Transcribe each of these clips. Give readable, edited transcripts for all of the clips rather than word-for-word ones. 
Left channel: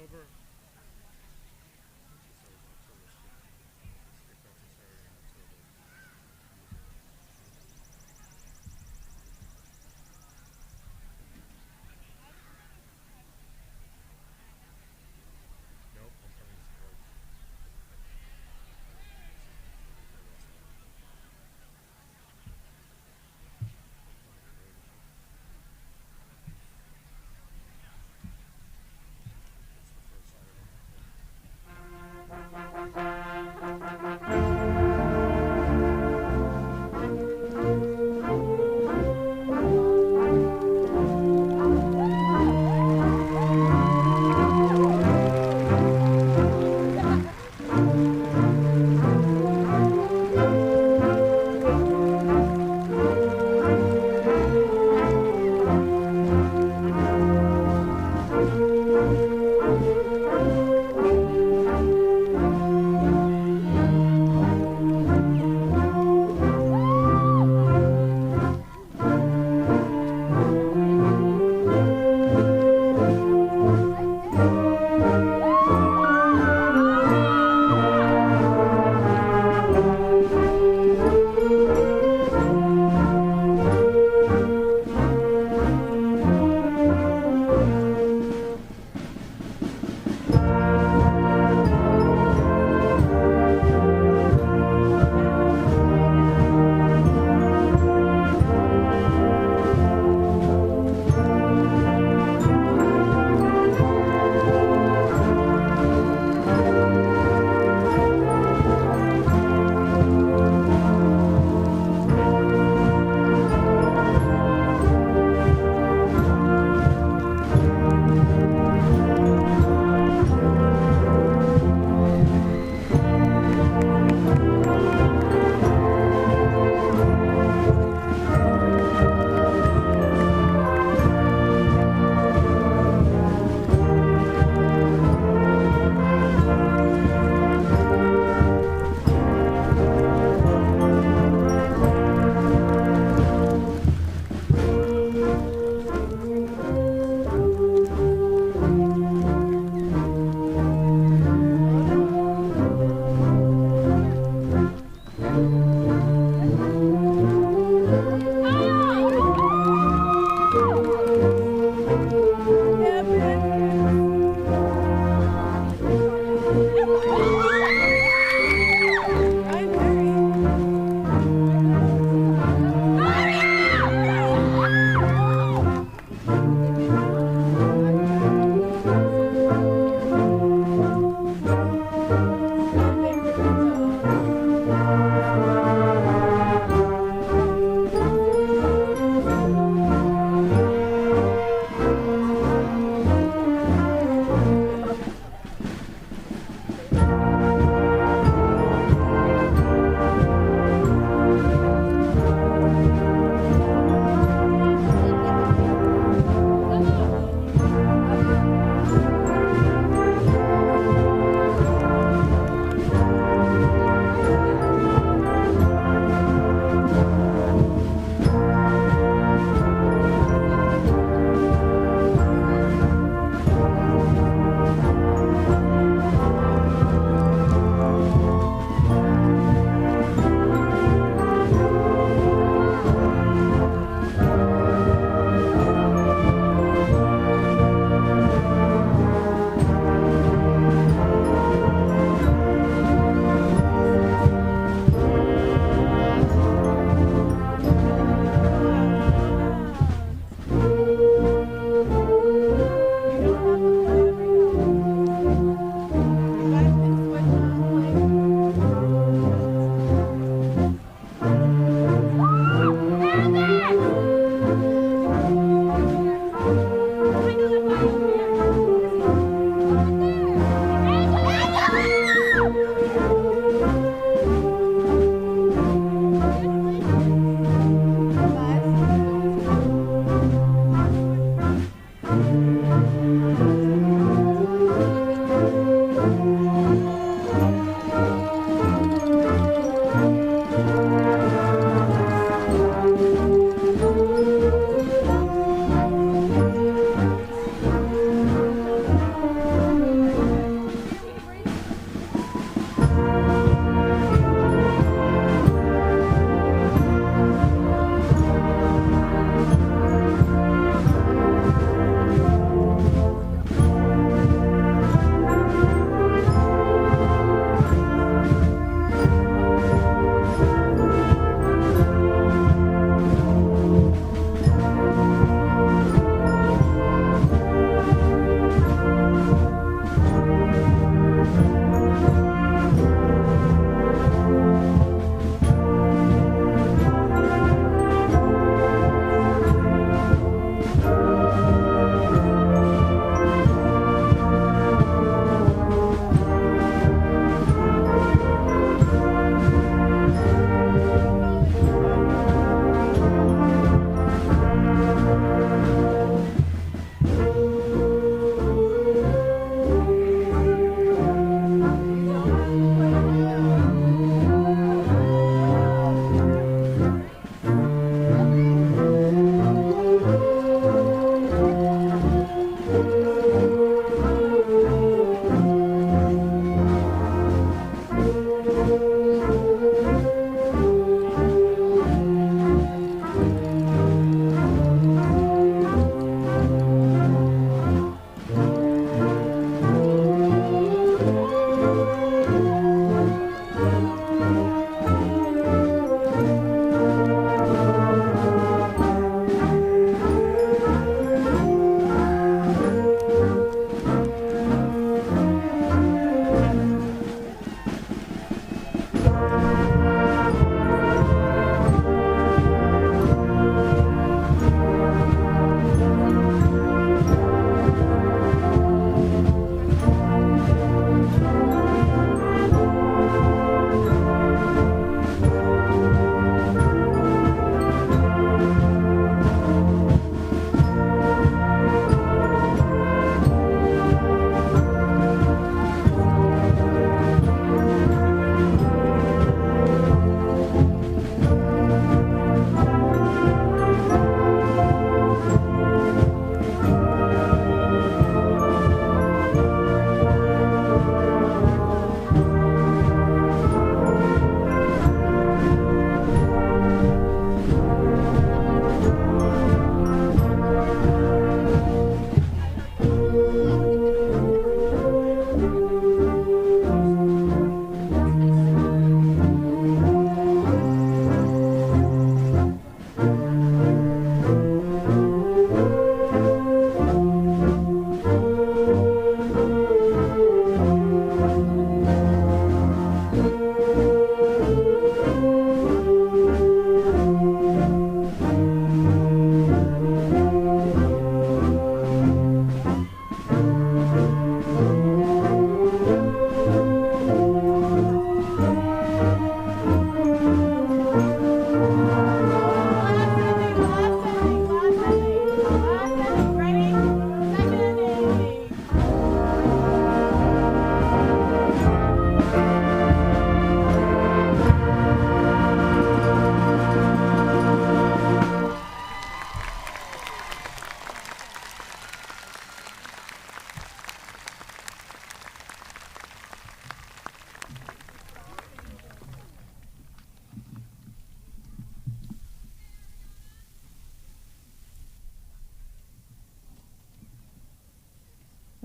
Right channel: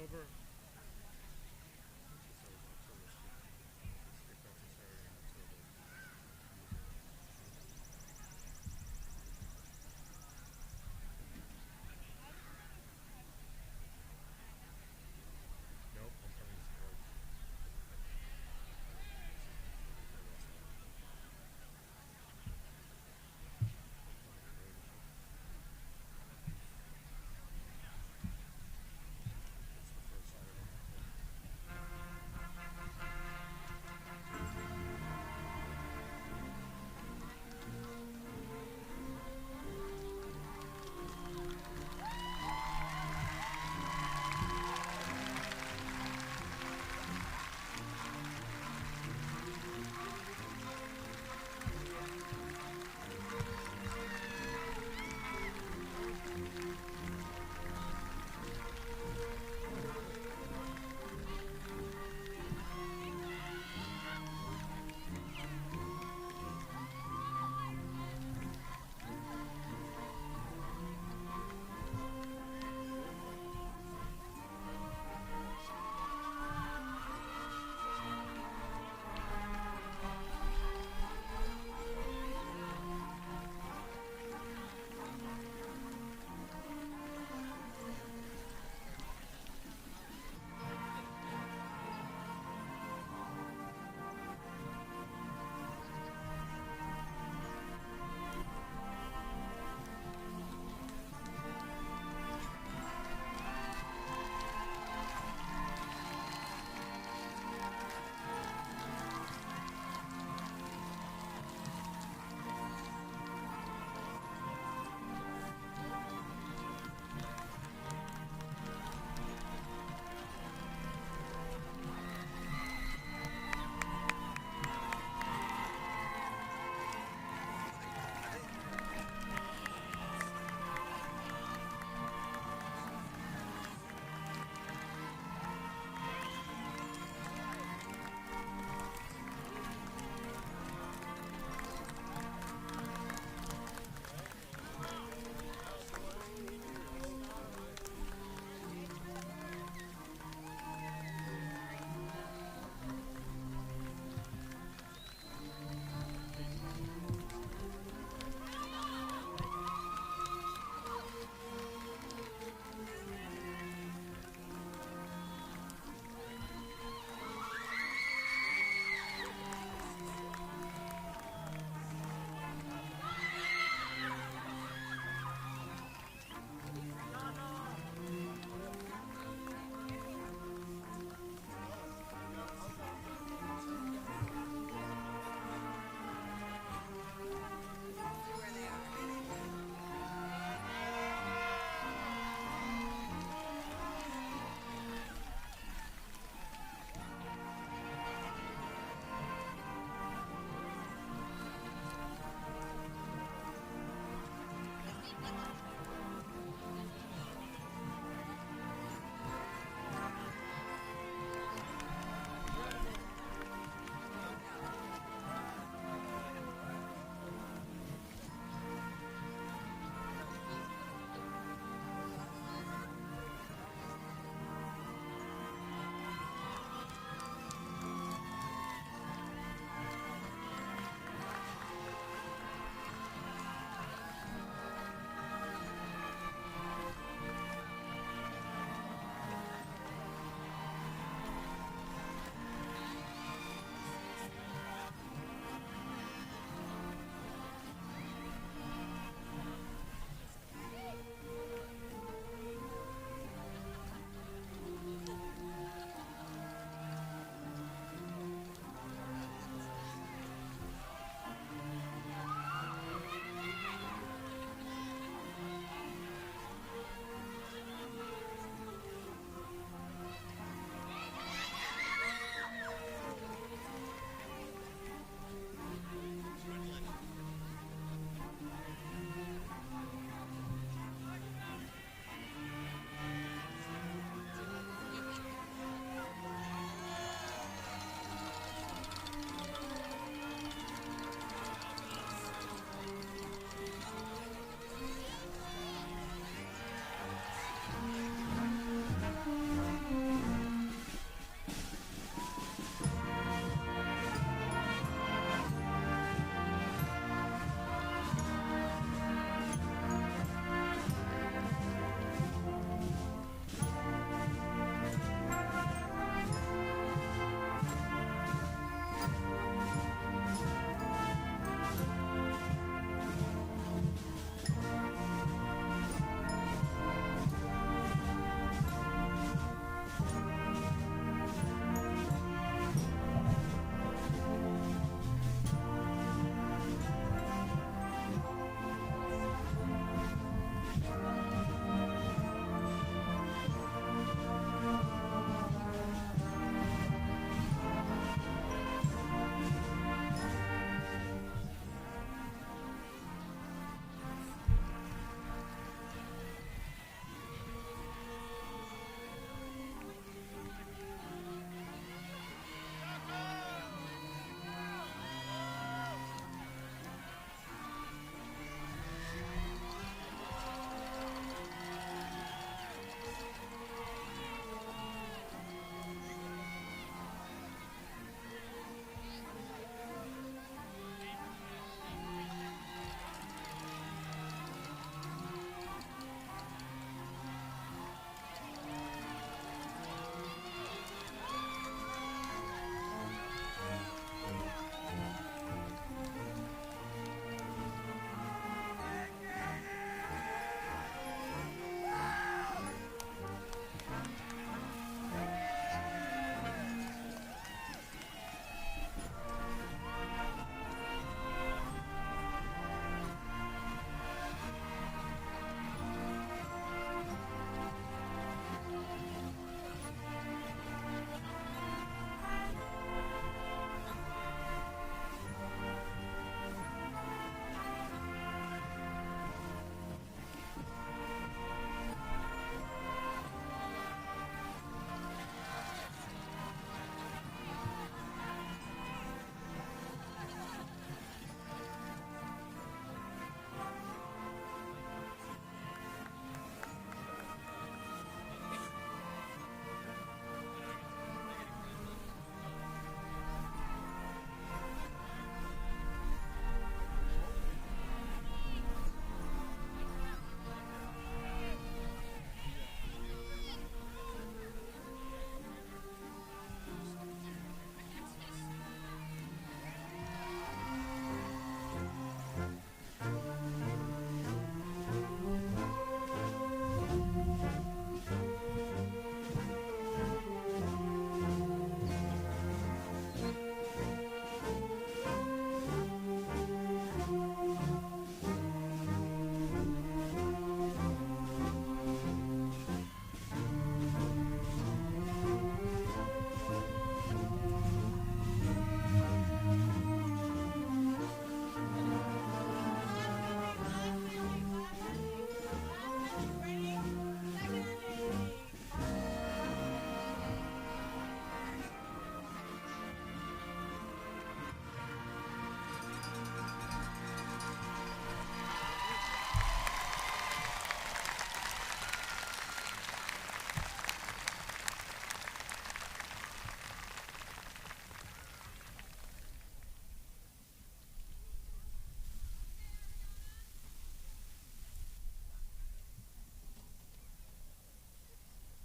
October. It's always October. It's kickoff is Saturday in October. Nope, I'm coming to support. It's the first Saturday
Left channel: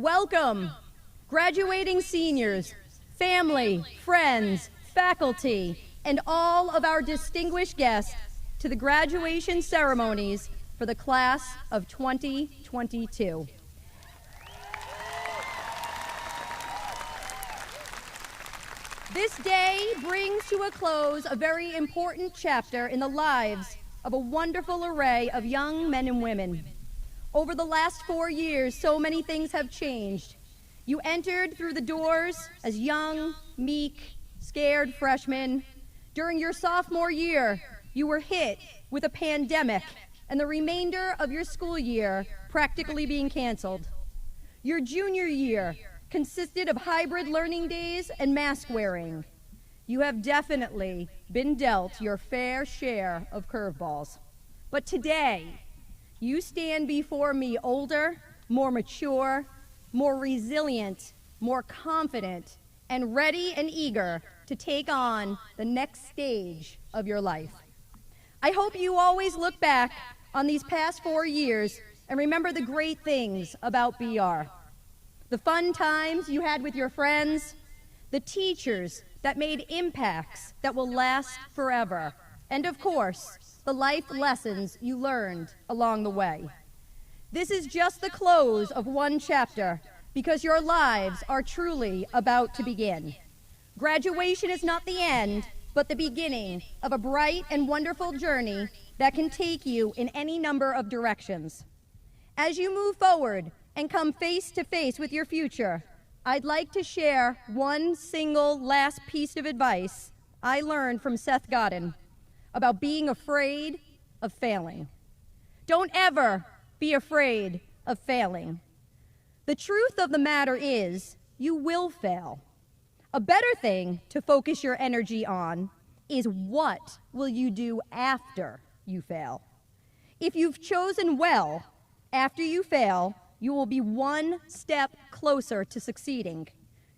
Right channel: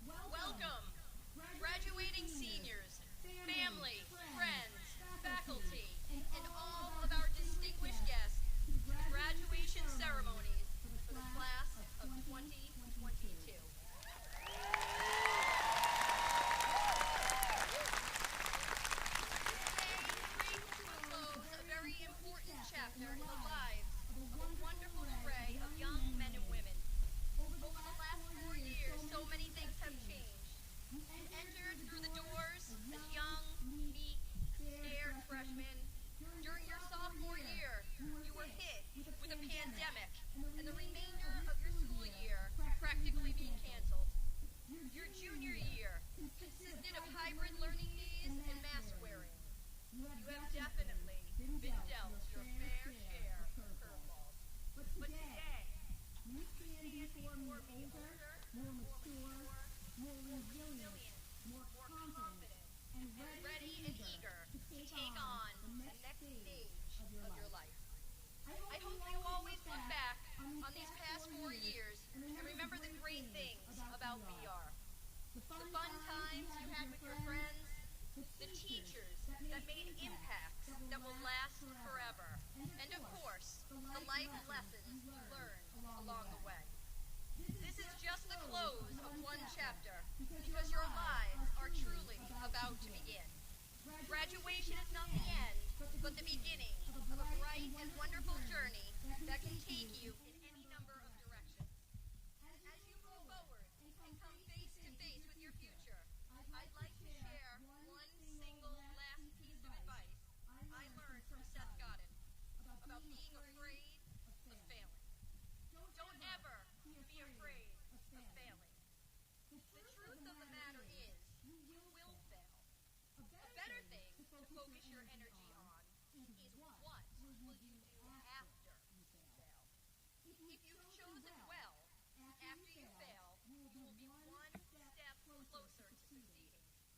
Welcome, graduating seniors, family, friends, faculty, and all of our distinguished guests to the graduation ceremonies for the class of 2022. This day brings to a close a very important chapter in the lives of a wonderful array of young men and women. Over the last 4 years, so many things have changed. You entered through the doors as young, meek, scared freshmen. During your sophomore year, you were hit with a pandemic and the remainder of your school year practically being canceled. Your junior year consisted of hybrid learning days and mask wearing. You have definitely been dealt your fair share of curveballs. But today, you stand before me older, more mature, more resilient, more confident, and ready and eager to take on the next stage of your life. I hope you always look back on these past 4 years and remember the great things about BR. The fun times you had with your friends, the teachers that made impacts that will last forever, and of course, the life lessons you learned along the way. This is just the close of one chapter because your lives are truly about to begin. Graduation is not the end, but the beginning of a bright and wonderful journey that can take you in any number of directions. As you move forward and come face to face with your future, I'd like to share one single last piece of advice I learned from Seth Godin about being afraid of failing. Don't ever be afraid of failing. The truth of the matter is, you will fail. A better thing to focus your energy on is what will you do after you fail. If you've chosen well, after you fail, you will be one step closer to succeeding.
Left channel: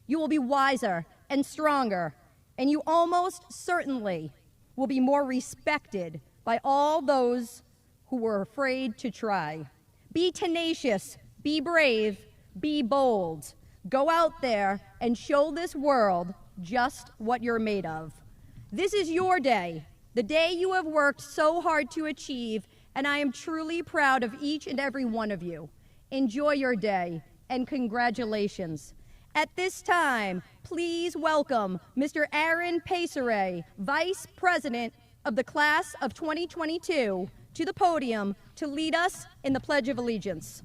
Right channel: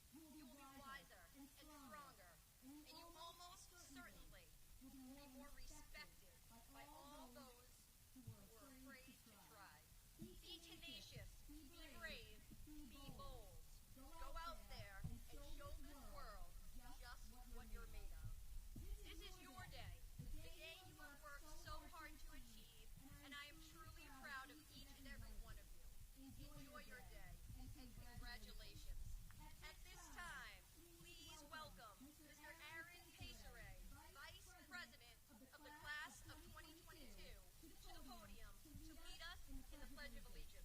You will be wiser and stronger, and you almost certainly will be more respected by all those who were afraid to try. Be tenacious, be brave, be bold. Go out there and show this world just what you're made of. This is your day, the day you have worked so hard to achieve, and I am truly proud of each and every one of you. Enjoy your day, and congratulations. At this time, please welcome Mr. Aaron Paceray, Vice President of the Class of 2022, to the podium to lead us in the Pledge of Allegiance.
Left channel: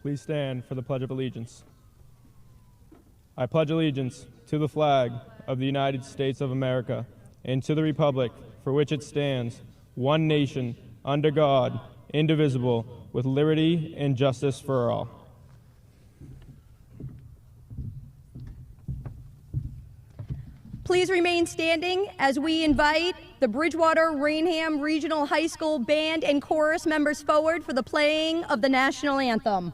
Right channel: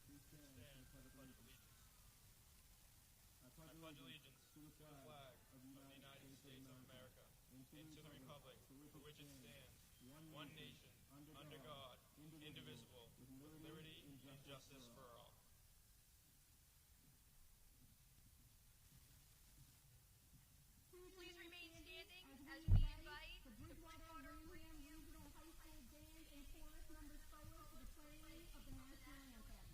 Please stand for the Pledge of Allegiance. I pledge allegiance to the flag of the United States of America and to the republic for which it stands, one nation, under God, indivisible, with liberty and justice for all. Please remain standing as we invite the Bridgewater-Raynham Regional High School Band and Chorus members forward for the playing of the national anthem.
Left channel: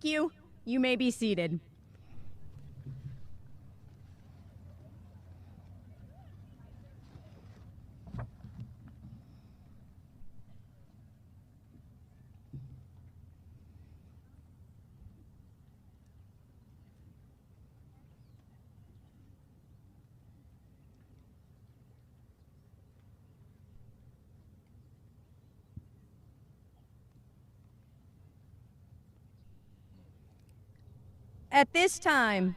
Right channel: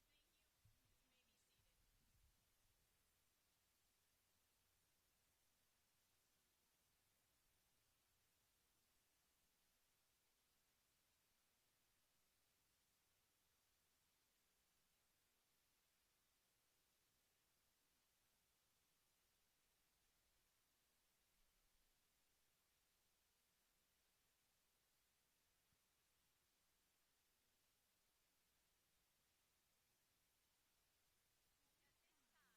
Thank you. You may be seated. At this time,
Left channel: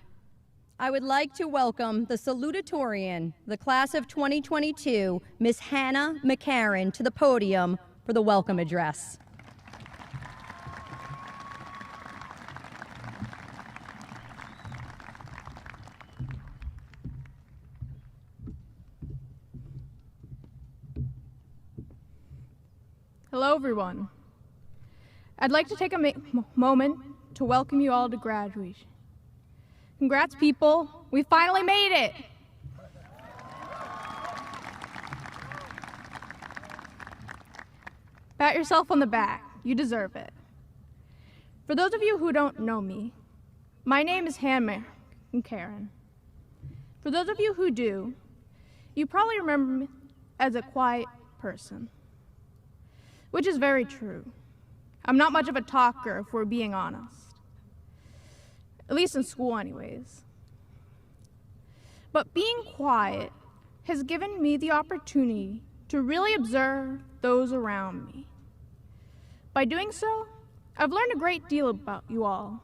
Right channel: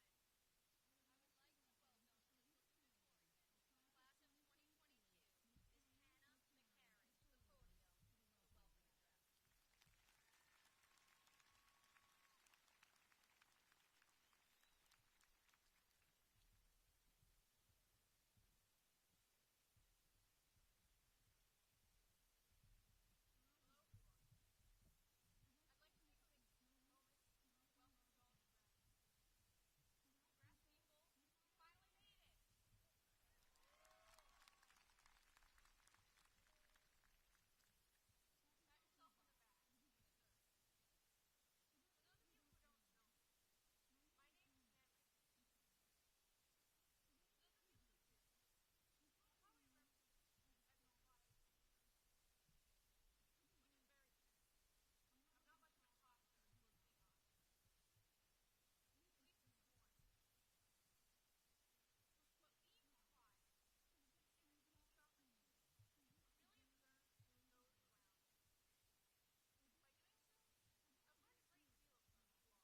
I would like to welcome the Salutatorian, the class of 2022, Miss Hannah McCarran, to the podium for the welcome address. Hello, everyone. I'd like to take a moment to welcome you all to graduation. Congrats, people. We finally made it. Pat yourself on the back. You deserve it. For those of you who don't know me, my name is Hannah McCarran. For those of you who do, you probably remember me as a quiet person, which is very true. I'm not much of a talker, if we're being honest. At least in school, anyways. But being quiet has given me the opportunity to really observe those around me. By doing so, I've learned a great deal about you all.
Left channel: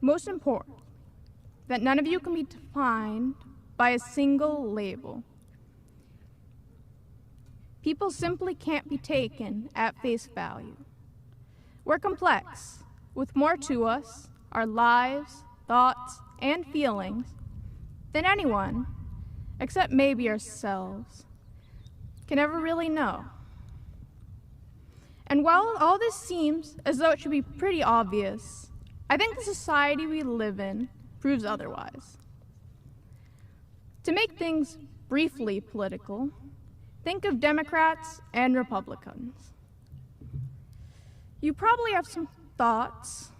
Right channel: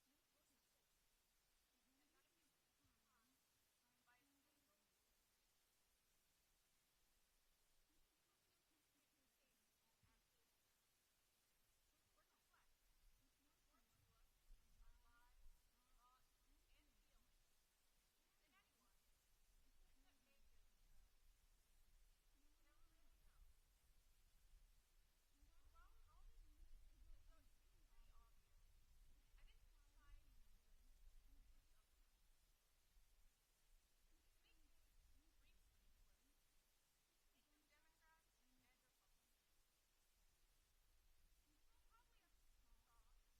Most important, that none of you can be defined by a single label. People simply can't be taken at face value. We're complex, with more to us, our lives, thoughts, and feelings, than anyone, except maybe ourselves, can ever really know. And while all this seems as though it should be pretty obvious, I think the society we live in proves otherwise. To make things briefly political, think of Democrats and Republicans. You probably have some thoughts,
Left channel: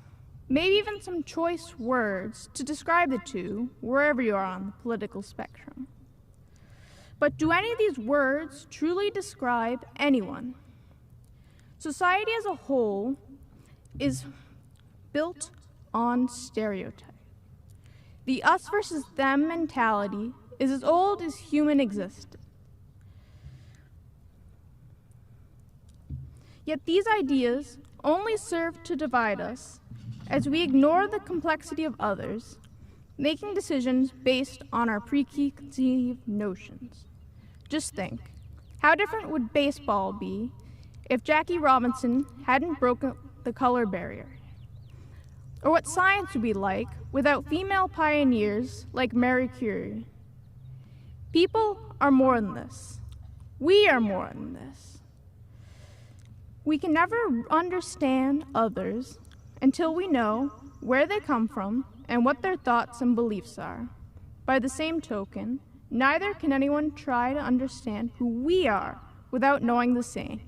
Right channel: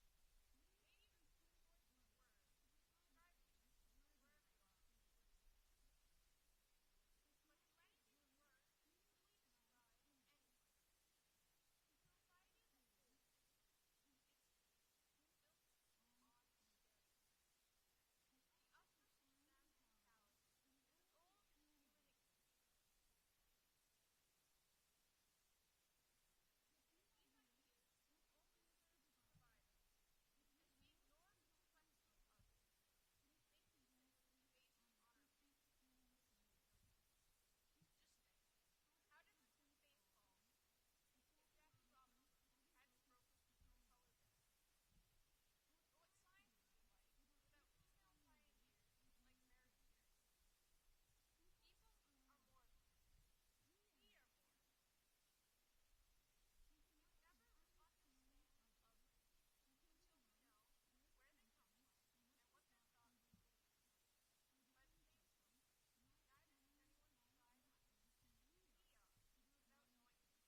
maybe even some choice words to describe the two wherever you are on the political spectrum. But do any of these words truly describe anyone? Society as a whole is built on stereotype. The us versus them mentality is as old as human existence. Yet these ideas only serve to divide us as we ignore the complexity of others, making decisions based on our preconceived notions. Just think, how different would baseball be if Jackie Robinson hadn't broken the color barrier? Or what science would be like without female pioneers like Marie Curie? People are more than this. We are more than this. We can never understand others until we know where they come from and what their thoughts and beliefs are. By the same token, neither can anyone try to understand who we are without knowing the same.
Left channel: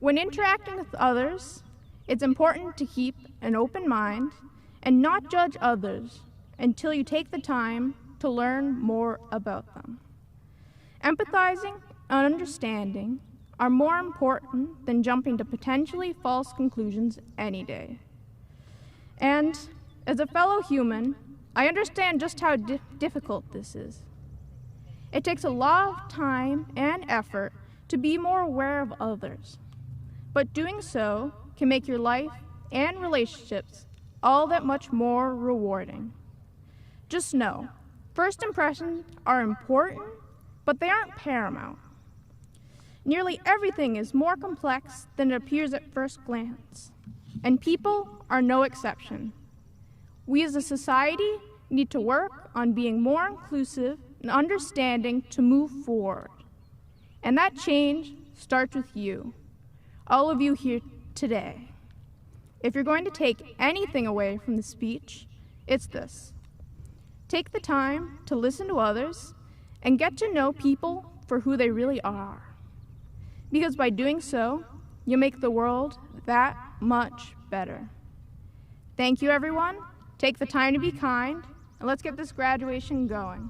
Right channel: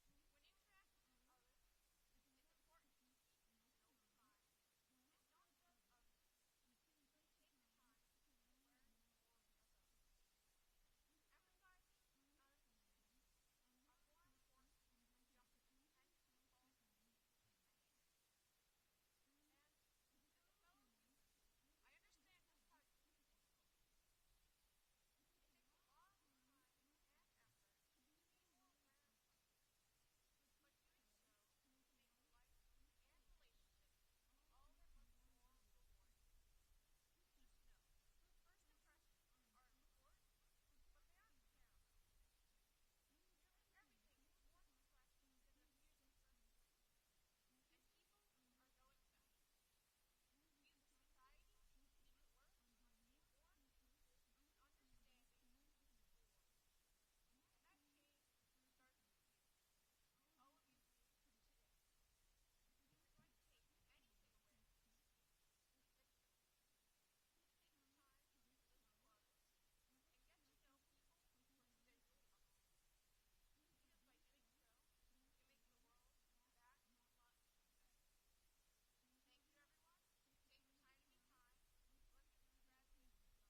When interacting with others, it's important to keep an open mind and not judge others until you take the time to learn more about them. Empathizing and understanding are more important than jumping to potentially false conclusions any day. And as a fellow human, I understand just how difficult this is. It takes a lot of time and effort to be more aware of others, but doing so can make your life and relationships all that much more rewarding. Just know, first impressions are important, but they aren't paramount. Nearly everything is more complex than it appears at first glance, and people are no exception. We as a society need to work on being more inclusive and understanding to move forward. And that change starts with you, all of you here today. If you're going to take anything away from the speech, it's this. Take the time to listen to others and get to know people for who they really are. because by doing so, you make the world that much better. Thank you, everyone. Take the time to be kind, and let's get this graduation going.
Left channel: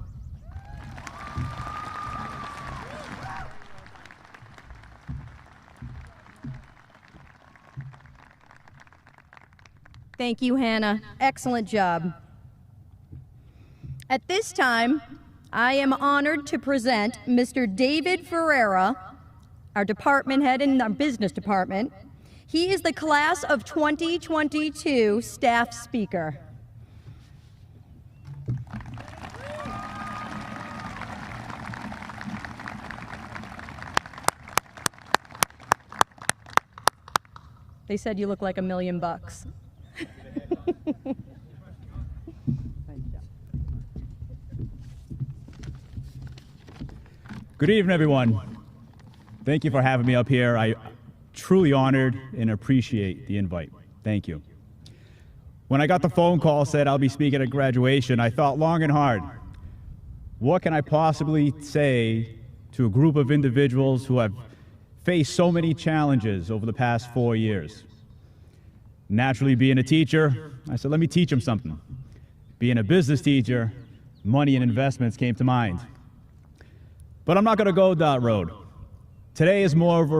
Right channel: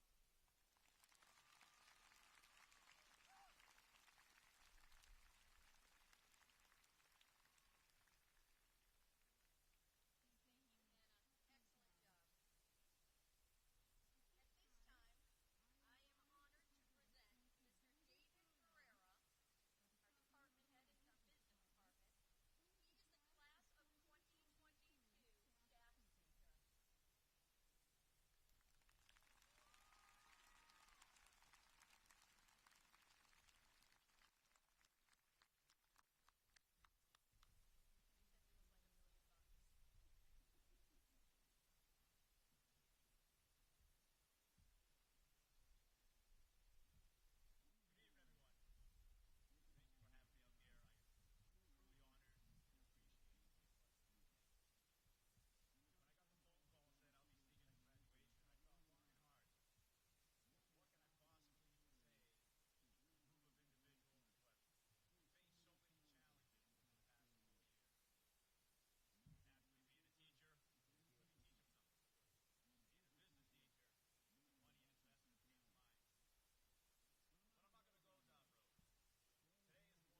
Thank you, Hannah. Excellent job. At this time, I am honored to present Mr. David Ferreira, our department head in our business department. He is the class of 2022 staff speaker. They said you look like $1 million. Good evening, everyone. Thank you for having me up here. I truly honored and appreciate the invite. Thank you. When I got the phone call said I'll be speaking at graduation, I thought long and hard, what can I possibly say to a group of individuals who have faced so many challenges over the past 4 years? Naturally, being a teacher, I said, let me teach them something. Being a business teacher, money and investments came to mind. But I'm not going to go that road. Today is more of a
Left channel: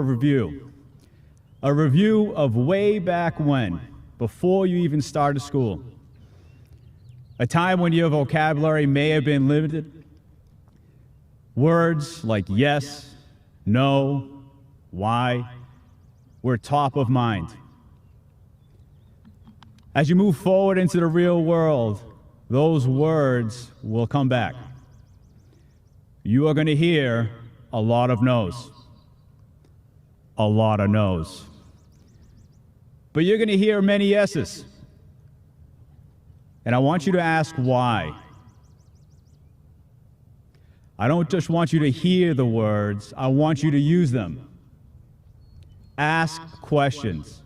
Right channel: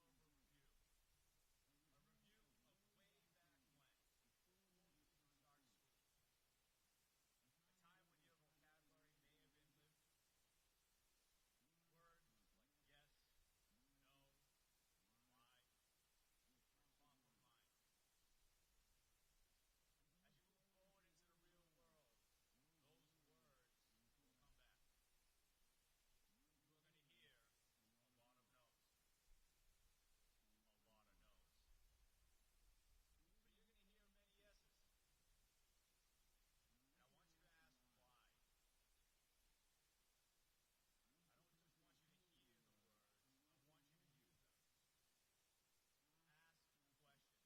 review of way back when, before you even started school. A time when your vocabulary may have been limited. Words like yes, no, why were top of mind. As you move forward into the real world, those words will come back. You are going to hear a lot of no's. A lot of no's. But you're going to hear many yeses. And I want you to ask why. I don't just want you to hear the words, I want you to use them. Ask questions.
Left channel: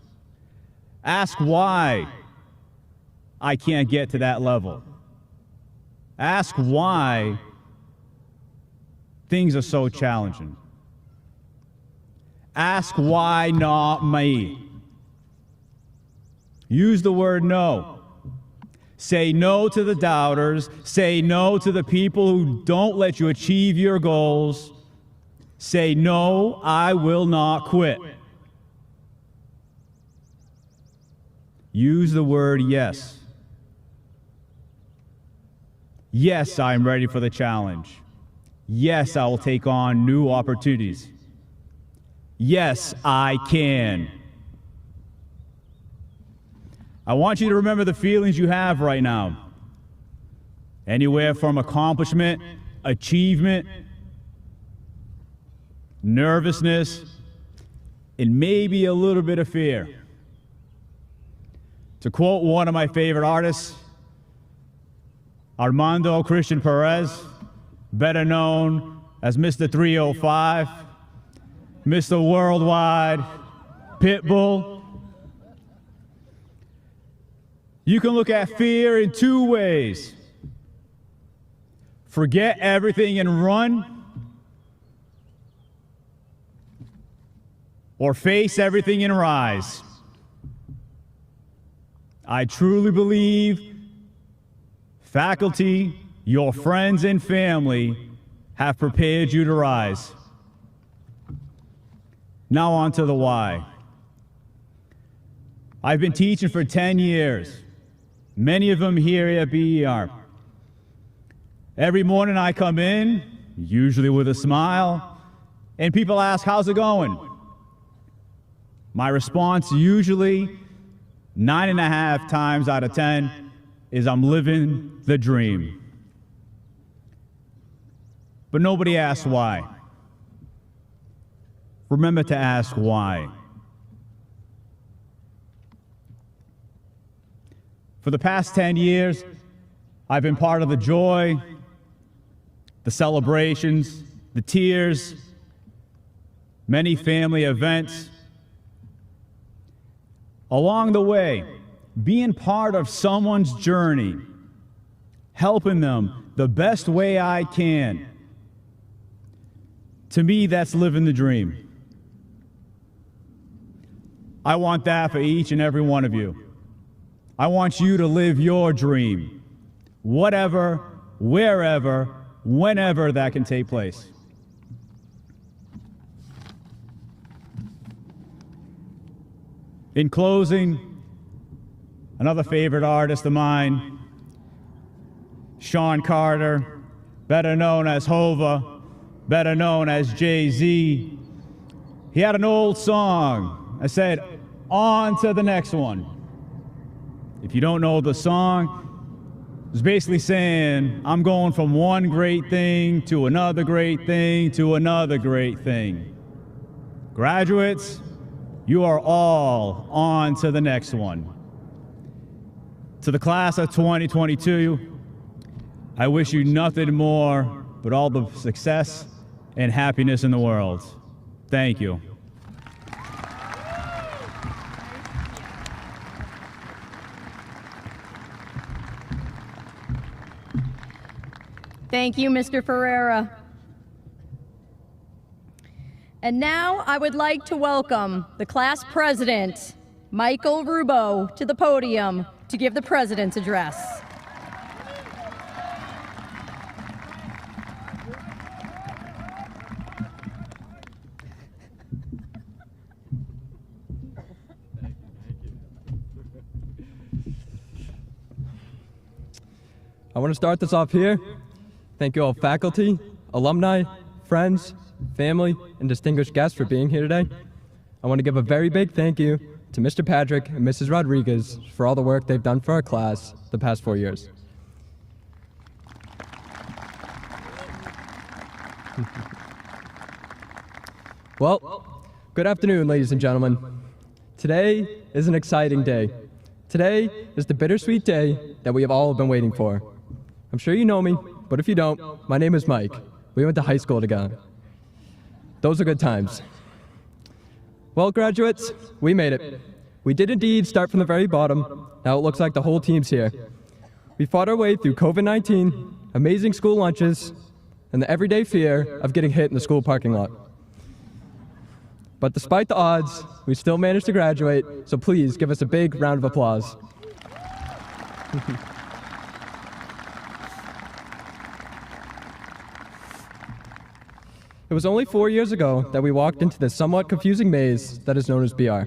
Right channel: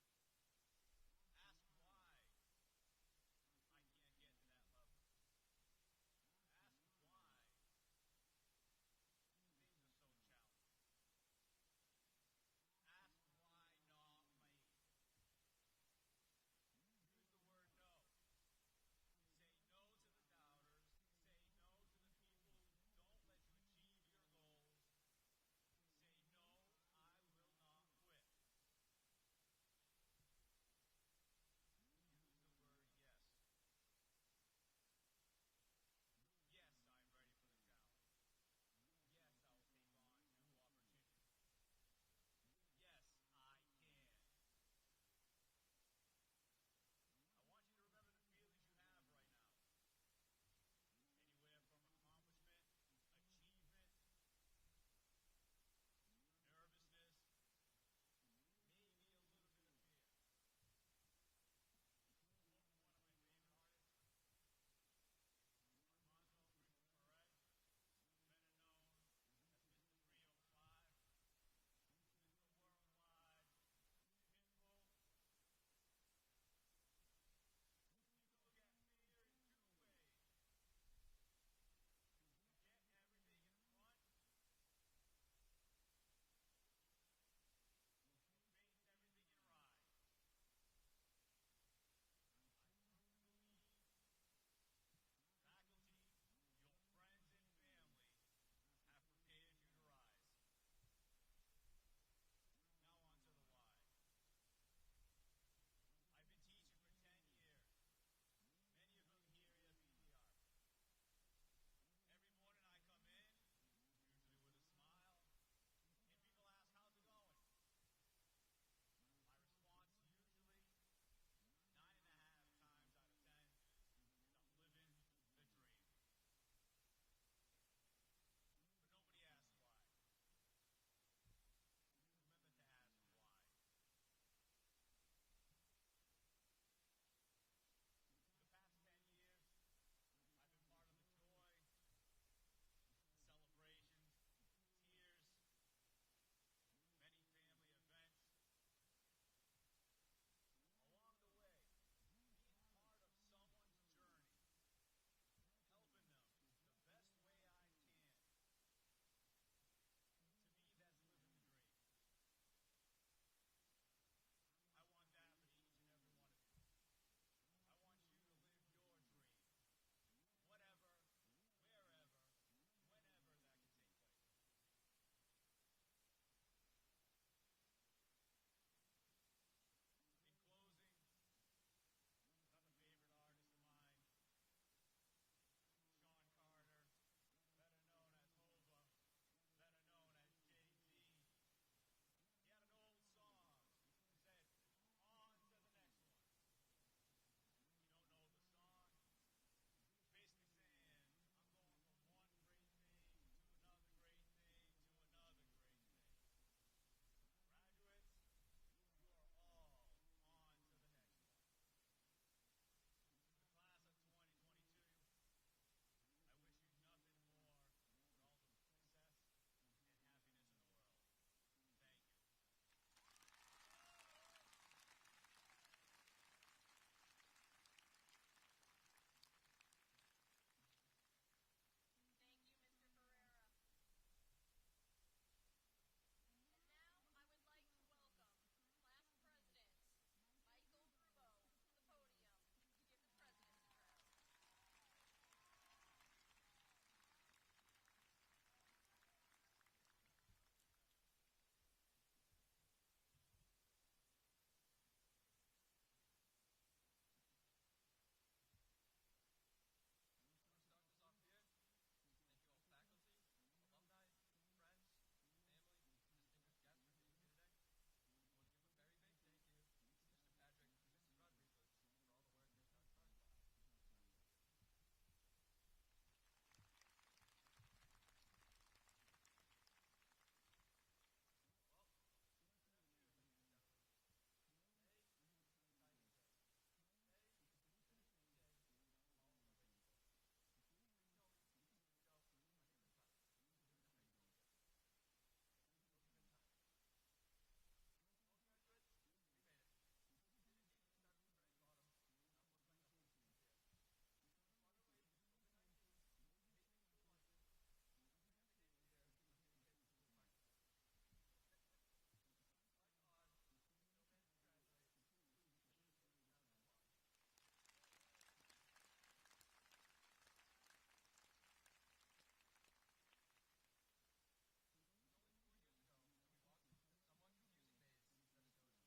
Ask why I can't get to that level. Ask why things are so challenging. Ask why not me. Use the word no. Say no to the doubters. Say no to the people who don't let you achieve your goals. Say no, I will not quit. Use the word yes. Yes, I'm ready for the challenge. Yes, I will take on new opportunities. Yes, I can. I want you to remember the feelings you have right now. Anywhere from accomplishment, achievement, nervousness, and maybe a little bit of fear. To quote one of my favorite artists, Armando Christian Perez, better known as Mr. 305, Mr. Worldwide, Pitbull. You can look at fear in two ways. Forget everything and run, or face everything and rise. I truly believe faculty, your friends and family have prepared you to rise. Now on to the why. I've been teaching for 10 years, many of them here at BER. Every morning I come in, usually with a smile, and people ask, how's it going? My response usually 9.5 times out of 10 is I'm living the dream. But nobody asks why. Remember to ask why. For the past 10 years, I've been part of the joy, the celebrations, the tears, many family events. Along the way, being part of someone's journey, helping them the best way I can. To me, that's living the dream. I want that for each and every one of you. I want you to live your dream, whatever, wherever, whenever that can take place. In closing, another favorite artist of mine, Sean Carter, better known as Hova, better known as Jay-Z. He had an old song that said, "On to the next one." If you don't know the song, it's basically saying, I'm going from one great thing to another great thing to another great thing. Graduates, you are all on to the next one. To the class of 2022, I wish you nothing more but all the success and happiness in the world. Thank you. Thank you, Mr. Ferreira. And now I would like to welcome the class president, Michael Rubo, to the podium to give the president's address. I want to start this off here. Thank you all faculty, alumni, friends, family, and distinguished guests for being here today. I want to give a very big thank you to Mr. Patrick and Mrs. Rodriguez for all the work they've done for our class the past 4 years. Well, good afternoon, ladies and gentlemen. Today is an exciting day. Today is the bittersweet day that we have all been waiting for. I'm sure you know me, but if you don't, my name is Mike. We went to high school together. Those are good times. Well, graduates, we made it. We did indeed start from the very bottom. Now it looks like the whole team's here. We fought our way through COVID-19, amazing school lunches, and the everyday fear of getting hit in the school parking lot. But despite the odds, we still managed to graduate, so please give us a big round of applause. It was only 4 years ago that we walked into this somewhat confusing maze that is known as BR.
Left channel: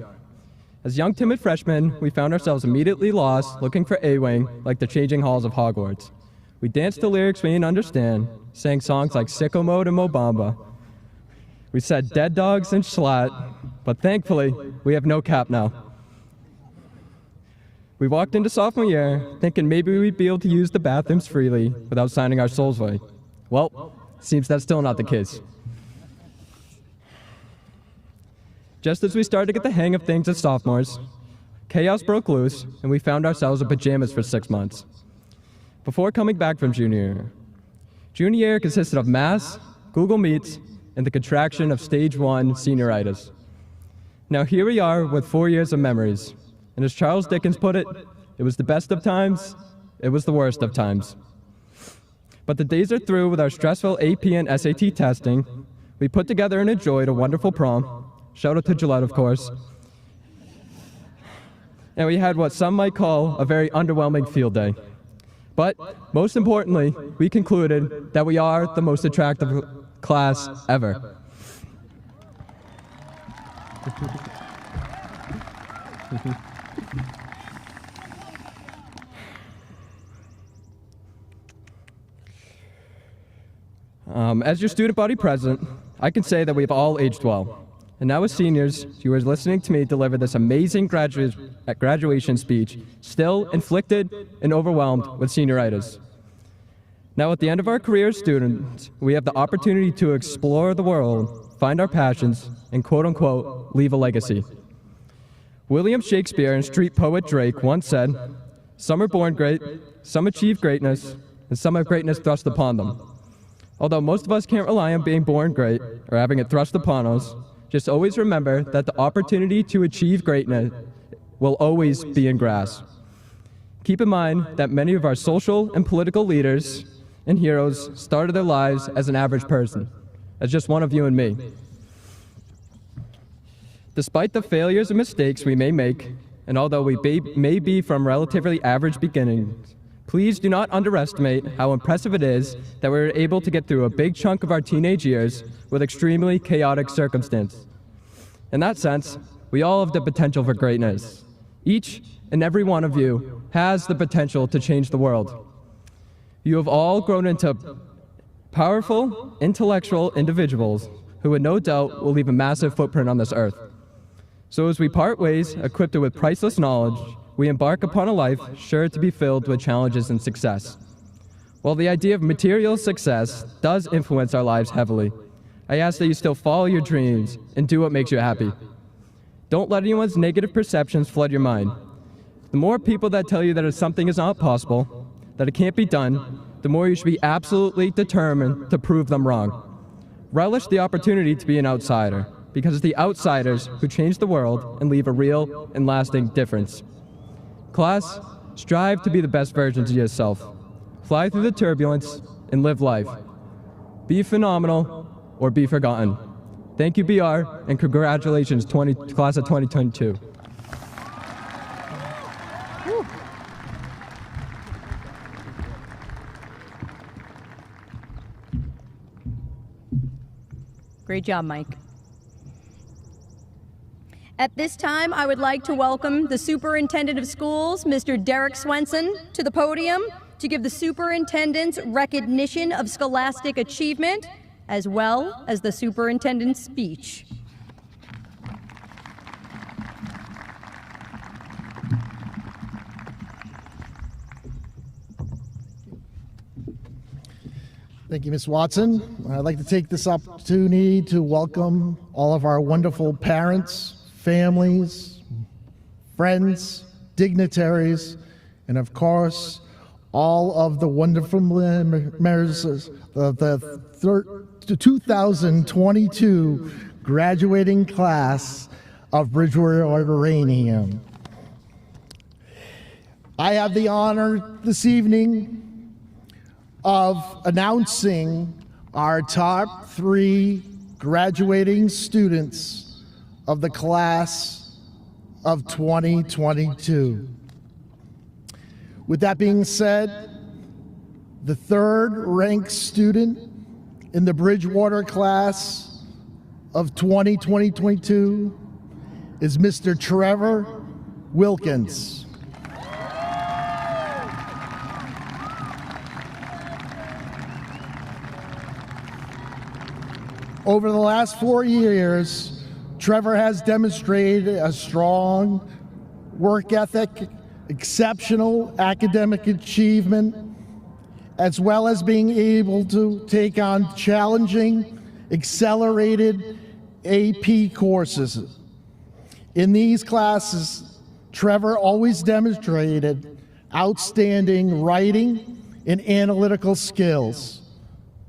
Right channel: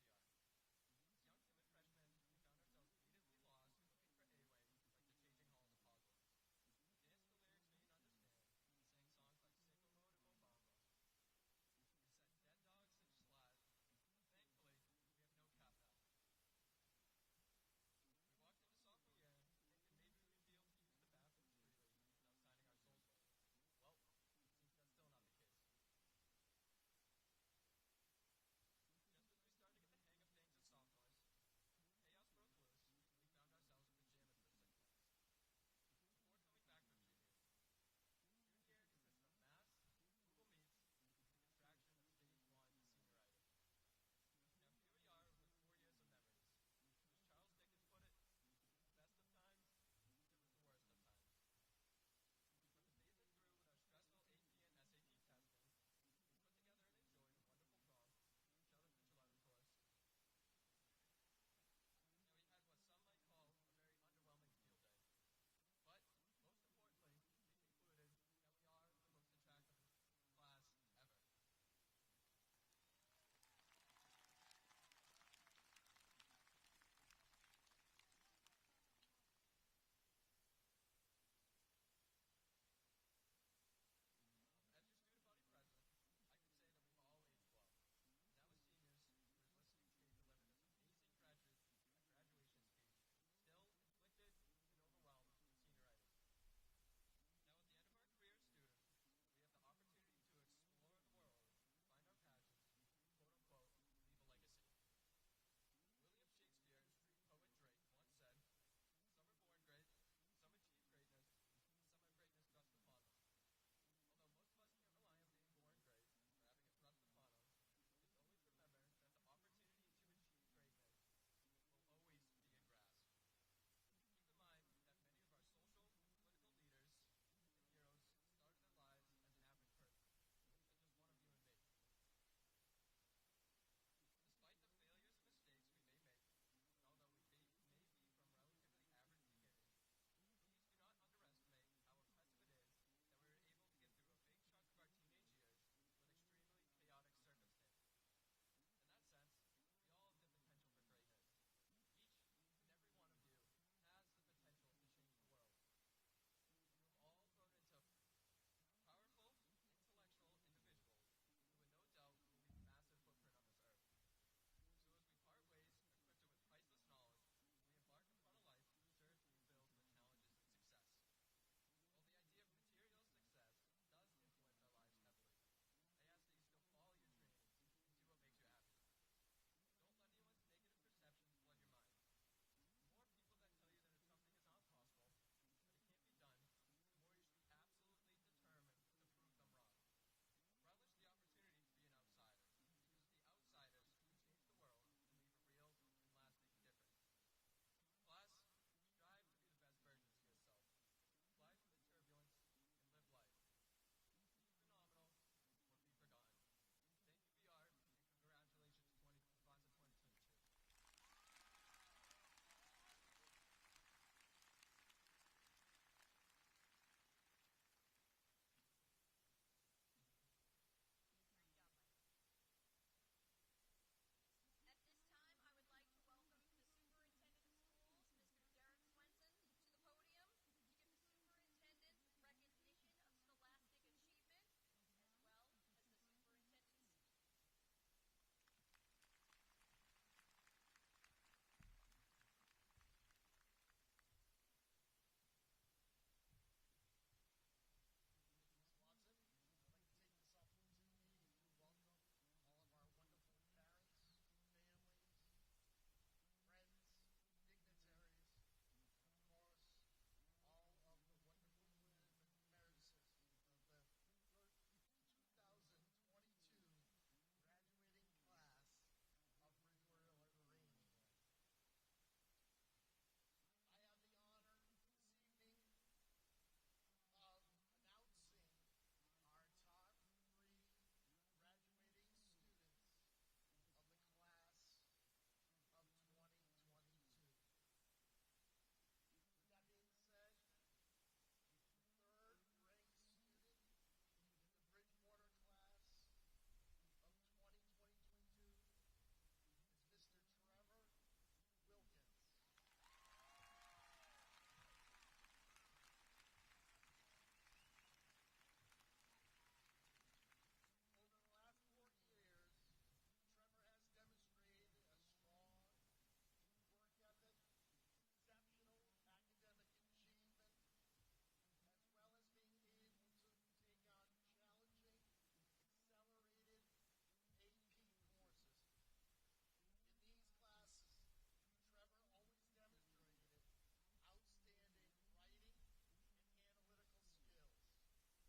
As young timid freshmen, we found ourselves immediately lost, looking for A-Wing like the changing halls of Hogwarts. We danced to lyrics we didn't understand, sang songs like Sicko Mode and Mobamba. We said dead dogs and schlatt, but thankfully, we have no cap now. We walked into sophomore year thinking maybe we'd be able to use the bathrooms freely without signing our souls away. Well, seems that's still not the case. Just as we started to get the hang of things as sophomores, chaos broke loose and we found ourselves in pajamas for 6 months. Before coming back from junior year. Junior year consisted of mass, Google Meets, and the contraction of stage 1 senioritis. Now here we are with 4 years of memories, and as Charles Dickens put it, it was the best of times, it was the worst of times. But the days are through with our stressful AP and SAT testing. We put together and enjoyed a wonderful prom. Shout out to Gillette, of course. And we had what some might call a very underwhelming field day. But most importantly, we concluded that we are the most attractive class ever. As your student body president, I can say that we've all aged well. And now as seniors, you are listening to me deliver this amazing graduation speech, still inflicted and overwhelmed with senioritis. Now at the end of our career as students, we have the opportunity to explore the world, find our passions, and quote-unquote, leave a legacy. William Shakespeare and street poet Drake once said, "Some are born great, some achieve greatness, and some have greatness thrust upon them." Although most of us can't rely on being born great or having it thrust upon us, just always remember that the opportunity to achieve greatness will always be in grasp. Keep in mind that many of our social and political leaders and heroes started their lives as an average person, as just one of you and me. Despite the failures and mistakes we may make, and although we may be from relatively average beginnings, please do not underestimate how impressive it is that we were able to get through a big chunk of our teenage years with extremely chaotic circumstances. In that sense, we all have the potential for greatness. Each and every one of you has the potential to change the world. You have all grown into powerful, intellectual individuals who would no doubt will leave a massive footprint on this earth. So as we part ways, equipped with priceless knowledge, we embark upon a life sure to be filled with challenges and success. While the idea of material success does influence our lives heavily, I ask that you still follow your dreams and do what makes you happy. Don't let anyone's negative perceptions flood your mind. The more people that tell you that something is not possible, that it can't be done, the more you should be absolutely determined to prove them wrong. Relish the opportunity to be an outsider, because it's the outsiders who change the world and leave a real and lasting difference. Class, strive to be the best versions of yourself. Fly through the turbulence and live life. Be phenomenal or be forgotten. Thank you, BR, and congratulations, class of 2022. Great job, Mike. At this time, I would like to welcome the Superintendent of Schools, Mr. Derek Swenson, to the podium to give the Superintendent's recognition of scholastic achievement, as well as the Superintendent's speech. Thank you, Ms. Watson. I'd like to take this opportunity to welcome all of our wonderful parents, families, friends, dignitaries, and of course, all of the wonderful members of the 2022 graduating class of Bridgewater-Raynham. I have the honor this evening of announcing our top 3 graduating students of the class of 2022. With that being said, the 3rd ranked student in the Bridgewater class of 2022 is Mr. Trevor Wilkins. Over the last 4 years, Trevor has demonstrated a strong work ethic, exceptional academic achievement, as well as being able to take on challenging, accelerated AP courses. In these classes, Trevor always demonstrated outstanding writing and analytical skills.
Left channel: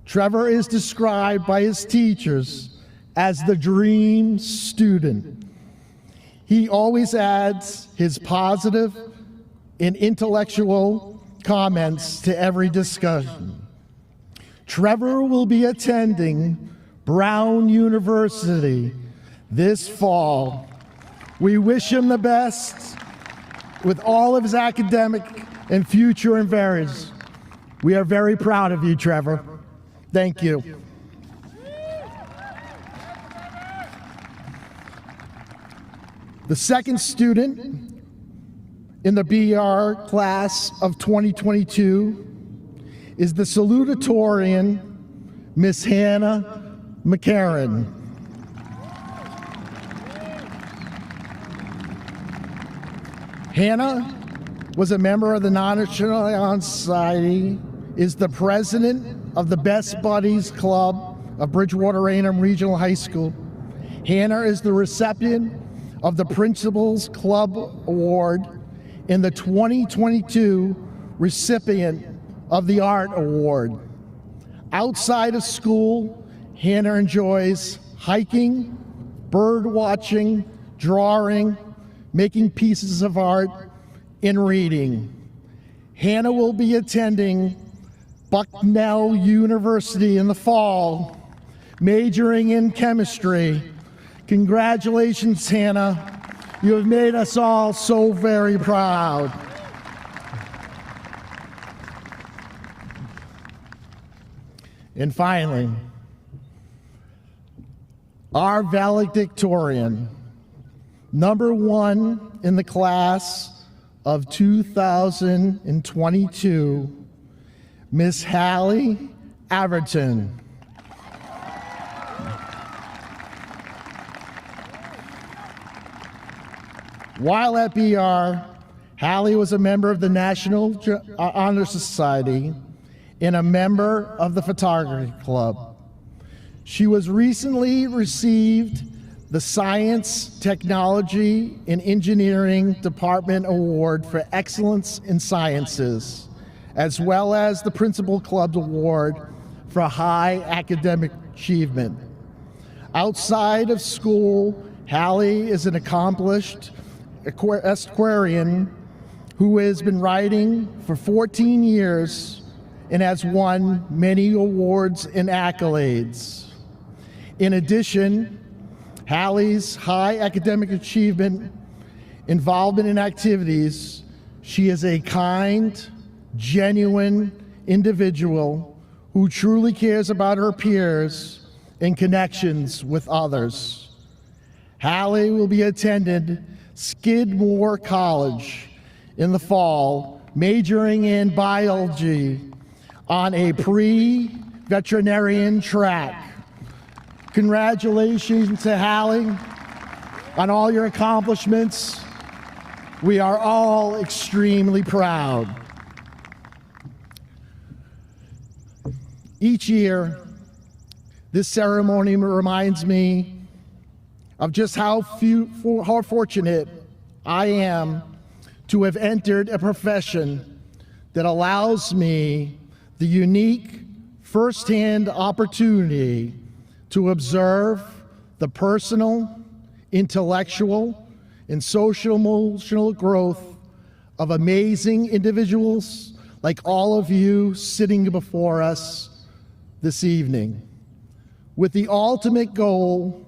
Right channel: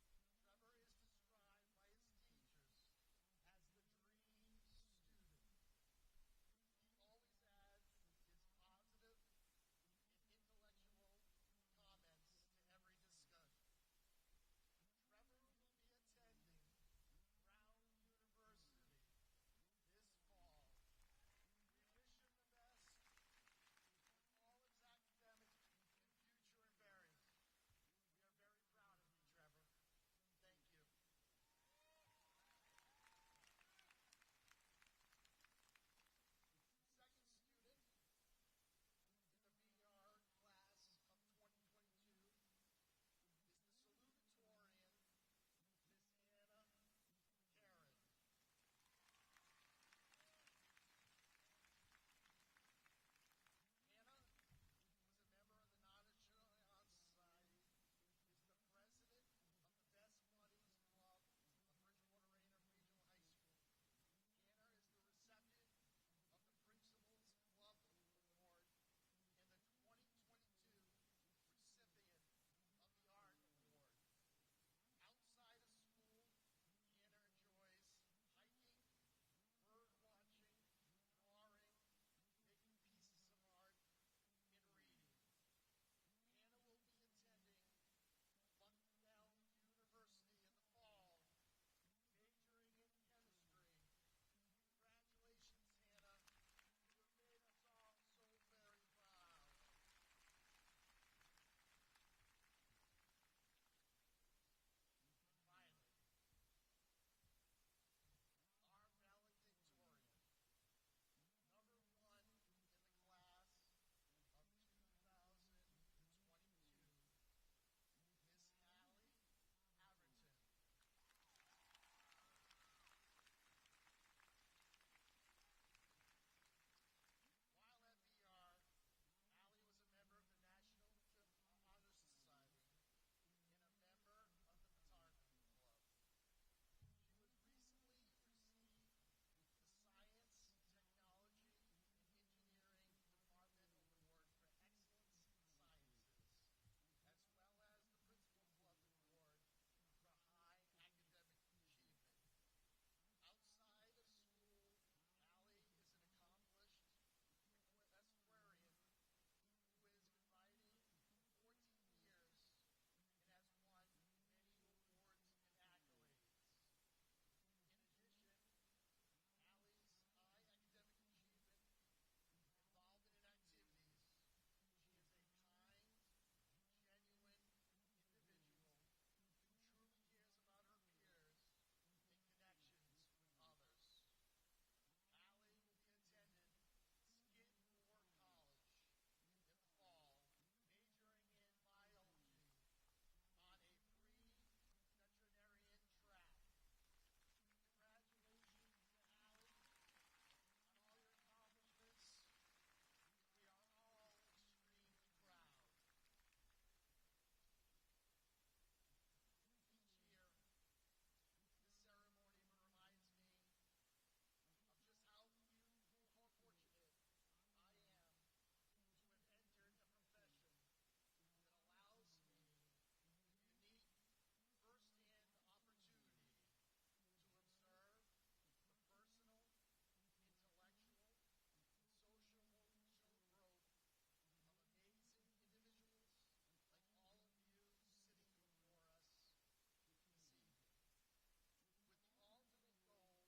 Trevor is described by his teachers as the dream student. He always adds his positive and intellectual comments to every discussion. Trevor will be attending Brown University this fall. We wish him the best with all of his academic and future endeavors. We are very proud of you, Trevor. Thank you. The second student in the BR class of 2022 is the Salutatorian, Miss Hannah McCarran. Hannah was a member of the National Honor Society, is the president of the Best Buddies Club of Bridgewater-Raynham Regional High School. Hannah is the recipient of the Principals Club Award and the 2022 recipient of the Art Award. Outside of school, Hannah enjoys hiking, bird watching, drawing, making pieces of art, and reading. Hannah will be attending Bucknell University in the fall, majoring in chemistry, Congratulations, Hannah. You have made us all so very proud. And finally, our valedictorian, #1 in the class of 2022, Miss Hallie Averton. While at BR, Hallie was a member of the National Honor Society and a member of the Photography Club. She was recently received the Science, Technology, and Engineering Department Award for Excellence in Sciences, as well as the Principal Club Award for High Academic Achievement. Outside of school, Hallie is an accomplished equestrian who has been riding for 14 years and has won many awards and accolades. In addition, Hallie's high academic achievement, involvement in activities, she is a kind, genuine individual who truly cares about her peers and connections with others. Hallie will be attending Skidmore College in the fall, majoring in biology on a pre-veterinarian track. Congratulations to Hallie on all your accomplishments. We are all extremely proud. Each year, this ceremony reminds me of just how fortunate I am to have entered a profession that allows me the unique firsthand opportunity to observe the personal, intellectual, and social emotional growth of amazing individuals like all of you sitting before us this evening, with the ultimate goal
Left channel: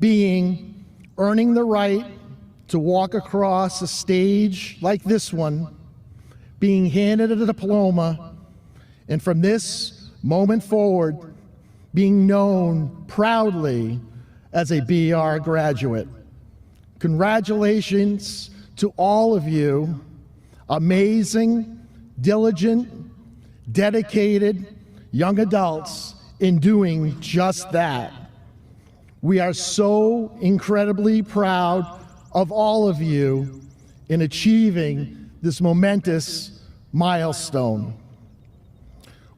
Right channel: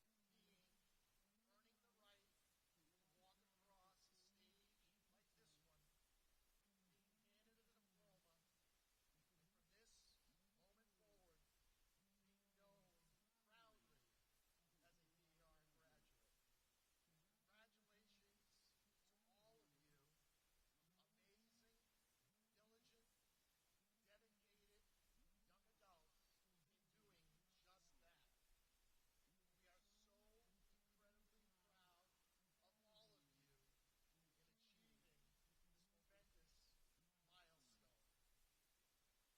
being earning the right to walk across a stage like this one, being handed a diploma, and from this moment forward, being known proudly as a BR graduate. Congratulations to all of you, amazing, diligent, dedicated young adults in doing just that. We are so incredibly proud of all of you in achieving this momentous milestone.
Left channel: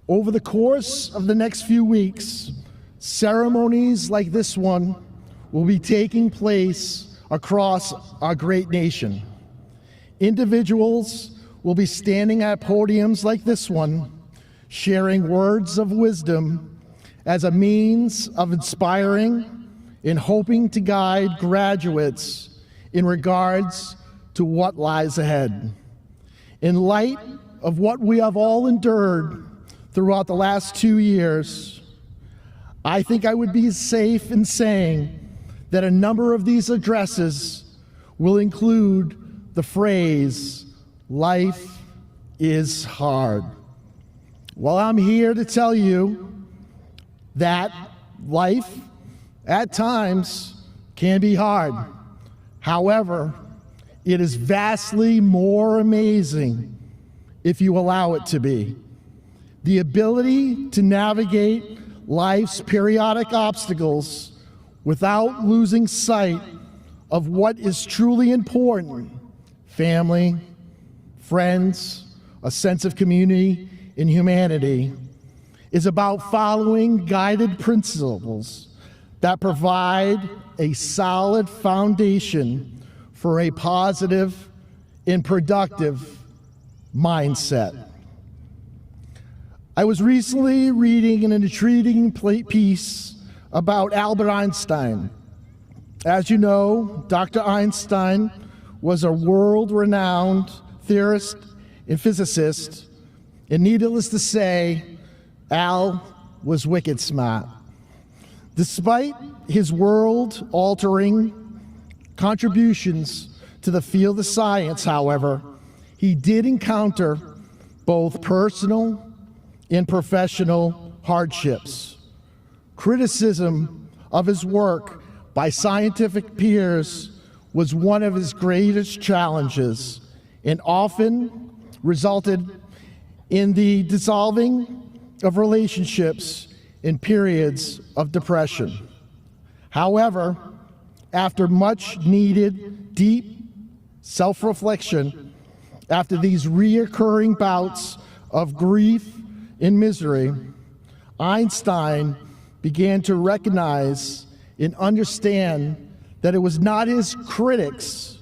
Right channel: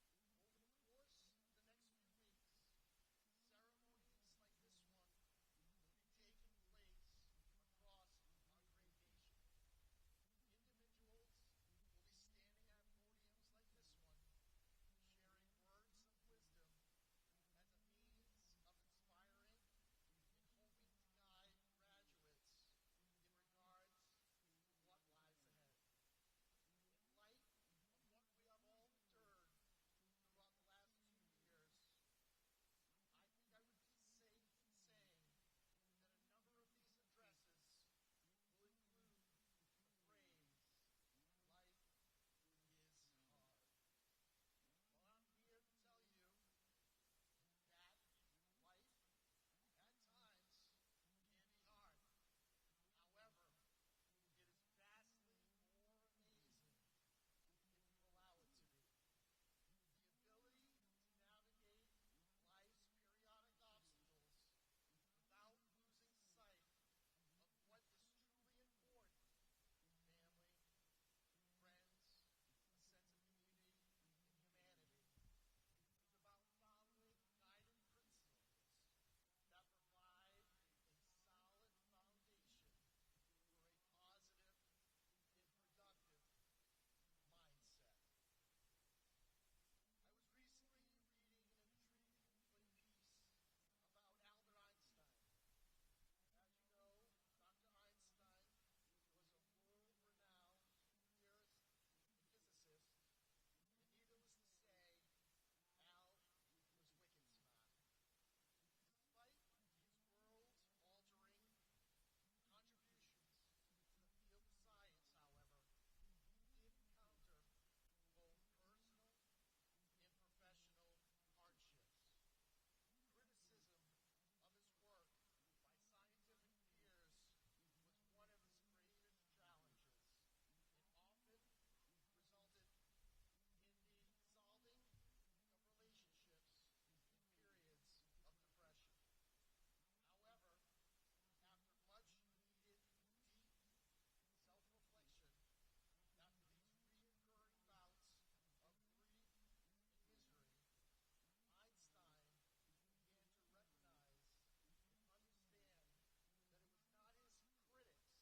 Over the course of the next few weeks, ceremonies like this one will be taking place across our great nation. Individuals will be standing at podiums like this one, sharing words of wisdom as a means of inspiring and hoping to guide graduates in regards to what lies ahead. In light of what we have all endured throughout the last 2 years, I think I would be safe in saying that a number of these addresses will include the phrase, "Life is hard." Well, I'm here to tell you that life at times can be hard. However, it is vastly more amazing if you allow it to be. The ability to navigate life's periodic obstacles without losing sight of what is truly important: family, friends, a sense of community and humanity, is about following guided principles that provide a solid foundation for a positive and productive mindset. I was recently reading an intriguing piece about Albert Einstein. As you know, Dr. Einstein was a world-renowned theorist and physicist, and needless to say, Al was wicked smart. Despite his world-altering contributions to the field of science, however, he did encounter both personal and professional hardships. Criticism of his work by scientific peers was one of his greatest challenges and often resulted in the dissolving of relationships in periods of depression. However, after much needed deep self-reflection, after these reoccurring bouts of grief and misery, Einstein began to recognize and understand that it was not his critics,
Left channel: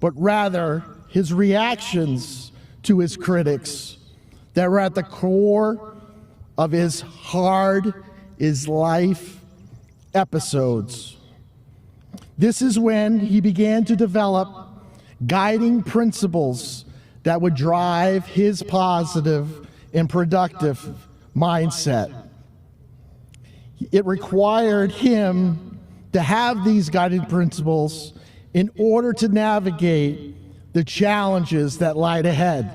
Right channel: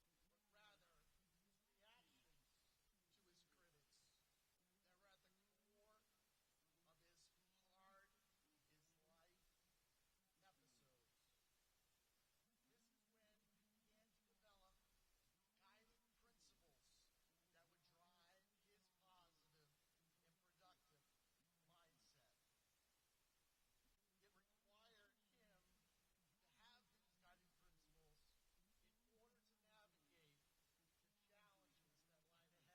but rather his reactions to his critics that were at the core of his hard is life episodes. This is when he began to develop guiding principles that would drive his positive and productive mindset. It required him to have these guiding principles in order to navigate the challenges that lied ahead.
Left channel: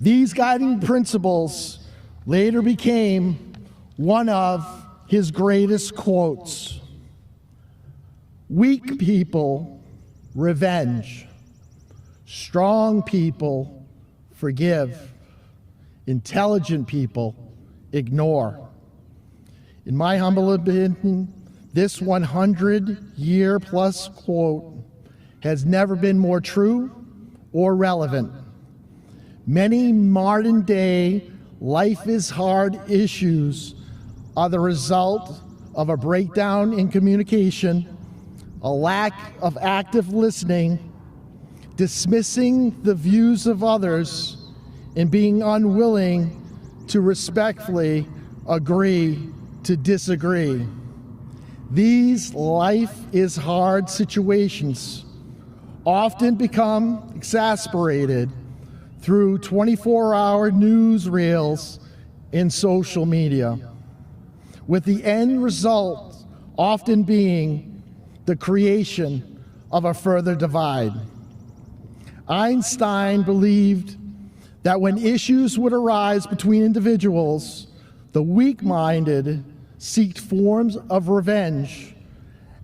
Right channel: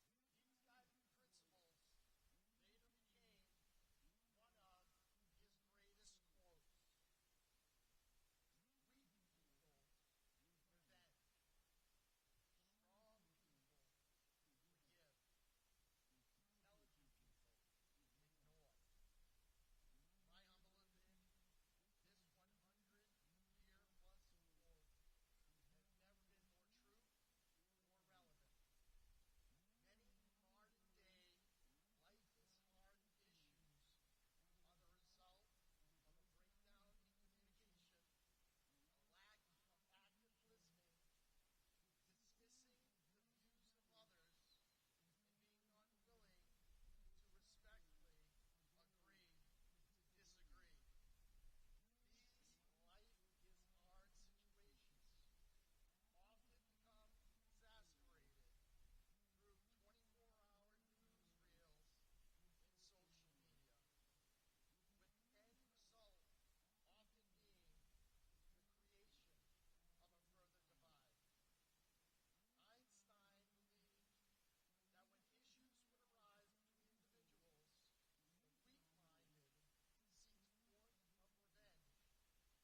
These guiding principles later became one of his greatest quotes. Weak people, revenge. Strong people, forgive. Intelligent people, ignore. In my humble opinion, this 100-year-plus quote has never been more true or relevant. Many modern-day life is hard issues are the result of a breakdown in communication, a lack of active listening, dismissing the views of others, and being unwilling to respectfully agree to disagree. These life is hard situations often become exacerbated through 24-hour newsreels and social media, with the end result often being the creation of a further divide. Einstein believed that when issues would arise between individuals, the weak-minded seeked forms of revenge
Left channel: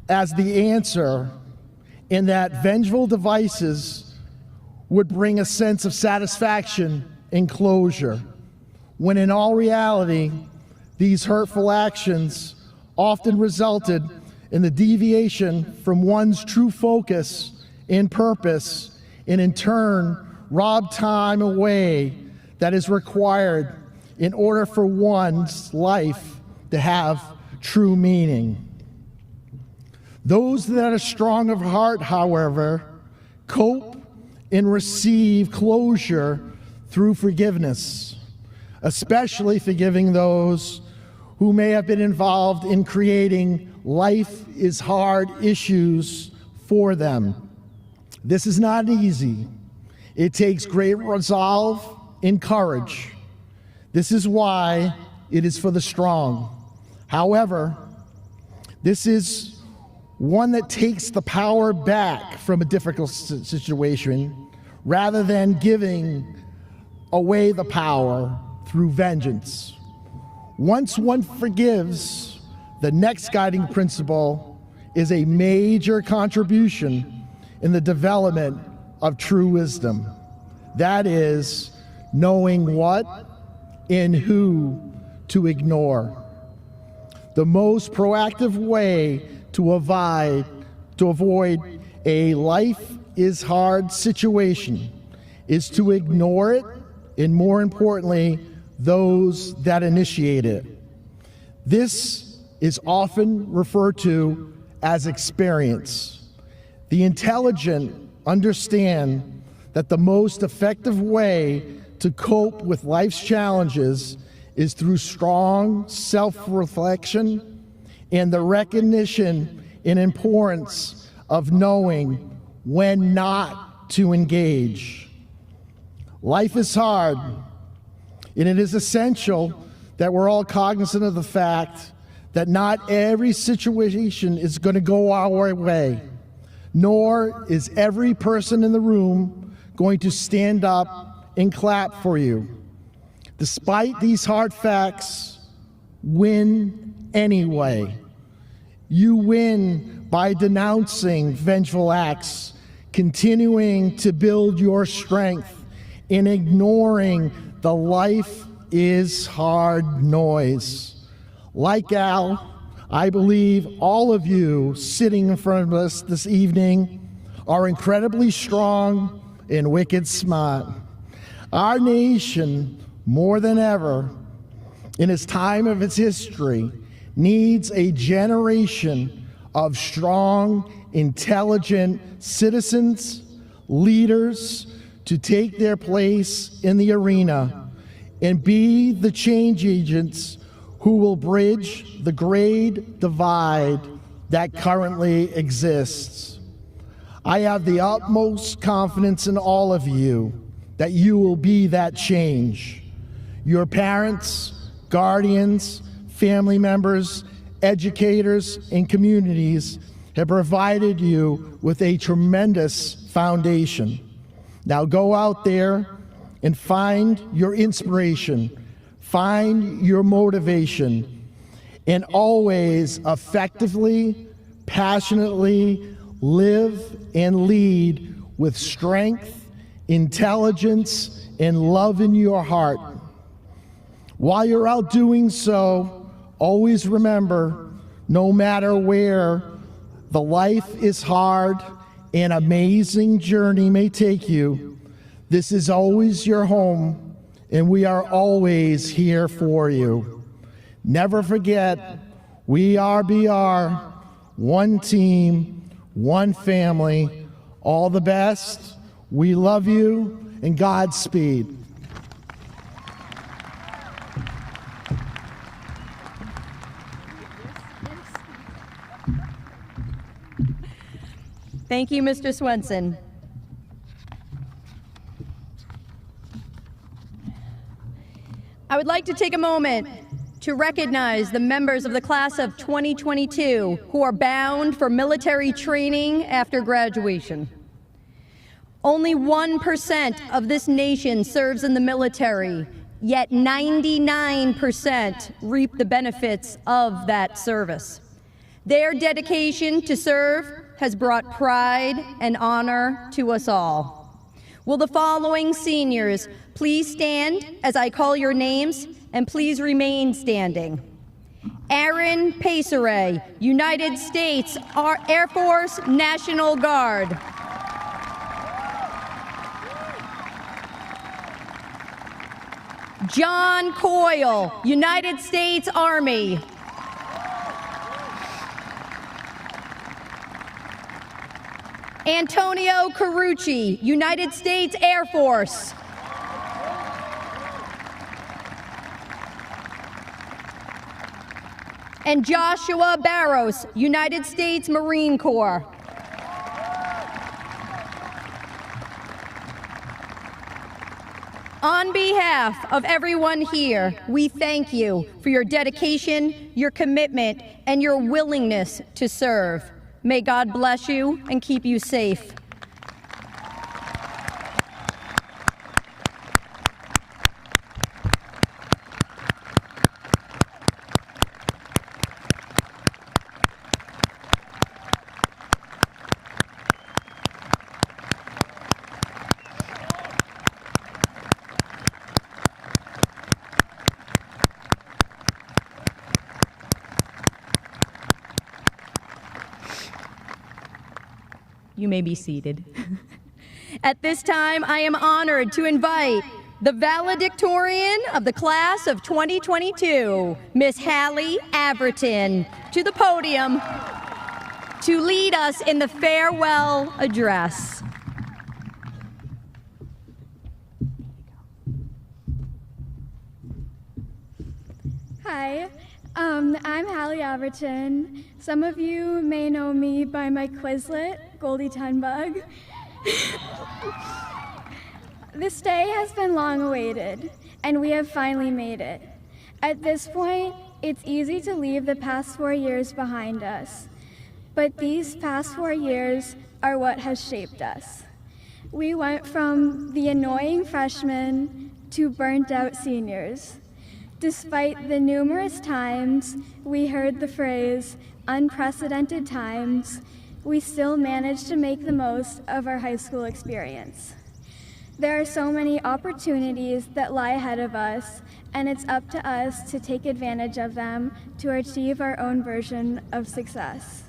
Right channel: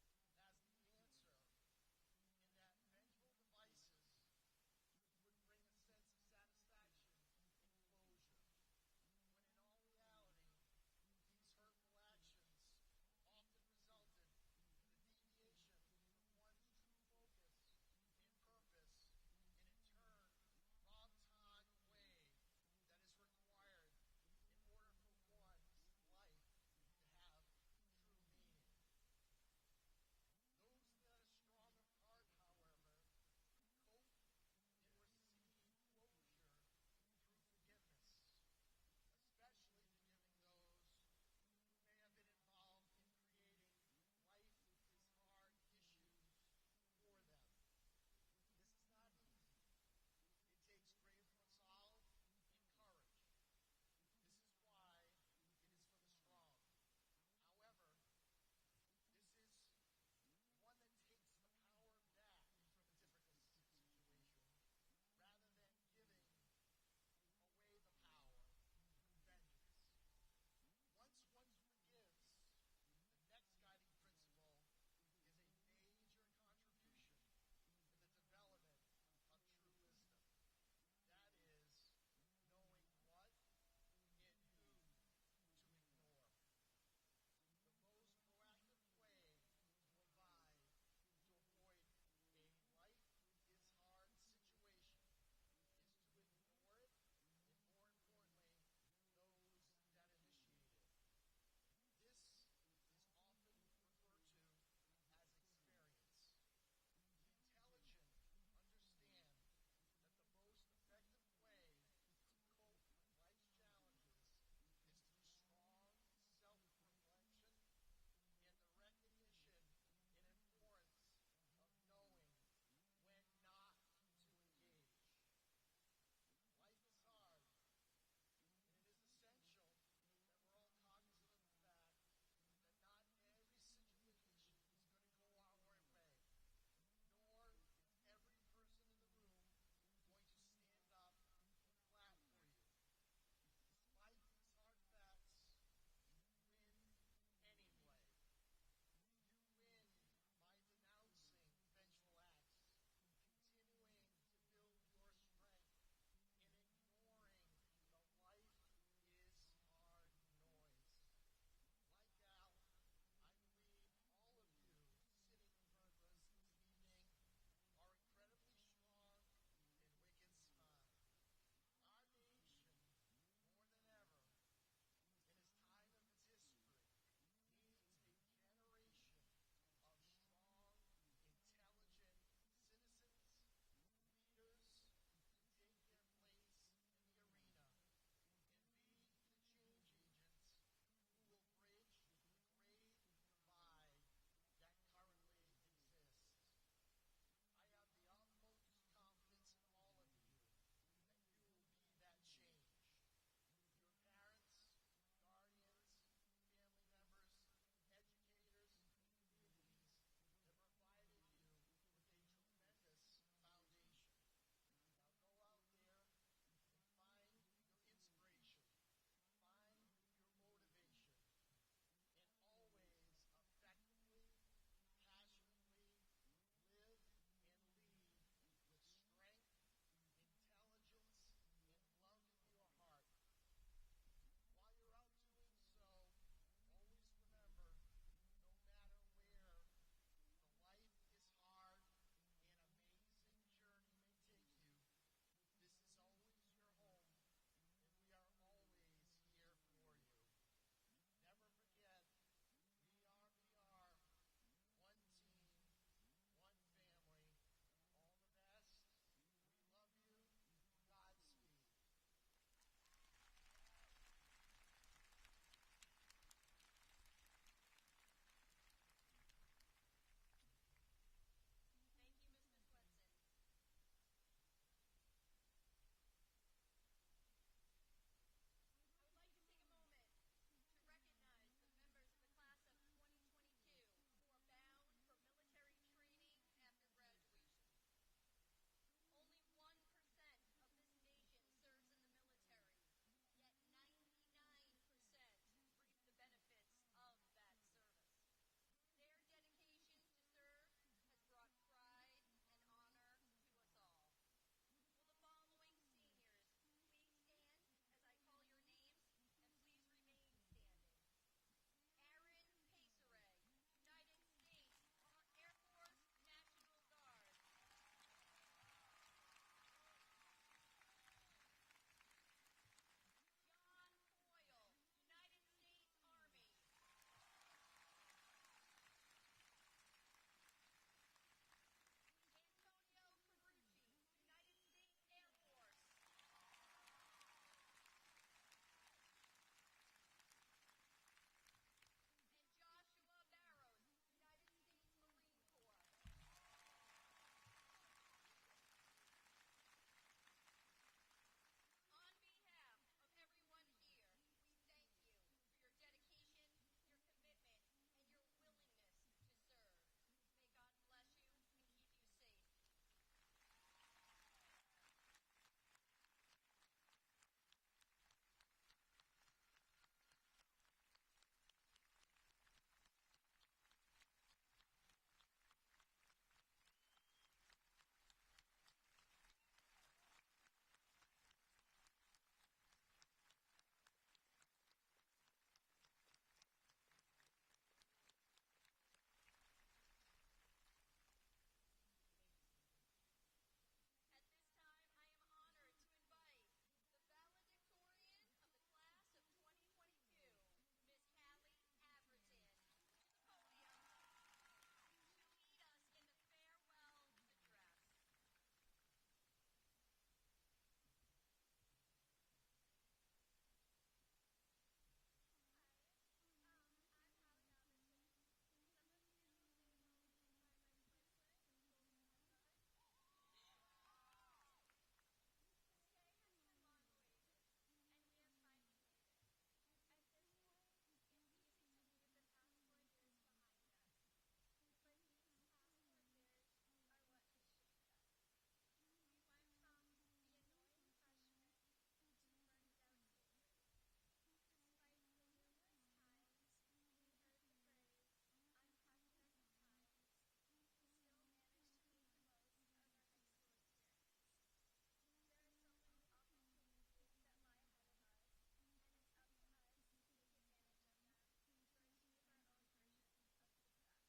as the answer, and that vengeful devices would bring a sense of satisfaction and closure, when in all reality, these hurtful actions often resulted in the deviation from one's true focus and purpose, and in turn rob time away that is required in order for one's life to have true meaning. Those that are strong of heart, however, cope and receive closure through forgiveness, especially forgiving those who may have been involved in creating life is hard issues for them. This is not easy. It takes great resolve and courage. This is why it is for the strong. However, this is one that takes the power back from a difficult situation rather than giving away the power through vengeance. Once one forgives, the next guiding principle is a major contribution in the development of true wisdom. That is, knowing what and who to ignore. The most proactive way to avoid a life is hard situation is to ignore it, and more importantly, those that initiate it. This is often referred to as experience. The intelligent understand that the most effective way to cope with life's challenges is through strong self-reflection and the recognition and importance of knowing when not to engage. Life is hard, and it is essential that we're all cognizant of the fact that not every situation is going to go our way, nor is every person in the room going to stand up and clap for you. Despite these hard facts, win anyway. You win by denouncing vengeful acts, continuing to build your strength, and ignoring the life is hard noise. Like Al, I believe all of you sitting in front of us this evening are incredibly strong and wicked smart. Our nation, more than ever, in its time of its history, needs a generation of strong, intelligent citizens, leaders to take their place in the arena and be the change agents who will bridge the grade divide that currently exists. I have the utmost confidence in all of you that you will be that change. Your parents, guardians, family members, educators, and communities have provided you with a tremendous foundation. Now go out there and find your inspiration, find your motivation, and always effectively, passionately live and lead with strength, intelligence, and love in your heart. While you're out doing so, always remember, no matter where the life is hard and amazing journey may take you, this is always your home, and we are always here for you. Never forget, we are BR, one team, one family. All the best. We love you, and Godspeed. Thank you, Mr. Swenson. I would like to take a moment to recognize the members of the class of 2022 who are bound for military training after graduation. Only 1% of this nation serves in the military, yet 99% reap the benefits of that service. Their dedication to serve has brought pride and honor to us all. Will the following seniors please stand as I call your names, and please remain standing. Aaron Paceray, United States Air Force National Guard. John Coyle, United States Army. Antonio Carucci, United States Air Force. And Joshua Barros, United States Marine Corps. On behalf of everyone here, we thank you for your dedication, your commitment, and your willingness to serve. May God bless you and keep you safe. You may be seated. At this time, I am honored to invite the valedictorian of the class of 2022, Miss Hallie Averton, to the podium to lead us in the farewell address. Hi, I'm Hallie Averton. Some of you may know me by my Quizlet, Goldie Tunbug. This day has been long awaited, and we have finally made it. At this point, it's easy to leave the past 4 years behind us, but these past 4 years are what has shaped us. We went from the annoying freshmen to burnt-out seniors. Despite the numerous times we heard the phrase, unprecedented times, we still managed to make the most of our high school experience. There are so many opportunities that lie ahead of us, and it's up to us to take advantage of them to achieve our own version of success.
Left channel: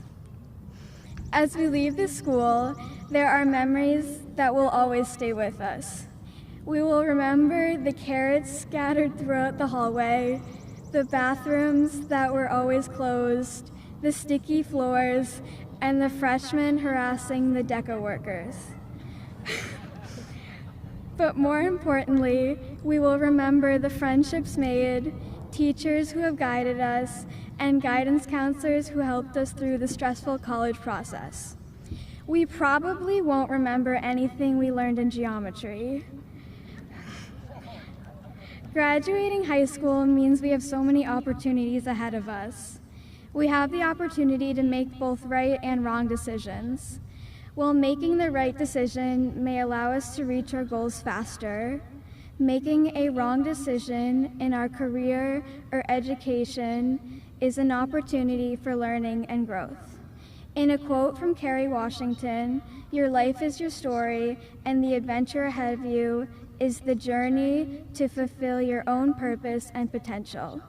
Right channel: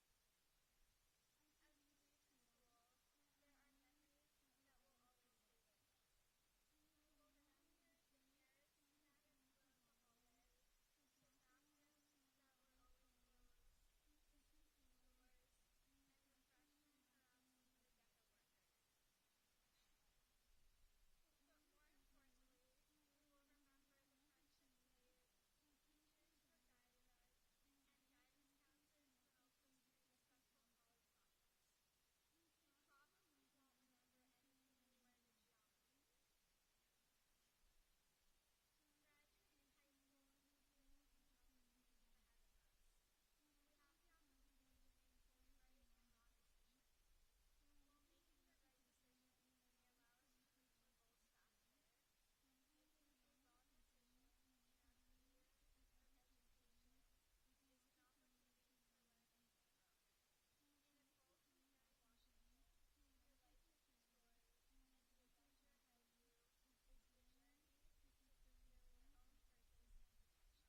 As we leave the school, there are memories that will always stay with us. We will remember the carrots scattered throughout the hallway, the bathrooms that were always closed, the sticky floors, and the freshmen harassing the deco workers. But more importantly, we will remember the friendships made, teachers who have guided us, and guidance counselors who helped us through the stressful college process. We probably won't remember anything we learned in geometry. Graduating high school means we have so many opportunities ahead of us. We have the opportunity to make both right and wrong decisions. While making the right decision may allow us to reach our goals faster, making a wrong decision in our career or education is an opportunity for learning and growth. In a quote from Kerry Washington, "Your life is your story, and the adventure ahead of you is the journey to fulfill your own purpose and potential."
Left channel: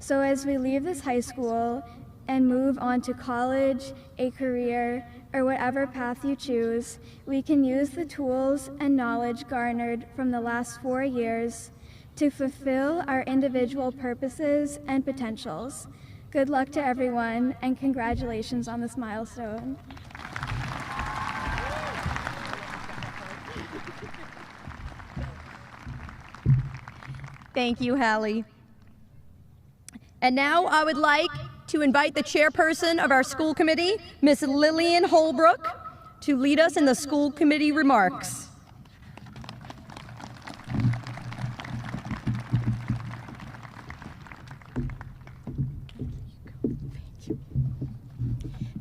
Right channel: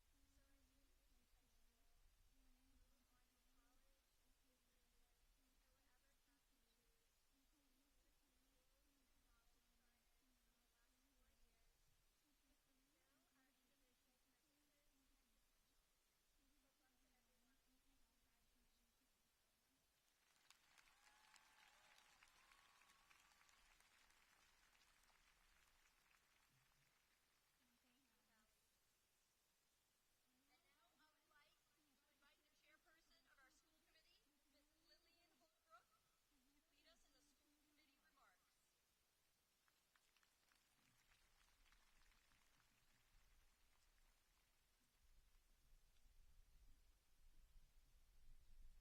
So as we leave this high school and move on to college, a career, or whatever path you choose, we can use the tools and knowledge garnered from the last 4 years to fulfill our individual purposes and potentials. Good luck to everyone, and congratulations on this milestone. Thank you, Hallie. And now I would like to invite the chairperson of our school committee, Miss Lillian Holbrook, to lead us in the school committee remarks.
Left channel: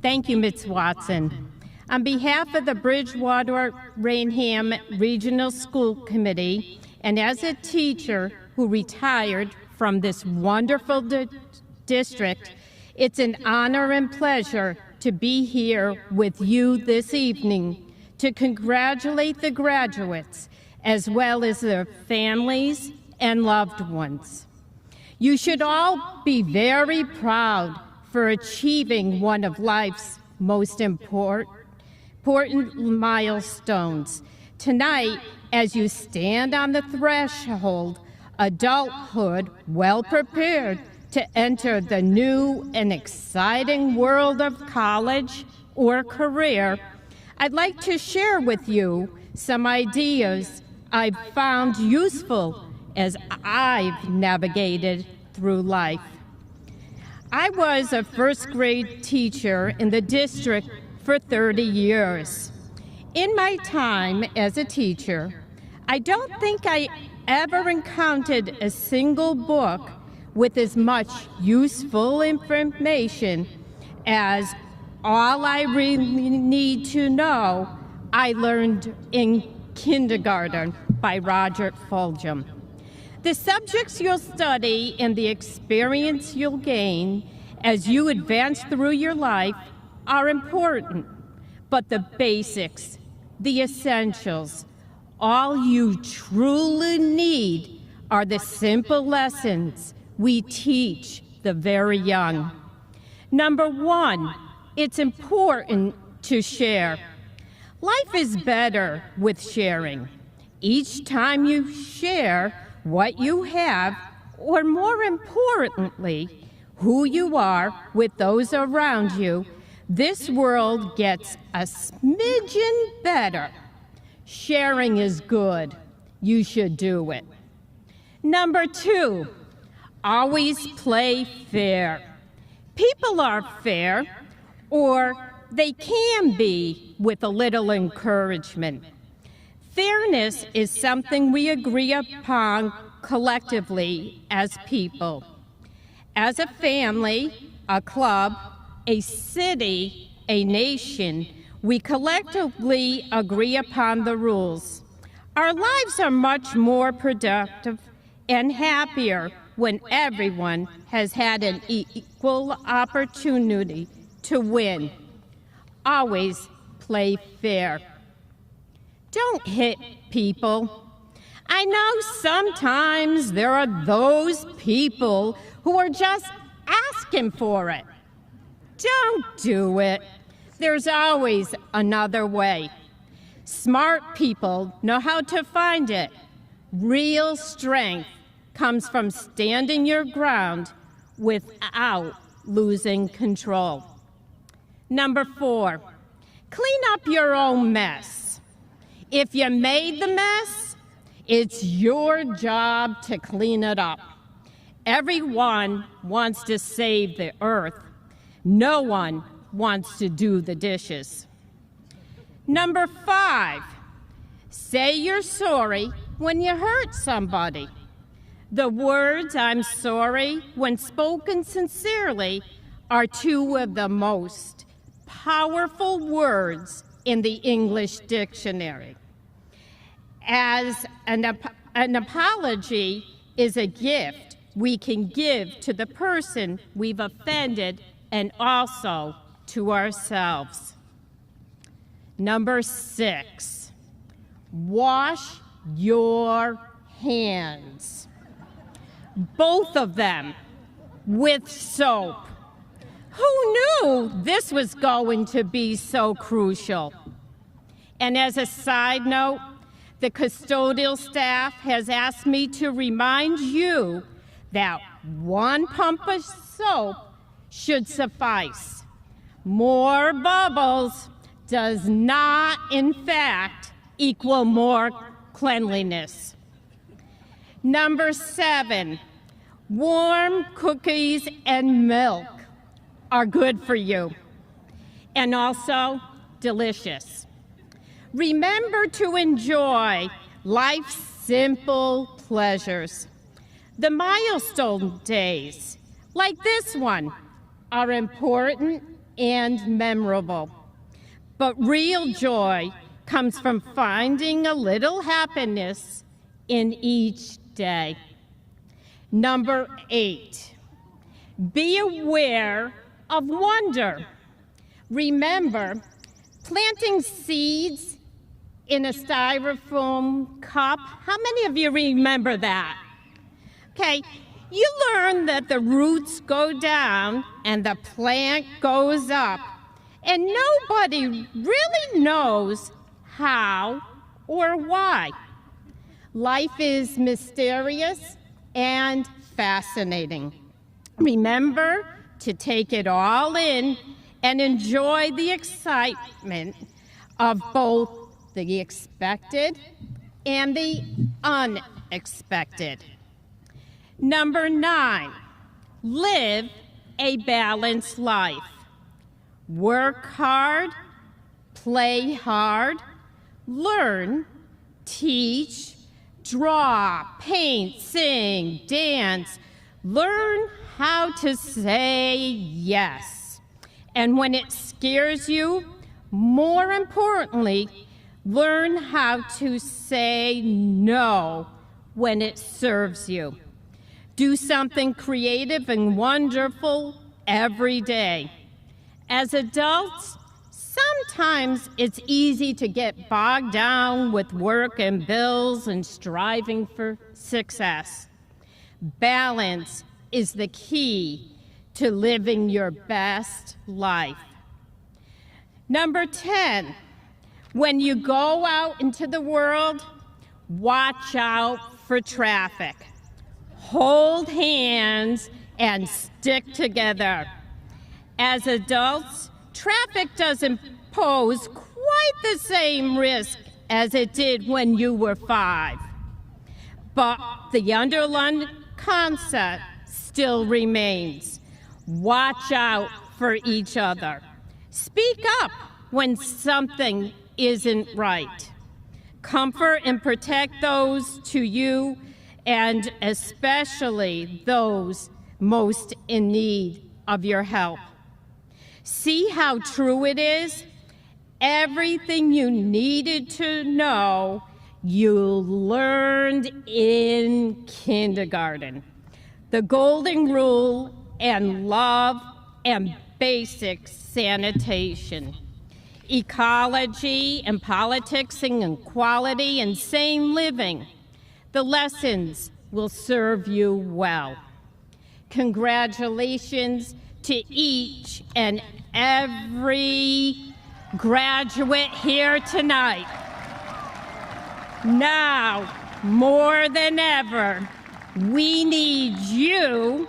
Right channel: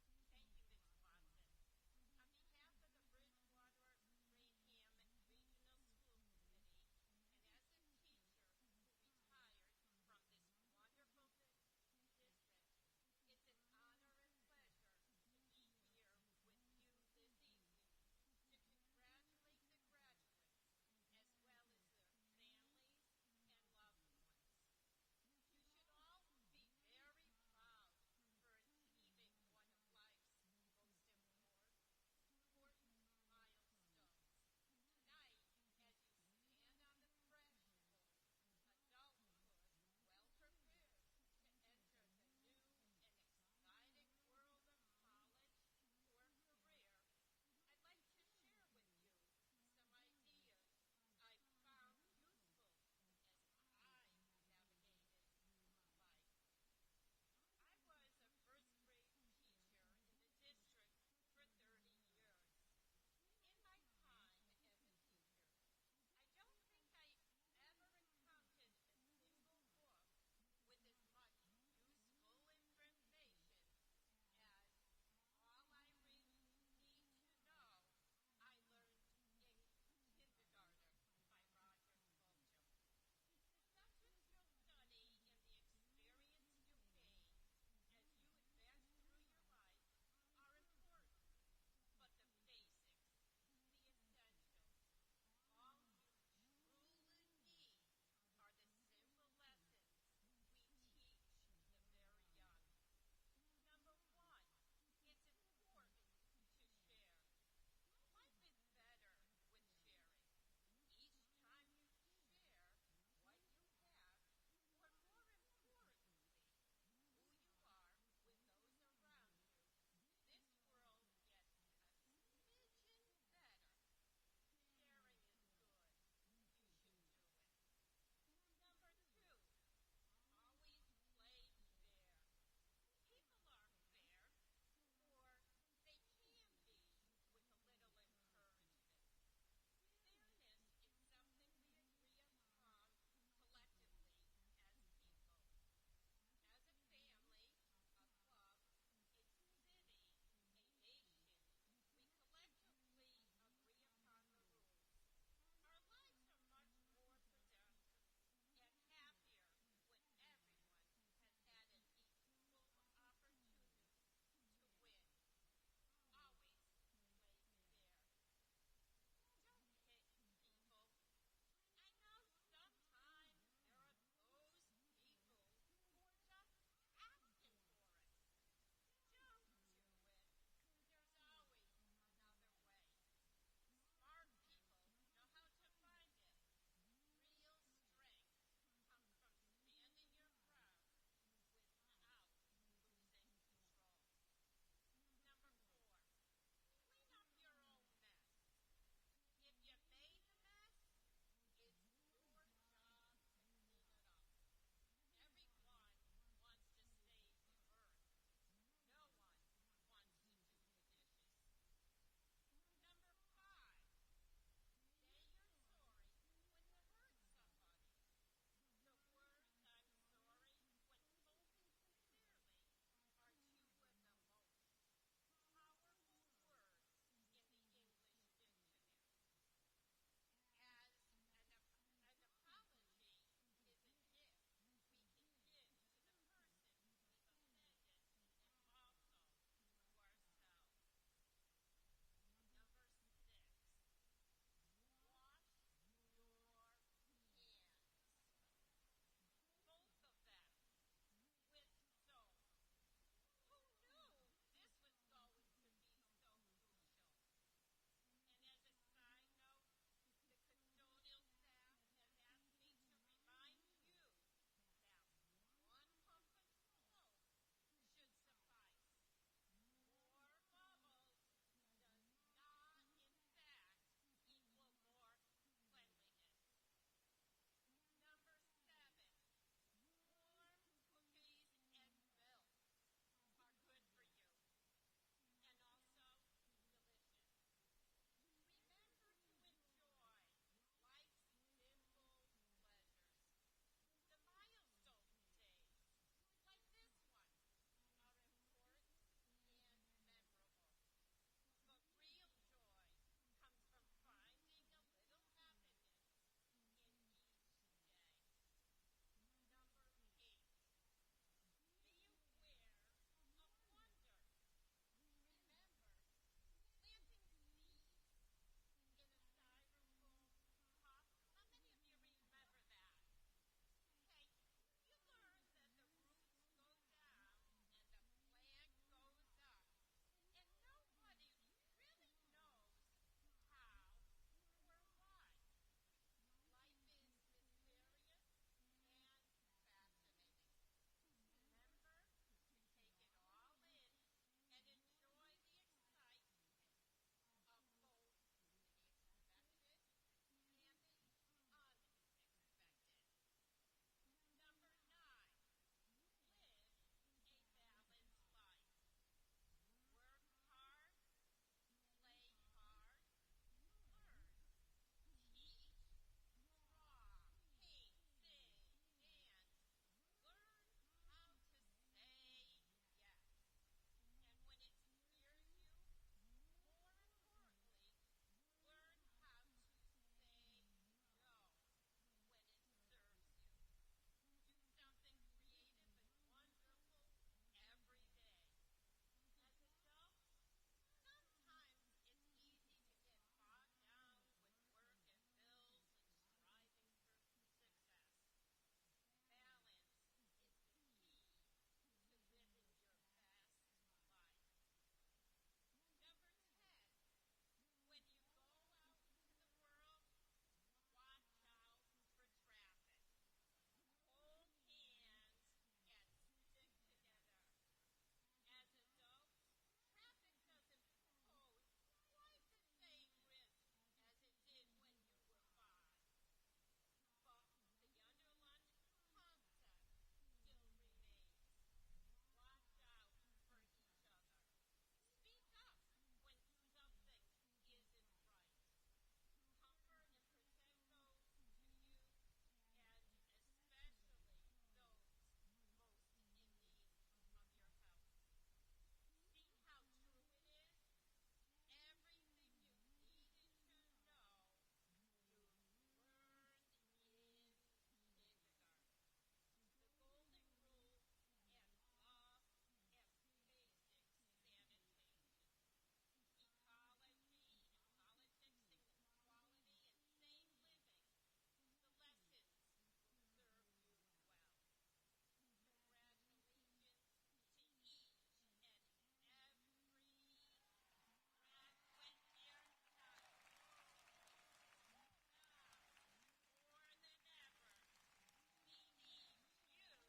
Thank you, Ms. Watson. On behalf of the Bridgewater-Raynham Regional School Committee, and as a teacher who retired from this wonderful district, it's an honor and pleasure to be here with you this evening to congratulate the graduates as well as their families and loved ones. You should all be very proud for achieving one of life's most important milestones. Tonight, as you stand on the threshold, adulthood, well prepared to enter the new and exciting world of college or career, I'd like to share with you some ideas I've found useful as I've navigated through life. I was a first grade teacher in the district for 30 years. In my time as a teacher, I don't think I ever encountered a single book with as much useful information as All I Really Need to Know I Learned in Kindergarten by Roger Fulgham. The subjects you'll study and the experience you'll gain as you advance through your life are important, but the basics, the essentials, all you truly need are the simple lessons we teach the very young. Number one, it's important to share. Life is better with sharing. Each time you share what you have, or more importantly, who you are with those around you, this world gets a smidgen better. Sharing is good. You should do it. Number two, always play fair. People are fair, or they can be with a little encouragement. Fairness is something we agree upon collectively as people. As a family, a club, a city, a nation, we collectively agree upon the rules. Our lives are much more productive and happier when everyone has had an equal opportunity to win. Always play fair. Don't hit people. I know sometimes there are those people who are just asking for it. Don't do it. There's always another way. Smart people know how to find it. Real strength comes from standing your ground without losing control. Number 4, clean up your own mess. If you made the mess, it's your job to clean it up. Everyone wants to save the earth. No one wants to do the dishes. Number 5, say you're sorry when you hurt somebody. The words "I'm sorry," when spoken sincerely, are 2 of the most powerful words in the English dictionary. As an apology is a gift we can give to the person we've offended and also to ourselves. Number 6, wash your hands. Both of them with soap. Who knew this was going to be so crucial? And as a side note, the custodial staff has asked me to remind you that 1 pump of soap should suffice. More bubbles does not, in fact, equal more cleanliness. Number 7, warm cookies and milk are good for you and also delicious. Remember to enjoy life's simple pleasures. The milestone days, like this one, are important and memorable. But real joy comes from finding a little happiness in each day. Number 8, be aware of wonder. Remember, planting seeds in a styrofoam cup. How many of you remember that? Okay, you learn that the roots go down and the plant goes up, and nobody really knows how or why. Life is mysterious and fascinating. Remember to take it all in and enjoy the excitement of both the expected and the unexpected. Number 9, live a balanced life. Work hard, play hard, learn, teach, draw, paint, sing, dance. Learn how to say yes. And when it scares you, more importantly, learn how to say no when it serves you. Do something creative and wonderful every day. As adults, sometimes it's easy to get bogged down with work and bills and striving for success. Balance is the key to living your best life. Number 10, when you go out into the world, watch out for traffic. Hold hands and stick together. As adults, traffic doesn't pose quite the same risk as it did when you were 5. But the underlying concept still remains. Watch out for each other. Speak up when something isn't right. Comfort and protect those to you, and especially those most in need of your help. See how true it is? Everything you needed to know, you learned in kindergarten. The golden rule and love and basic sanitation. Ecology and politics and equality and sane living. The lessons will serve you well. Congratulations to each and every graduate here tonight. Now, more than ever, we need you.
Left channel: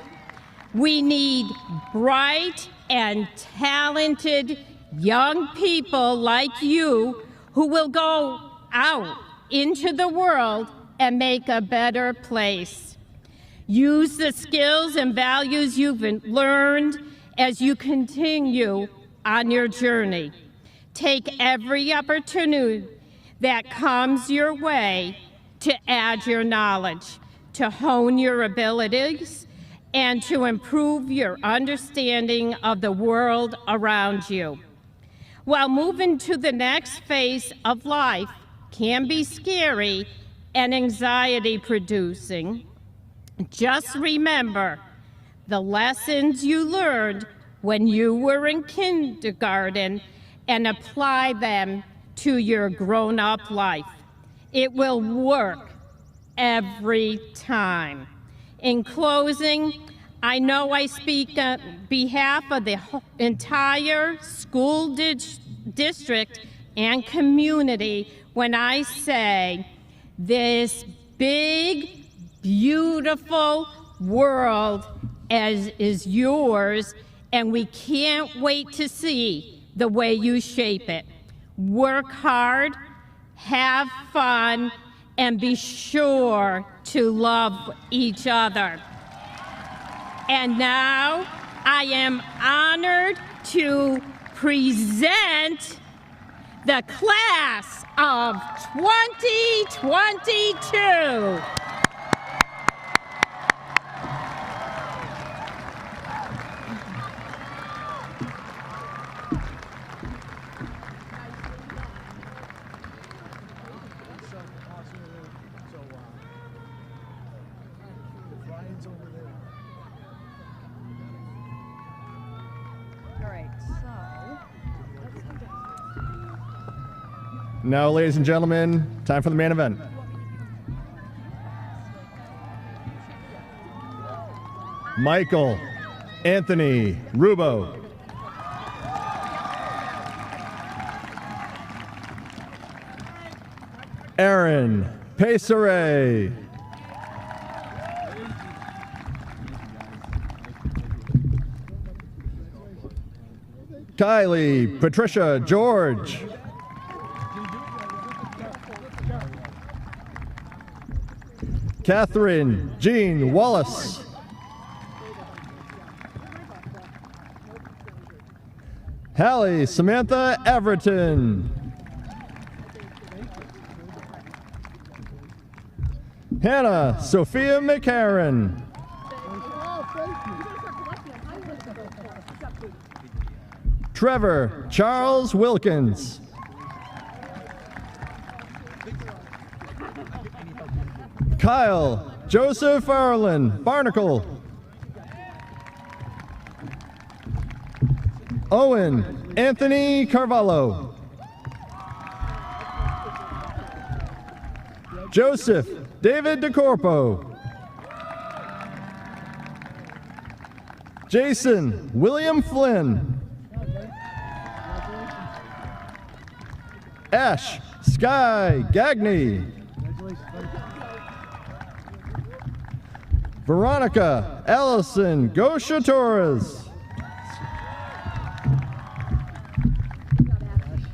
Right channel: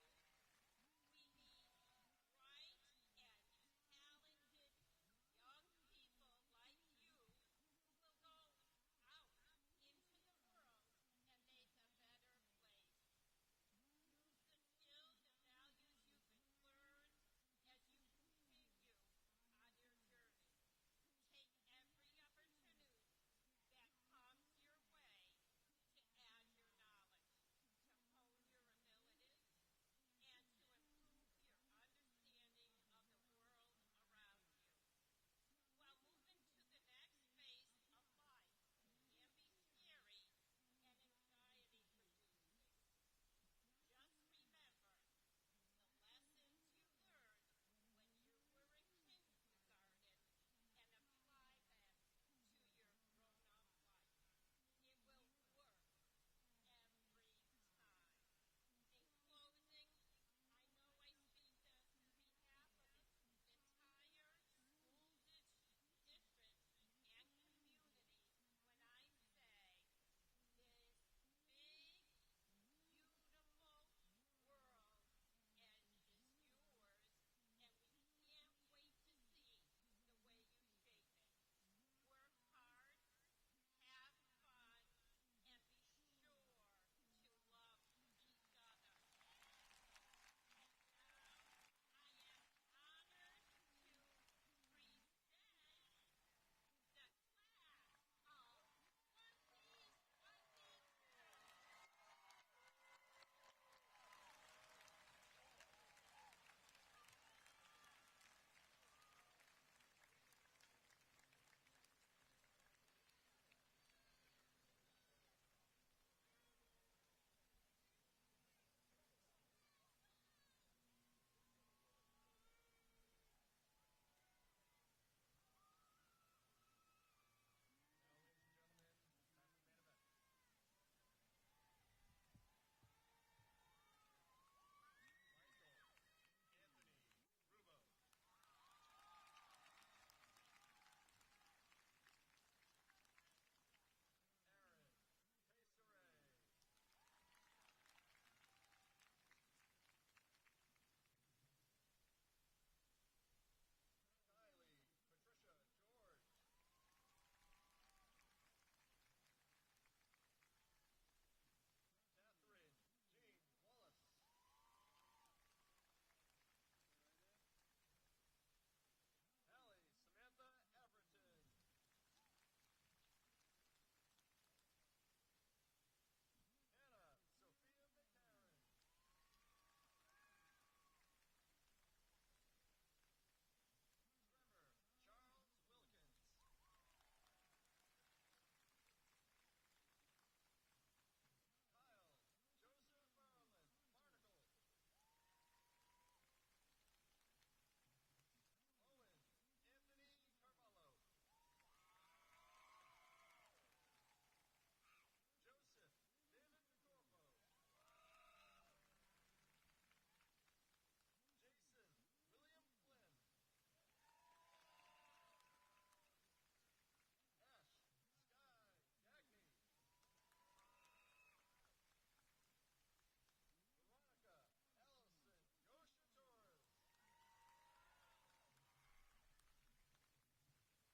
We need bright and talented young people like you who will go out into the world and make a better place. Use the skills and values you've learned as you continue on your journey. Take every opportunity that comes your way to add your knowledge, to hone your abilities, and to improve your understanding of the world around you. While moving to the next phase of life can be scary and anxiety-producing, just remember the lessons you learned when you were in kindergarten and apply them to your grown-up life. It will work every time. In closing, I know I speak on behalf of the entire school district and community when I say this big, beautiful world is yours, and we can't wait to see the way you shape it. Work hard, have fun, and be sure to love each other. And now I am honored to present the class of 2022. Now, ladies and gentlemen, time for the main event. Michael Anthony Rubo. Aaron Pesare. Kylie Patricia George. Catherine Jean Wallace. Hallie Samantha Everton. Hannah Sophia McCarran. Trevor Charles Wilkins. Kyle Joseph Arlen Barnacle. Owen Anthony Carvalho. Joseph David DeCorpo. Jason William Flynn. Ash Sky Gagney. Veronica Allison Gosha Torres.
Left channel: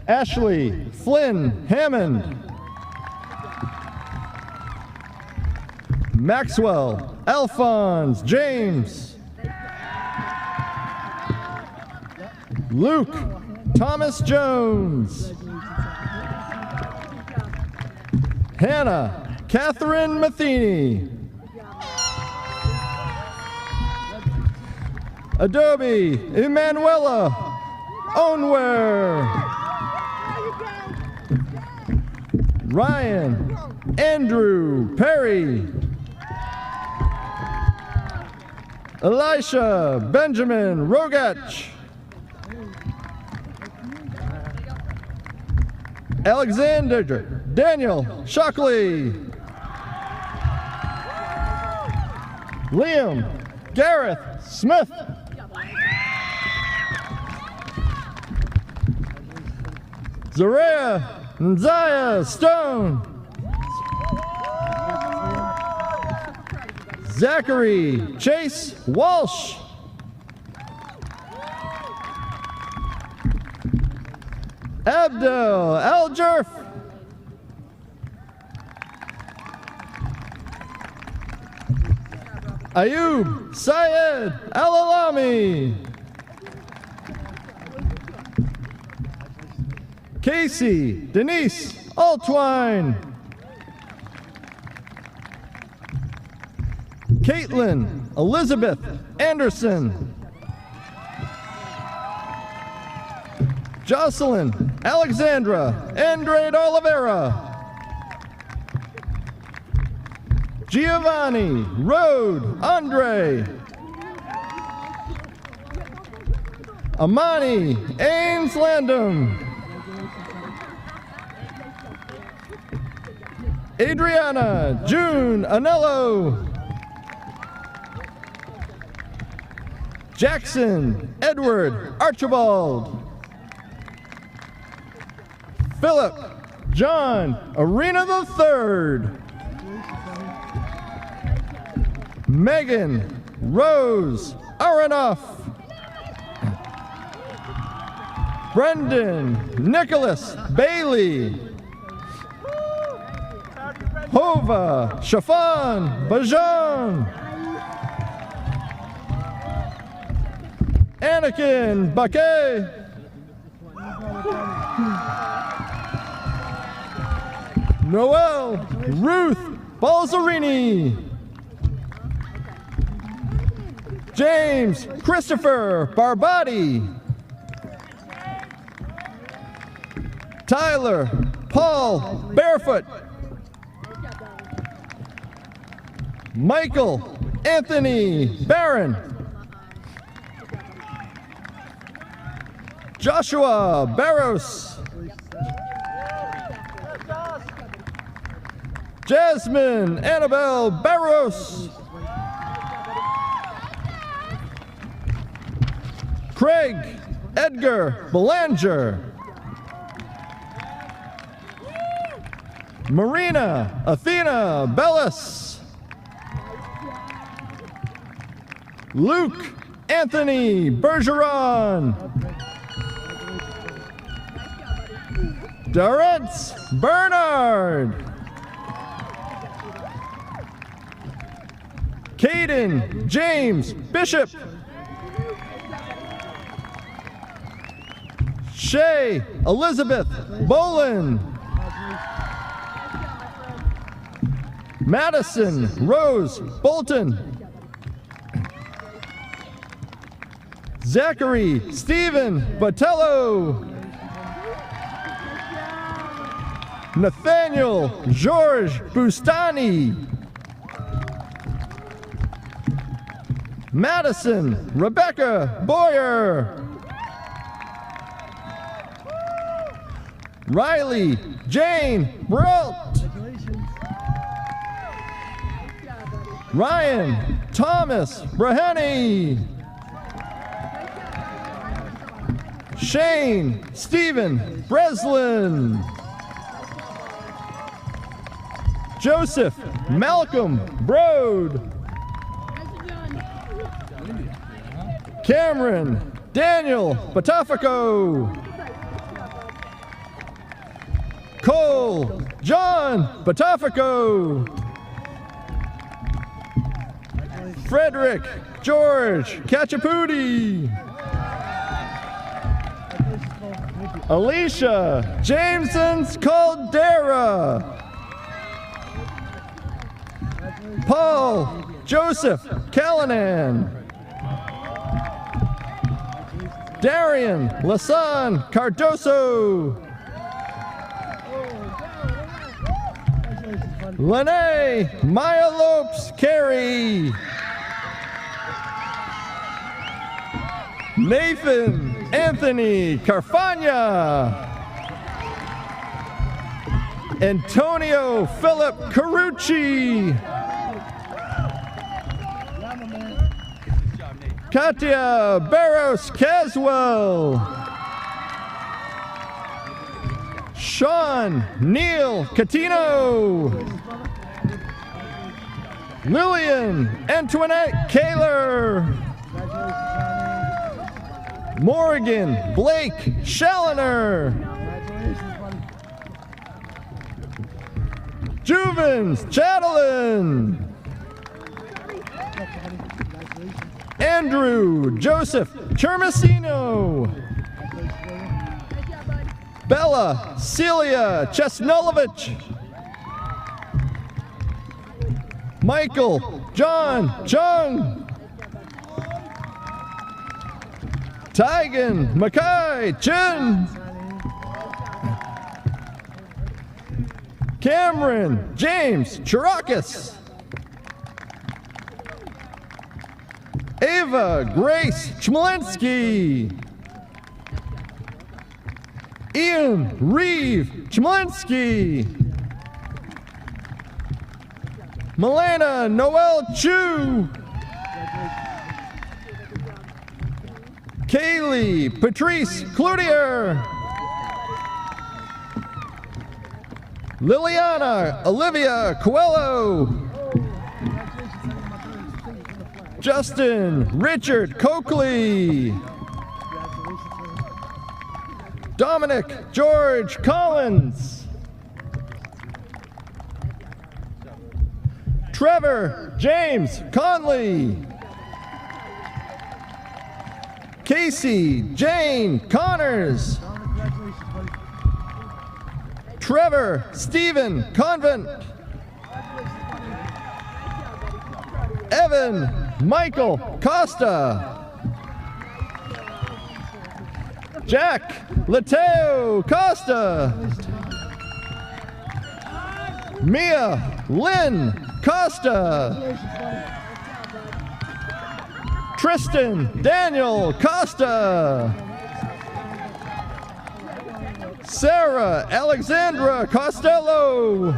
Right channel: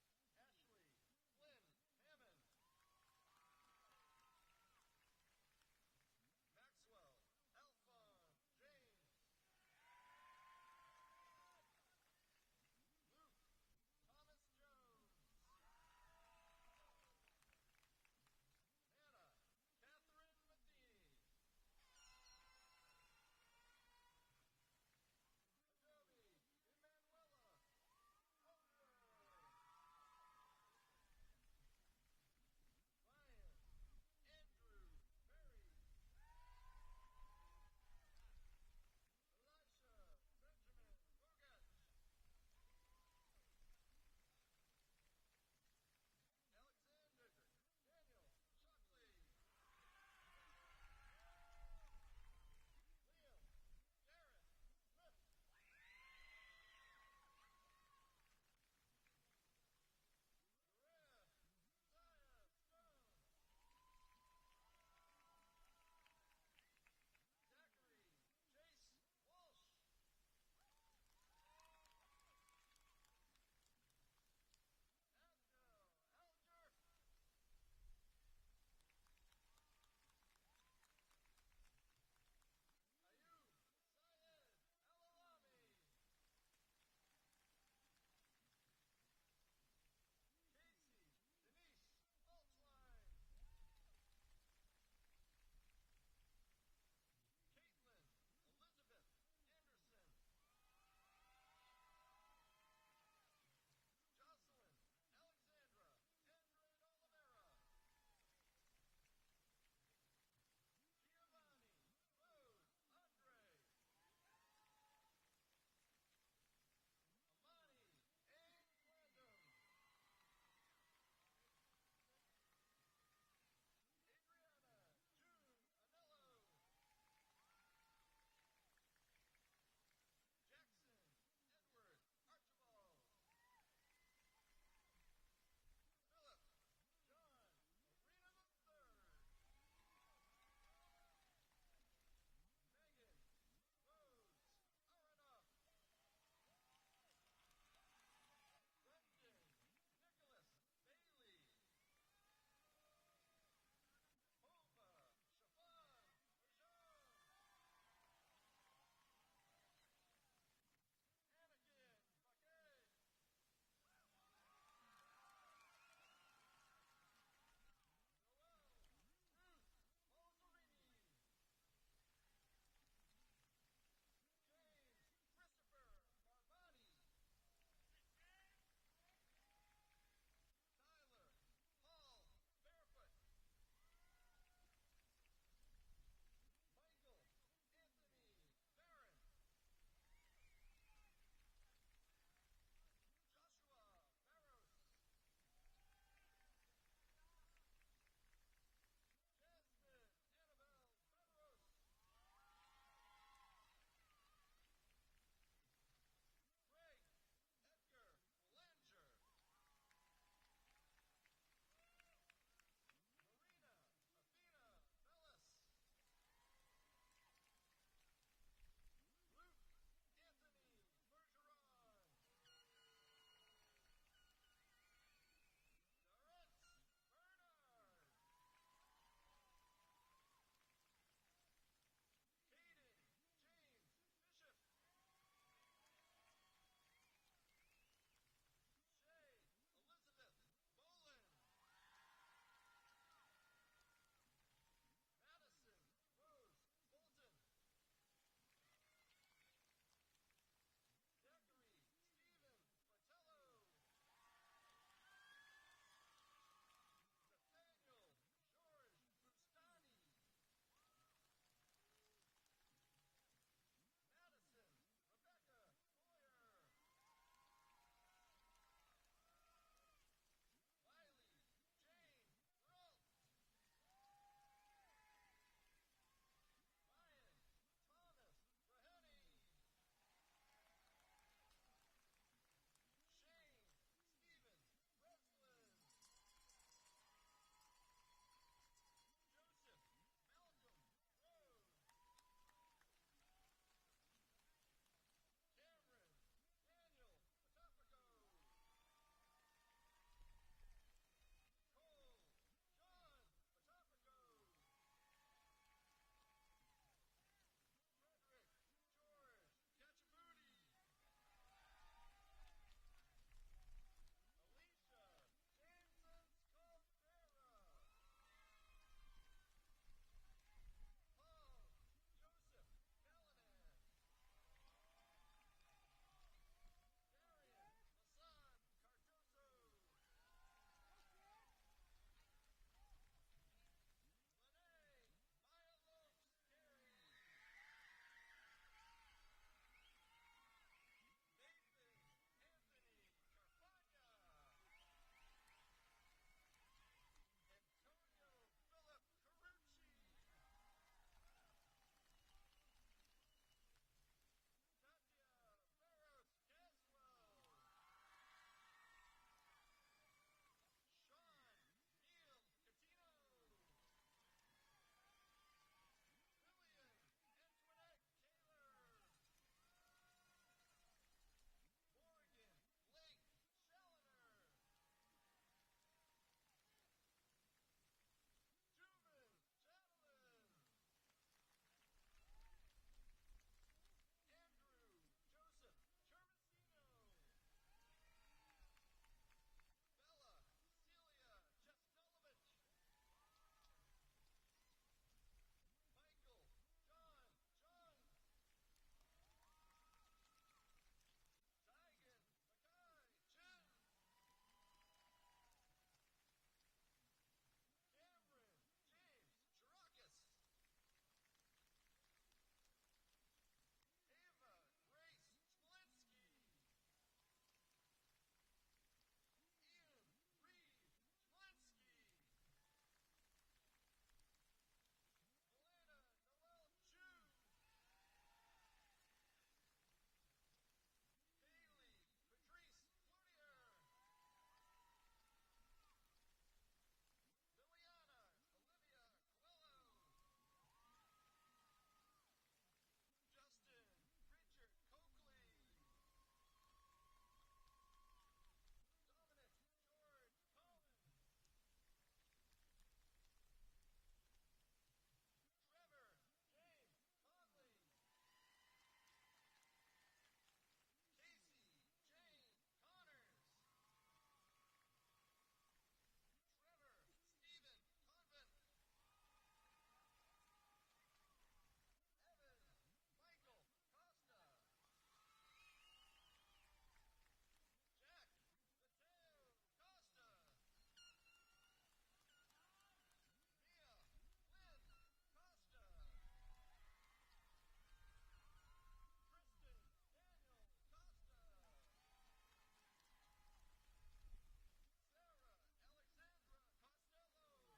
Ashley Flynn Hammond. Maxwell Alphonse James. Luke Thomas Jones. Hannah Catherine Matheny. Adobe Emanuela Onware. Ryan Andrew Perry. Elisha Benjamin Rogach. Alexander Daniel Shockley. Liam Gareth Smith. Zaria Nzaya Stone. Zachary Chase Walsh. Abdel Aljerf. Ayub Syed Alalami. Casey Denise Altwine. Caitlin Elizabeth Anderson. Jocelyn Alexandra Andrade Oliveira. Giovanni Rode Andre. Amani Ames Landum. Adriana June Anello. Jackson Edward Archibald. Philip John Arena III. Megan Rose Aronoff. Brendan Nicholas Bailey. Hova Shafan Bajan. Anakin Baquet. Noel Ruth Balzarini. James Christopher Barbati. Tyler Paul Barefoot. Michael Anthony Barron. Joshua Barros. Jasmine Annabelle Barros. Craig Edgar Belanger. Marina Athena Bellis. Luke Anthony Bergeron. Dorrance Bernard. Caden James Bishop. Shay Elizabeth Bolin. Madison Rose Bolton. Zachary Stephen Botello. Nathaniel George Bustani. Madison Rebecca Boyer. Riley Jane Brault. Ryan Thomas Braheny. Shane Stephen Breslin. Joseph Malcolm Brode. Cameron Daniel Batafico. Cole John Batafico. Frederick George Kachaputi. Alicia Jameson's Caldera. Paul Joseph Callanan. Darian Lasan Cardoso. Lene Maya Lopes Carey. Nathan Anthony Carfagna. Antonio Philip Carucci. Katia Barros Caswell. Sean Neil Catino. Lillian Antoinette Kaler. Morgan Blake Schalliner. Juvens Chatelain. Andrew Joseph Chermasino. Bella Celia Chesnulovich. Michael John Chung. Tygan Mackay Chin. Cameron James Chirakis. Ava Grace Chmelinsky. Ian Reeve Chmelinsky. Milena Noel Chu. Kaylee Patrice Cloutier. Liliana Olivia Coelho. Justin Richard Coakley. Dominic George Collins. Trevor James Conley. Casey Jane Connors. Trevor Stephen Convent. Evan Michael Costa. Jack Lateo Costa. Mia Lynn Costa. Tristan Daniel Costa. Sarah Alexandra Costello.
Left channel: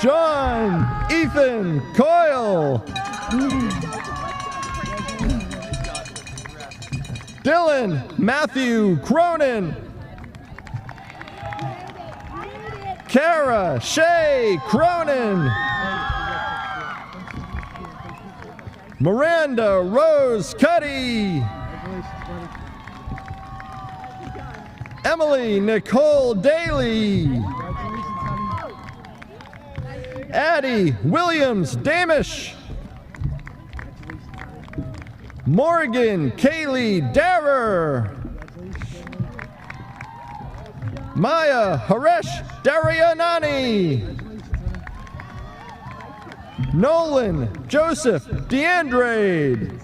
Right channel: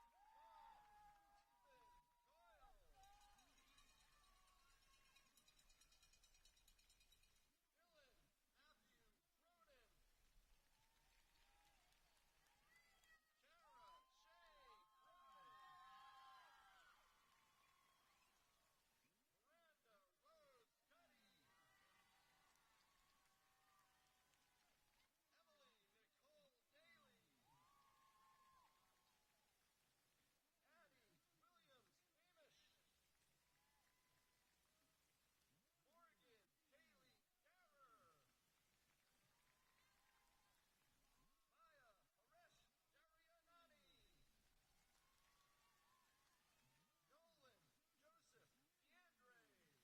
John Ethan Coyle. Dylan Matthew Cronin. Kara Shay Cronin. Miranda Rose Cuddy. Emily Nicole Daly. Addie Williams Damish. Morgan Kaylee Darrer. Maya Haresh Darianani. Nolan Joseph DeAndrade.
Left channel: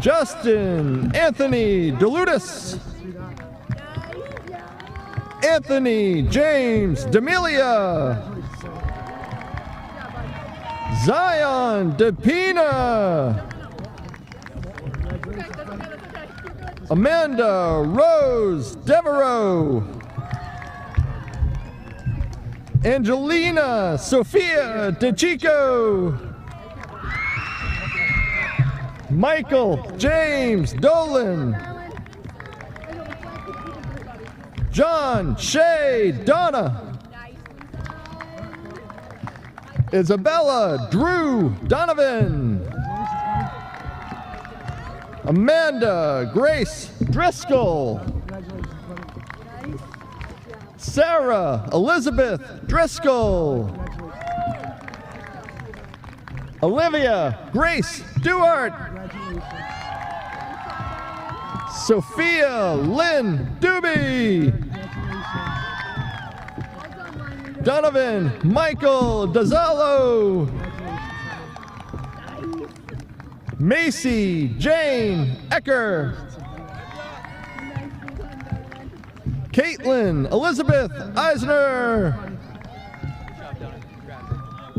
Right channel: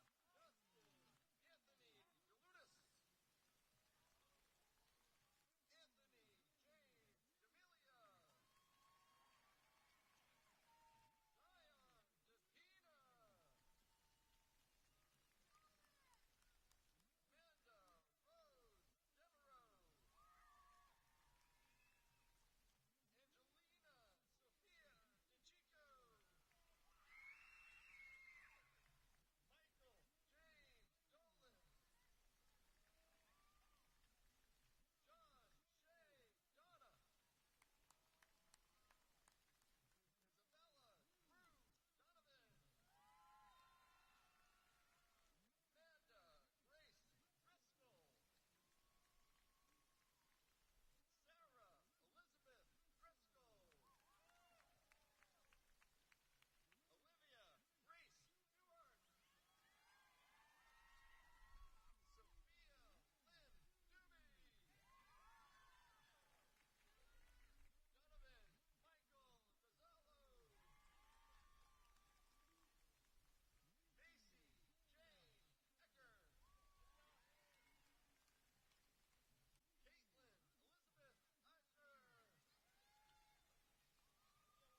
Justin Anthony DeLutis. Anthony James D'Amelia. Zion DePina. Amanda Rose Devereaux. Angelina Sophia DeChico. Michael James Dolan. John Shay Donna. Isabella Drew Donovan. Amanda Grace Driscoll. Sarah Elizabeth Driscoll. Olivia Grace Duart. Sophia Lynn Doobie. Donovan Michael Dazalo. Macy Jane Ecker. Caitlin Elizabeth Eisner.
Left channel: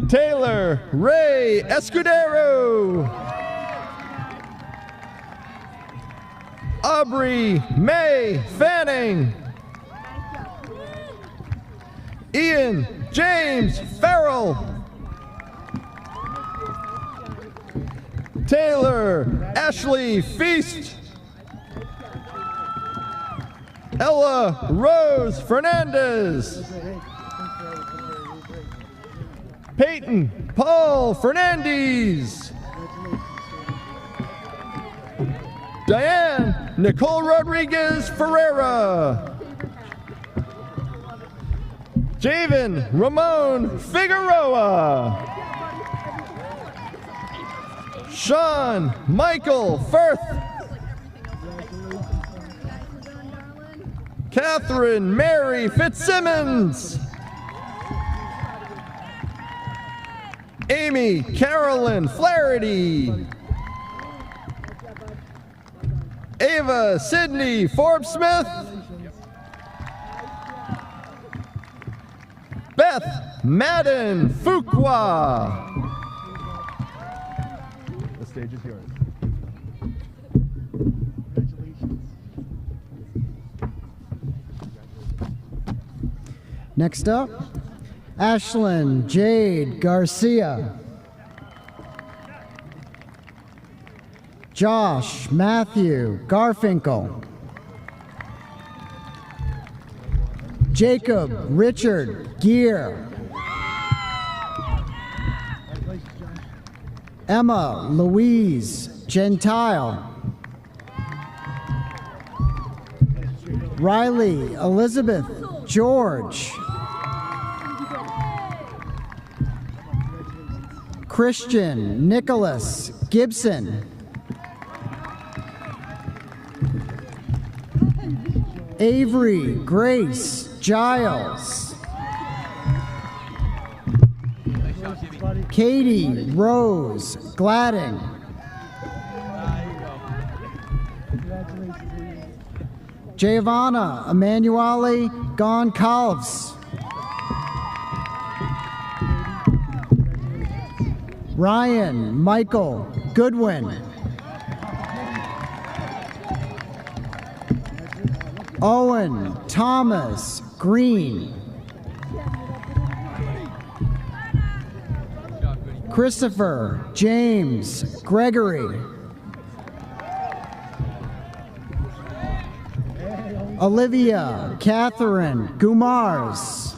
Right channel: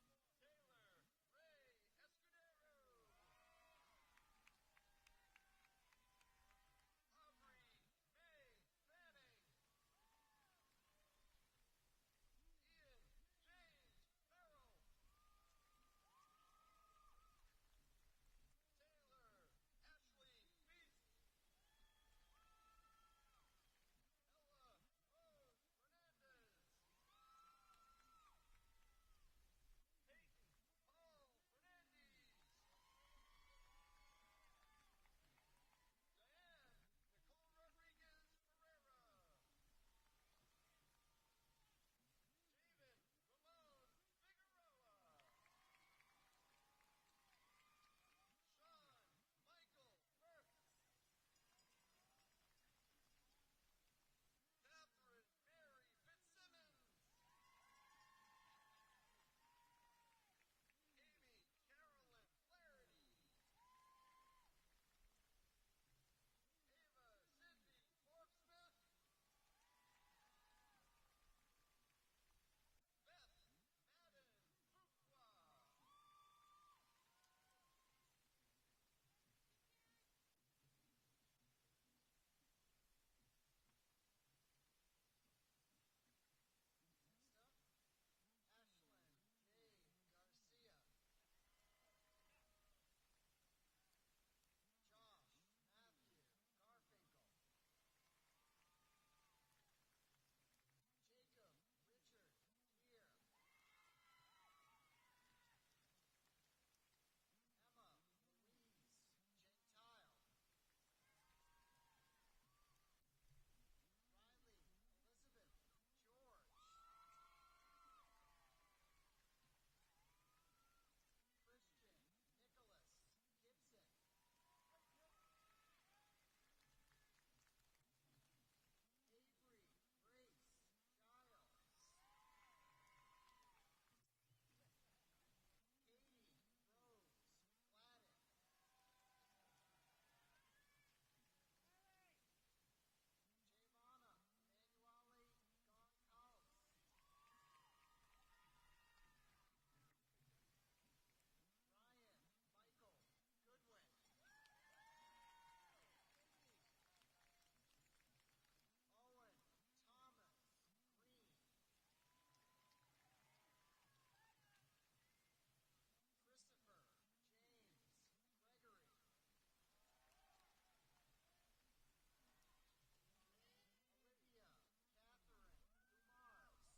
Taylor Ray Escudero. Aubrey May Fanning. Ian James Farrell. Taylor Ashley Feast. Ella Rose Fernandez. Peyton Paul Fernandez. Diane Nicole Rodriguez Ferreira. Javen Ramon Figueroa. Sean Michael Firth. Catherine Mary Fitzsimmons. Amy Carolyn Flaherty. Ava Sydney Forbes Smith. Beth Madden Fuqua. The stage is yours. Next up, Ashlyn Jade Garcia. Josh Matthew Garfinkel. Jacob Richard Gear. Emma Louise Gentile. Riley Elizabeth George. Christian Nicholas Gibson. Avery Grace Giles. Katie Rose Gladding. Giovanna Emanuele Goncalves. Ryan Michael Goodwin. Owen Thomas Green. Christopher James Gregory. Olivia Catherine Gumars.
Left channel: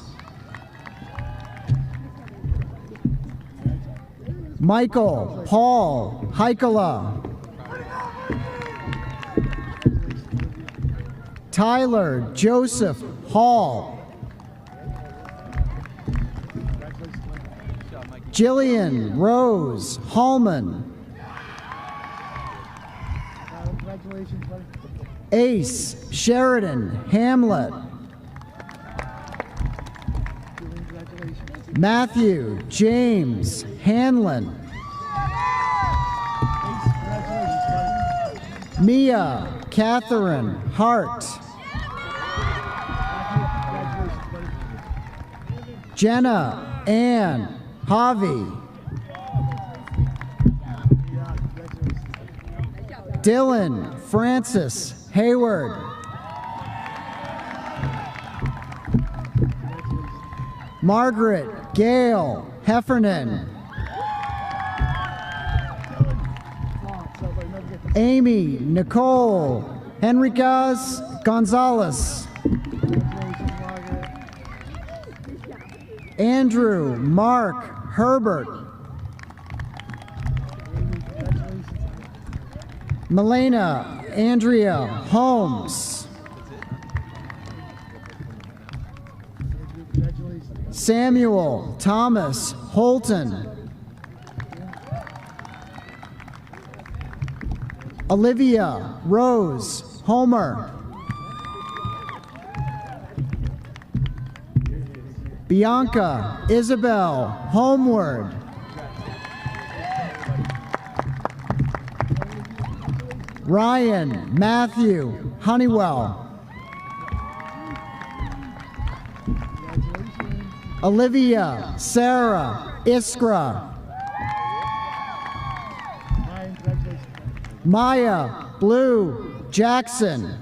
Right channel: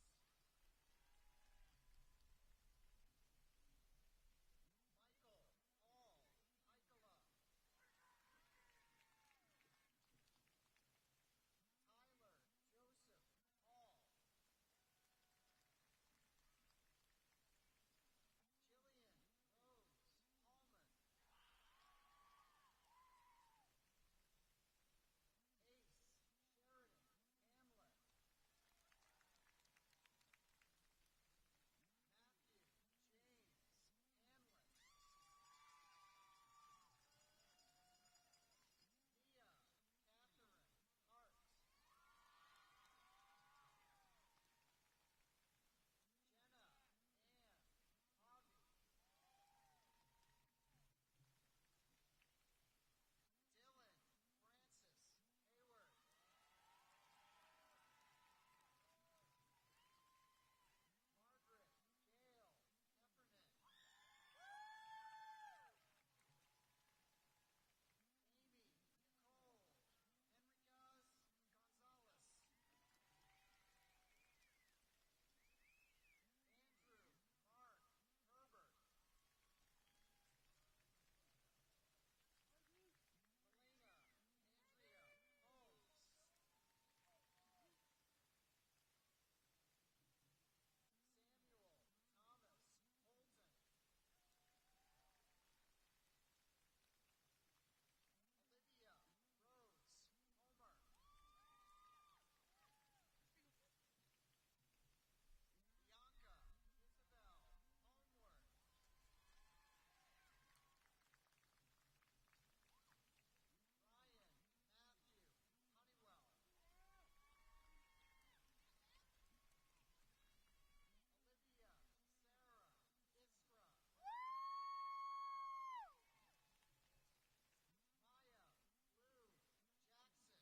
Michael Paul Heikala. Tyler Joseph Hall. Jillian Rose Hallman. Ace Sheridan Hamlet. Matthew James Hanlon. Mia Catherine Hart. Jenna Ann Javi. Dylan Francis Hayward. Margaret Gail Heffernan. Amy Nicole Henriquez Gonzalez. Andrew Mark Herbert. Melena Andrea Holmes. Samuel Thomas Holton. Olivia Rose Homer. Bianca Isabel Homeward. Ryan Matthew Honeywell. Olivia Sarah Iskra. Maya Blue Jackson.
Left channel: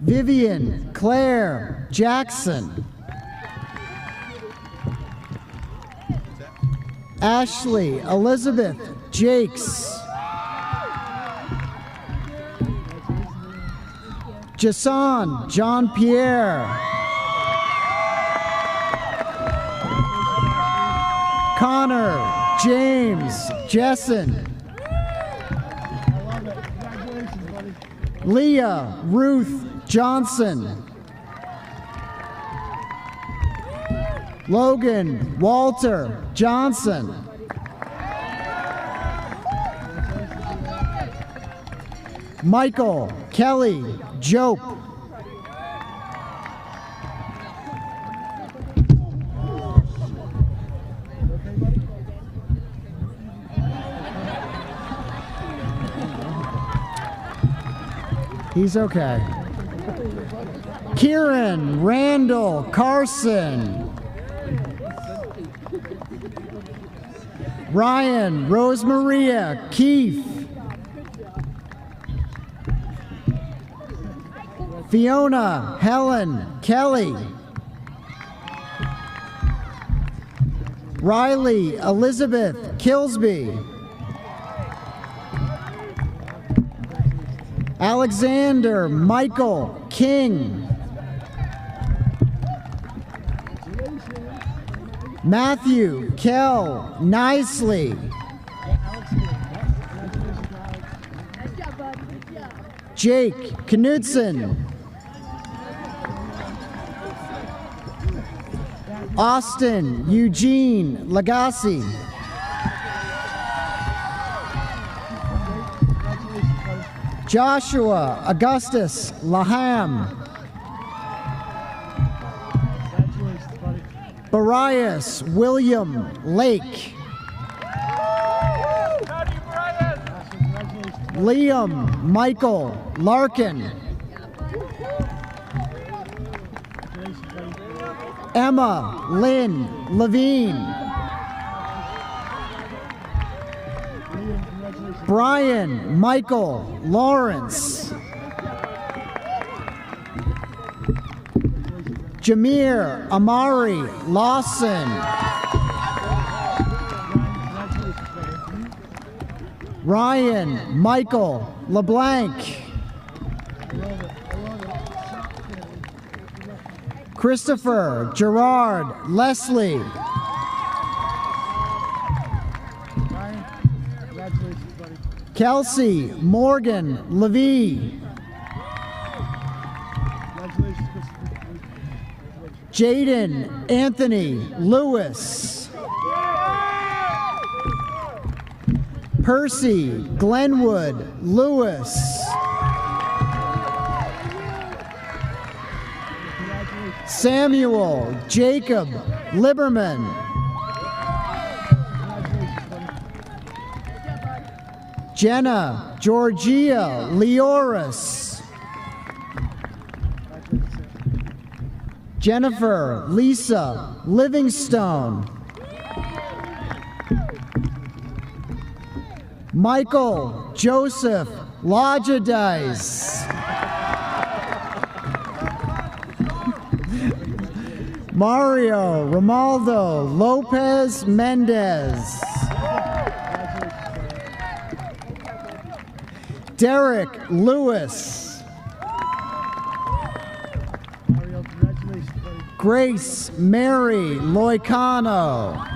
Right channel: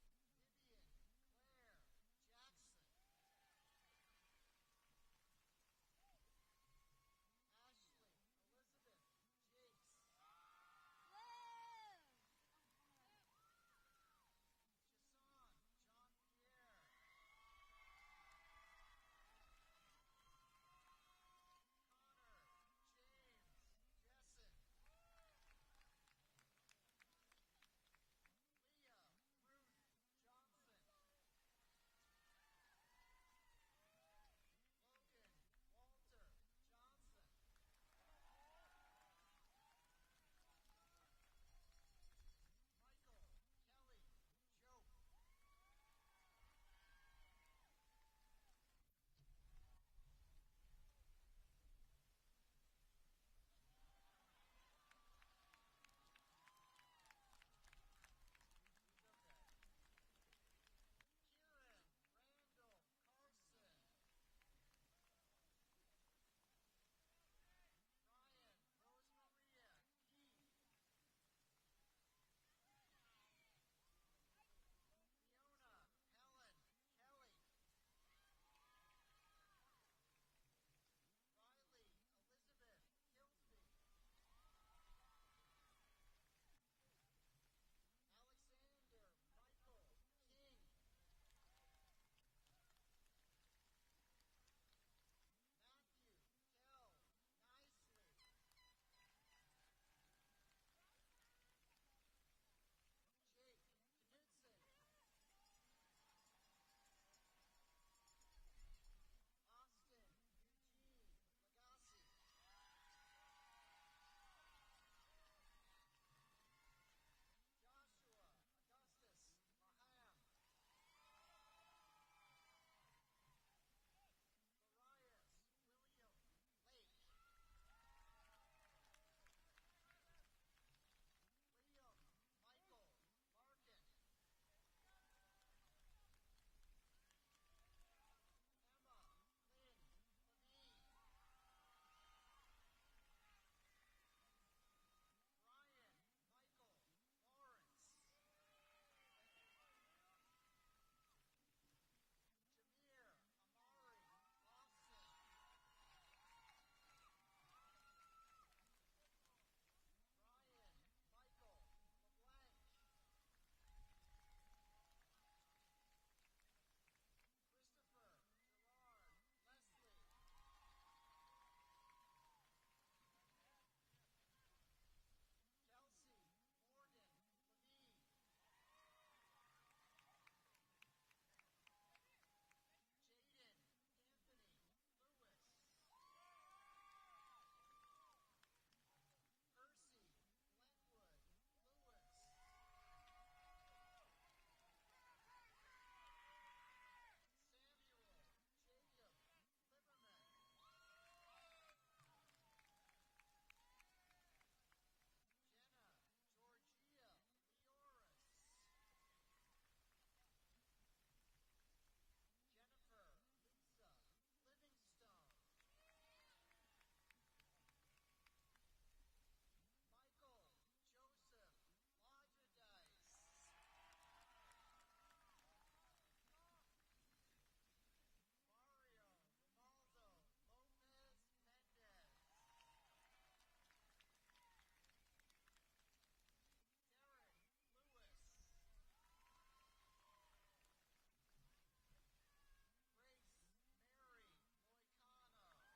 Vivian Claire Jackson. Ashley Elizabeth Jakes. Jason John Pierre. Connor James Jessen. Leah Ruth Johnson. Logan Walter Johnson. Michael Kelly Jope. He's okay. Kieran Randall Carson. Ryan Rosemaria Keefe. Fiona Helen Kelly. Riley Elizabeth Kilsby. Alexander Michael King. Matthew Kell Nicely. Jake Knudsen. Austin Eugene Lagasse. Joshua Augustus Laham. Barias William Lake. Liam Michael Larkin. Emma Lynn Levine. Brian Michael Lawrence. Jameer Amari Lawson. Ryan Michael LeBlanc. Christopher Gerard Leslie. Kelsey Morgan Levy. Jaden Anthony Lewis. Percy Glenwood Lewis. Samuel Jacob Liberman. Jenna Georgia Leoris. Jennifer Lisa Livingstone. Michael Joseph Lodgedice. Mario Romaldo Lopez Mendez. Derek Lewis. Grace Mary Loicano.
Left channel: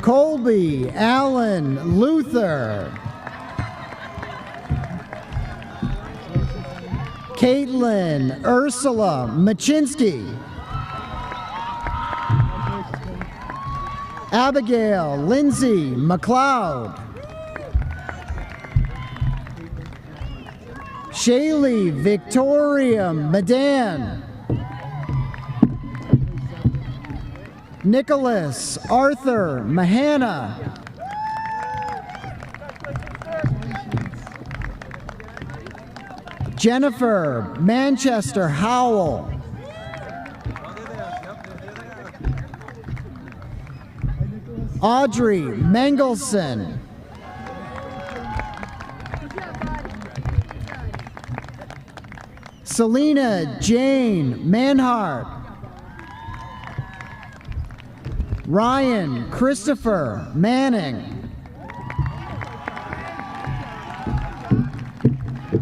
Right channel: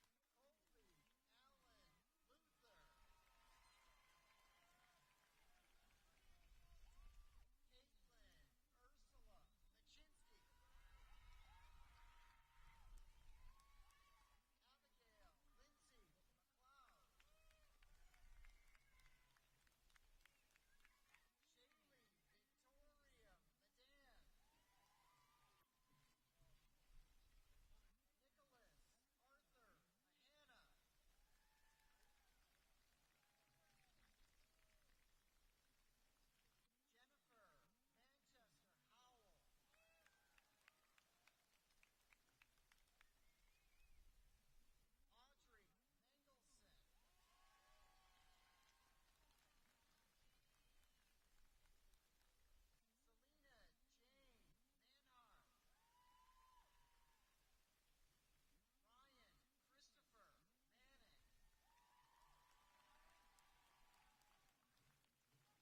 Colby Allen Luther. Caitlin Ursula Machinsky. Abigail Lindsay McLeod. Shaylee Victoria Madan. Nicholas Arthur Mahana. Jennifer Manchester Howell. Audrey Mengelson. Selena Jane Manhart. Ryan Christopher Manning.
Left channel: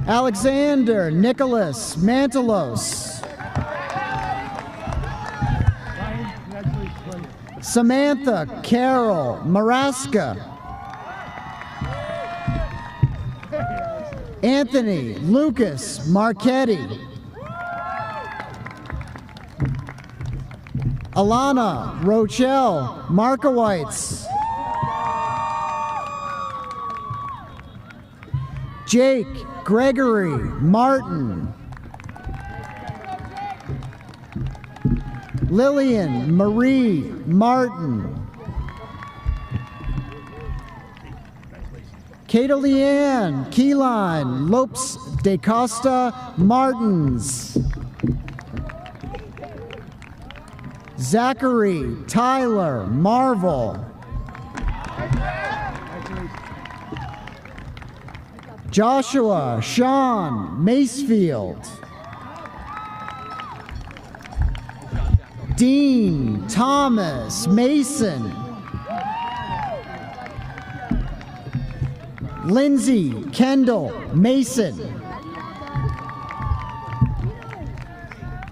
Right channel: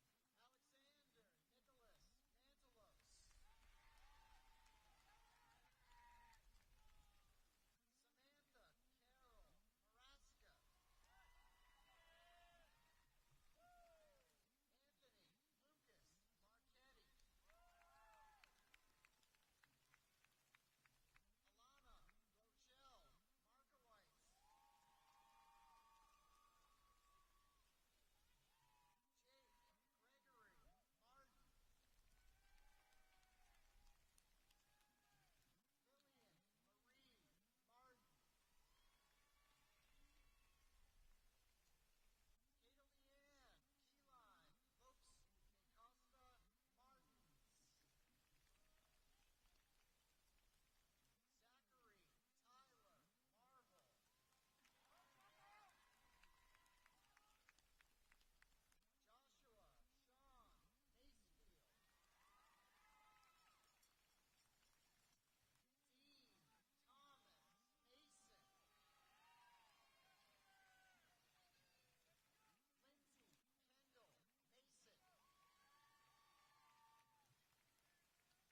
Alexander Nicholas Mantelos. Samantha Carol Maraska. Anthony Lucas Marchetti. Alana Rochelle Markowitz. Jake Gregory Martin. Lillian Marie Martin. Kata Leanne Keyline Lopes de Costa Martins. Zachary Tyler Marvel. Joshua Sean Macefield. Dean Thomas Mason. Lindsay Kendall Mason.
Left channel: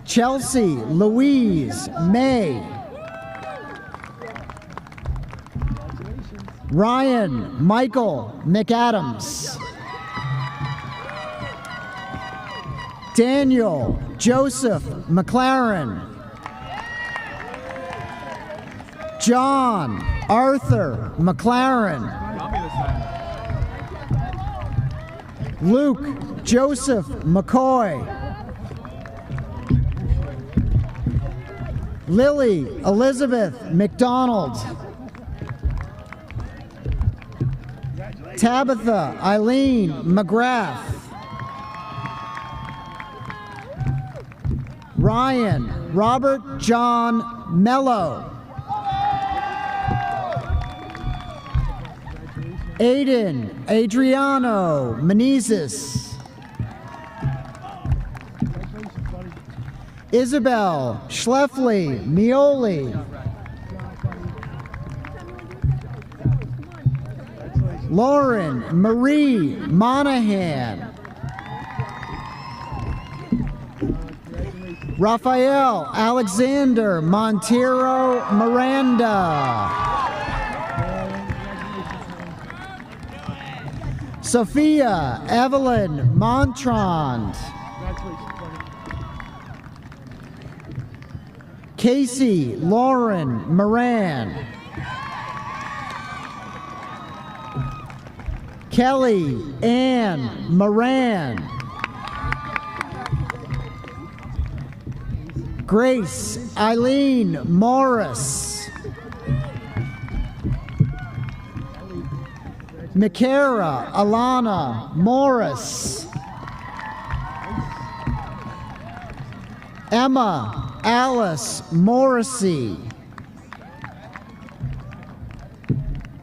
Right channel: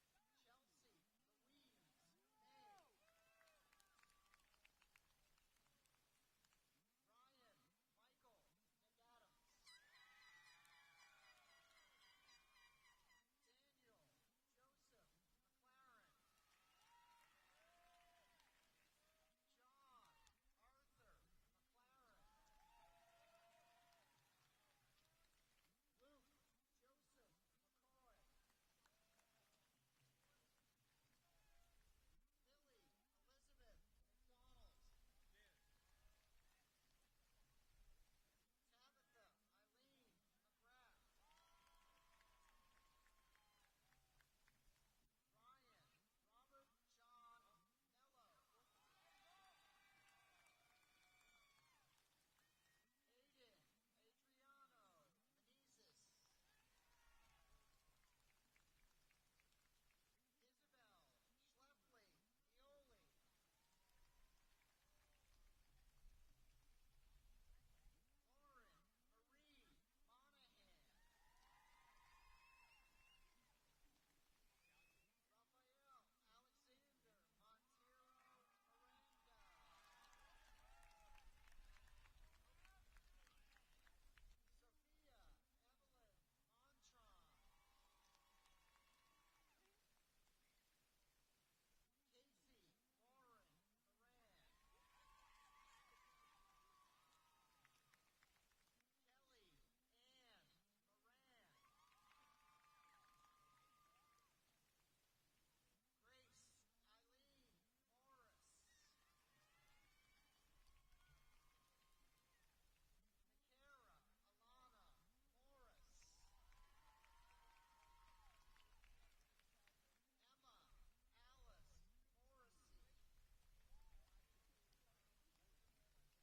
Chelsea Louise May. Ryan Michael McAdams. Daniel Joseph McLaren. John Arthur McLaren. Luke Joseph McCoy. Lily Elizabeth McDonald. Tabitha Eileen McGrath. Ryan Robert John Mello. Aiden Adriano Menezes. Isabel Schleffley Mioli. Lauren Marie Monahan. Rafael Alexander Montero Miranda. Sophia Evelyn Montrand. Casey Lauren Moran. Kelly Ann Moran. Grace Eileen Morris. Mikara Alana Morris. Emma Alice Morrissey.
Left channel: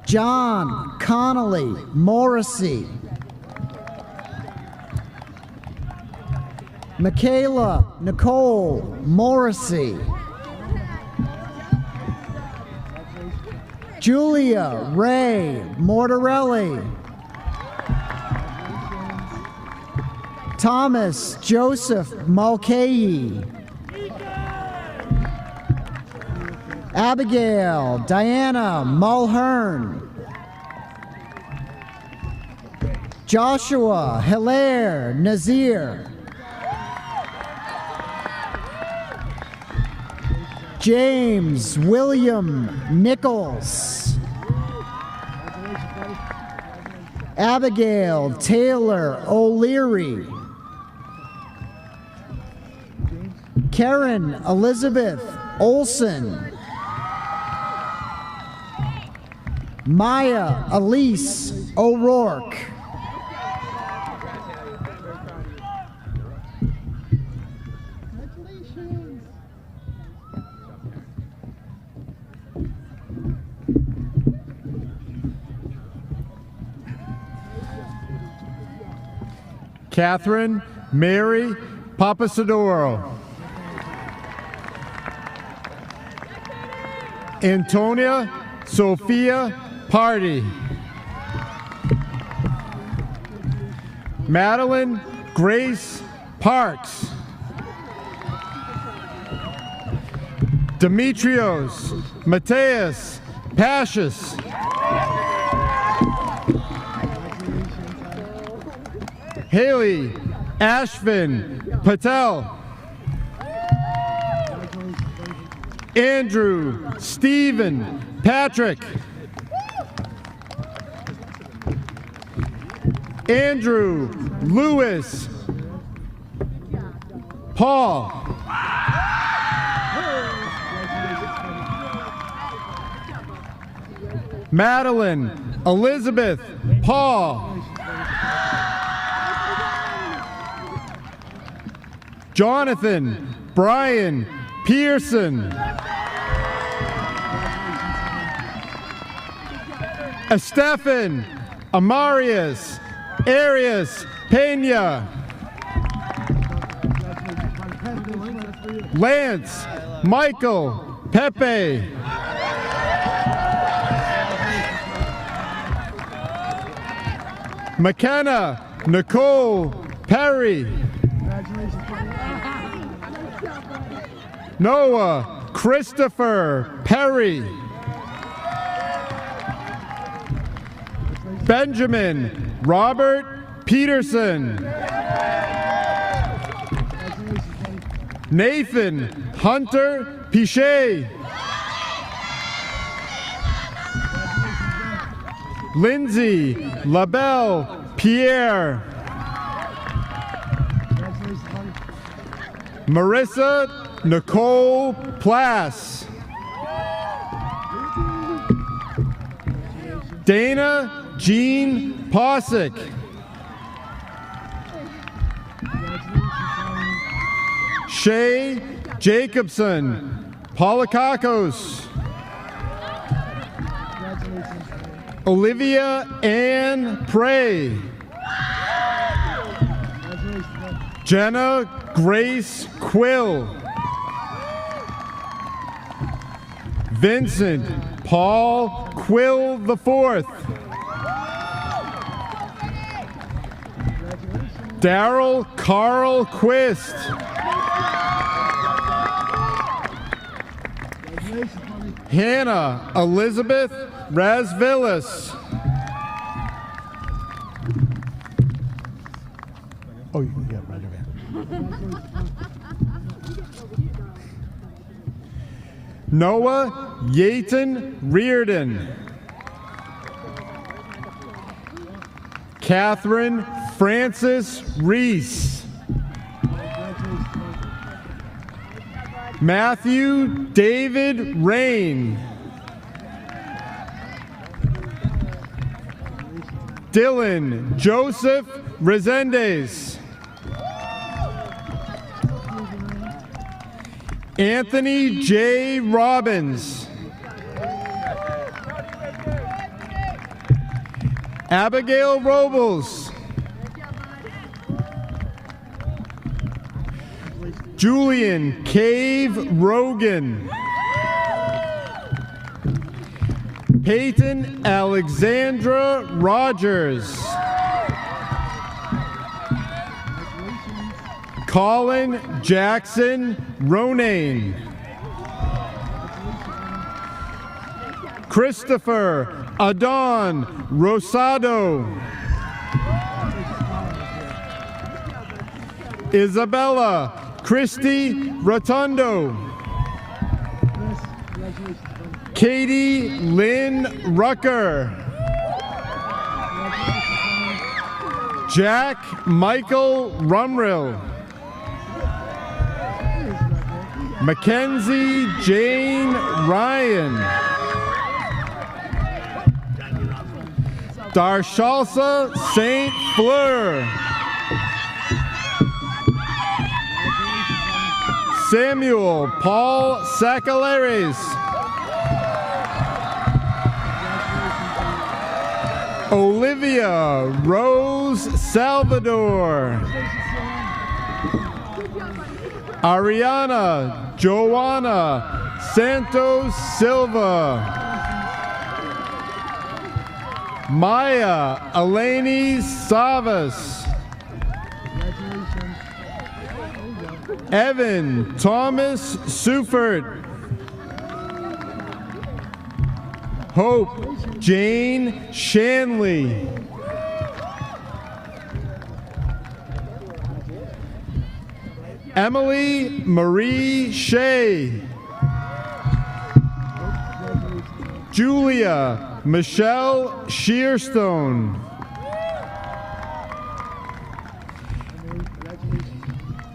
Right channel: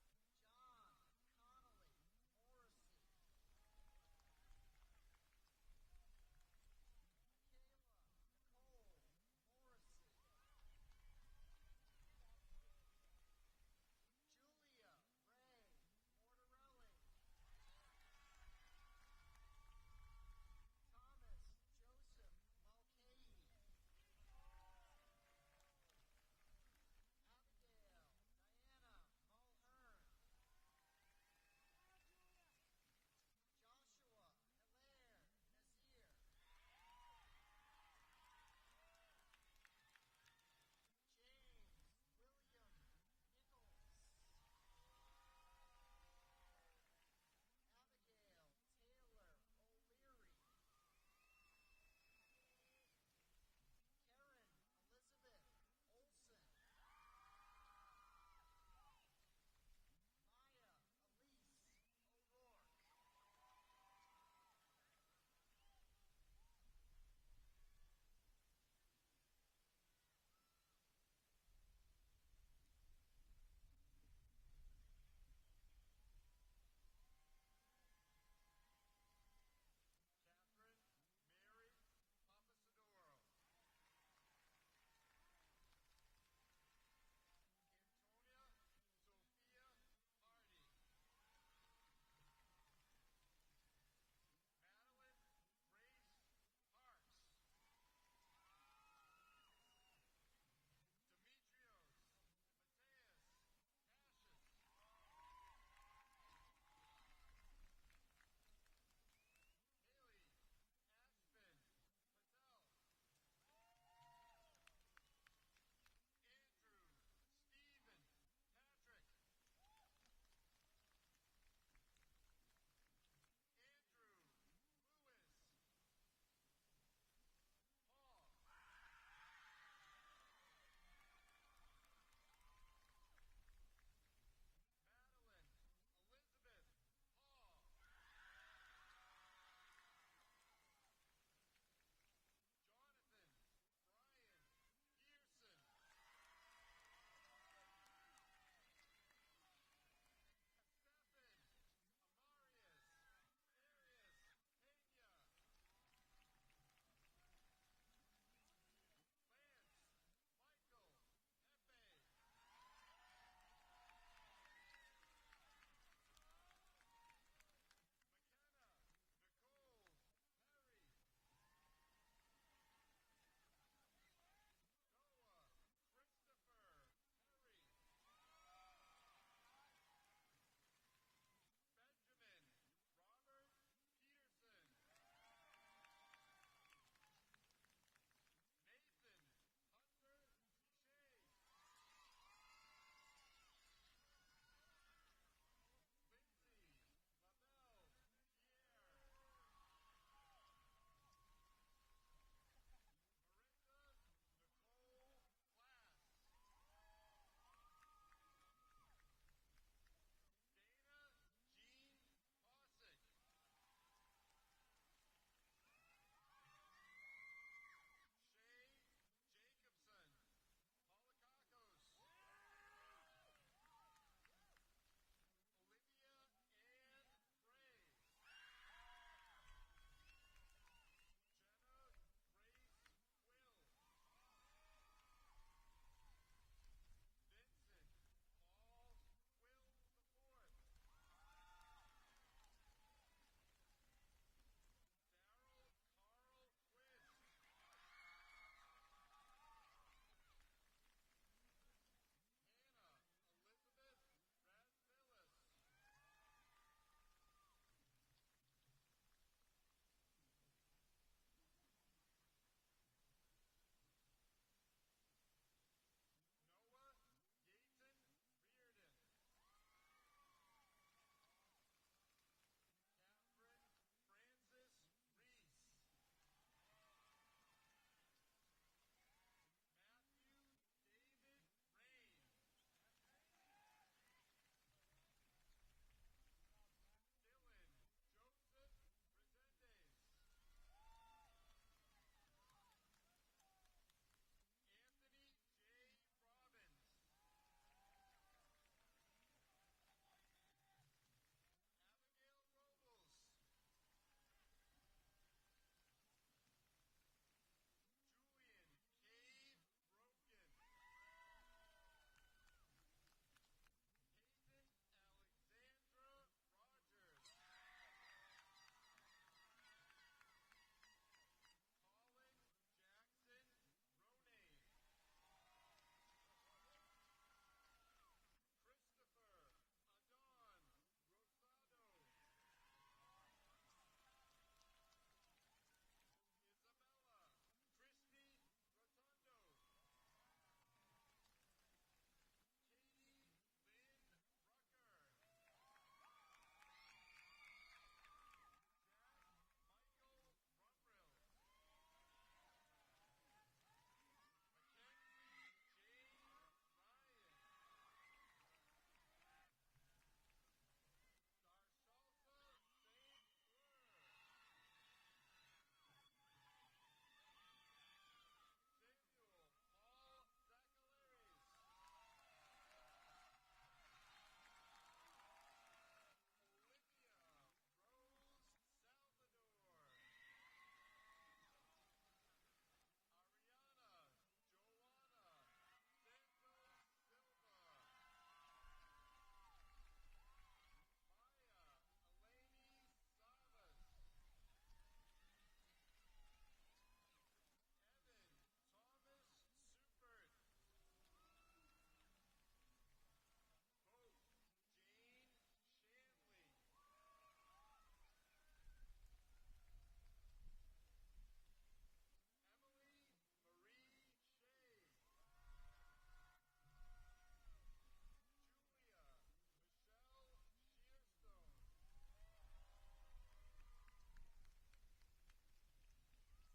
John Connolly Morrissey. Michaela Nicole Morrissey. Julia Ray Mortarelli. Thomas Joseph Mulcahy. Abigail Diana Mulhern. Joshua Hilaire Nazir. James William Nichols. Abigail Taylor O'Leary. Karen Elizabeth Olson. Maya Elise O'Rourke. Catherine Mary Papasadoro. Antonia Sophia Party. Madeline Grace Parks. Demetrios Mateus Pashis. Haley Ashvin Patel. Andrew Stephen Patrick. Andrew Lewis Paul. Madeline Elizabeth Paul. Jonathan Brian Pearson. Estefan Amarius Arias Pena. Lance Michael Pepe. McKenna Nicole Perry. Noah Christopher Perry. Benjamin Robert Peterson. Nathan Hunter Pichet. Lindsay LaBelle Pierre. Marissa Nicole Plass. Dana Jean Posick. Shay Jacobson Polakakos. Olivia Ann Prey. Jenna Grace Quill. Vincent Paul Quill IV. Daryl Carl Quist. Hannah Elizabeth Razvilis. Oh, you can get right away. Noah Yaton Reardon. Catherine Francis Reese. Matthew David Rain. Dylan Joseph Resendez. Anthony J. Robbins. Abigail Robles. Julian Cave Rogan. Peyton Alexandra Rogers. Colin Jackson Ronayne. Christopher Adon Rosado. Isabella Christy Rotundo. Katie Lynn Rucker. Jack Michael Rumrill. Mackenzie Jane Ryan. Darshalsa St. Fleur. Samuel Paul Sacaleres. Olivia Rose Salvador. Ariana Joanna Santos Silva. Maya Eleni Savas. Evan Thomas Sufert. Hope Jane Shanley. Emily Marie Shea. Julia Michelle Shearstone.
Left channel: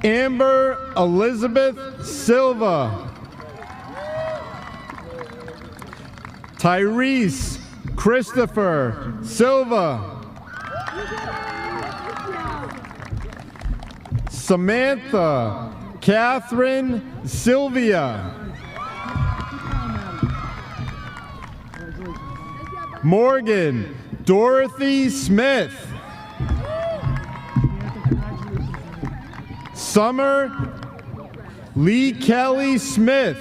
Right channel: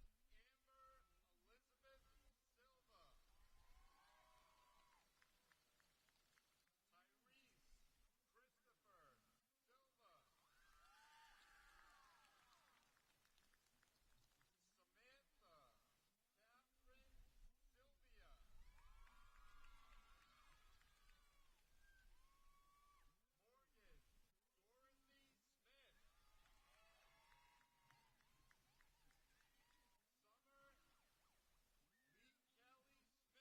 Amber Elizabeth Silva. Tyrese Christopher Silva. Samantha Catherine Sylvia. Morgan Dorothy Smith. Summer Lee Kelly Smith.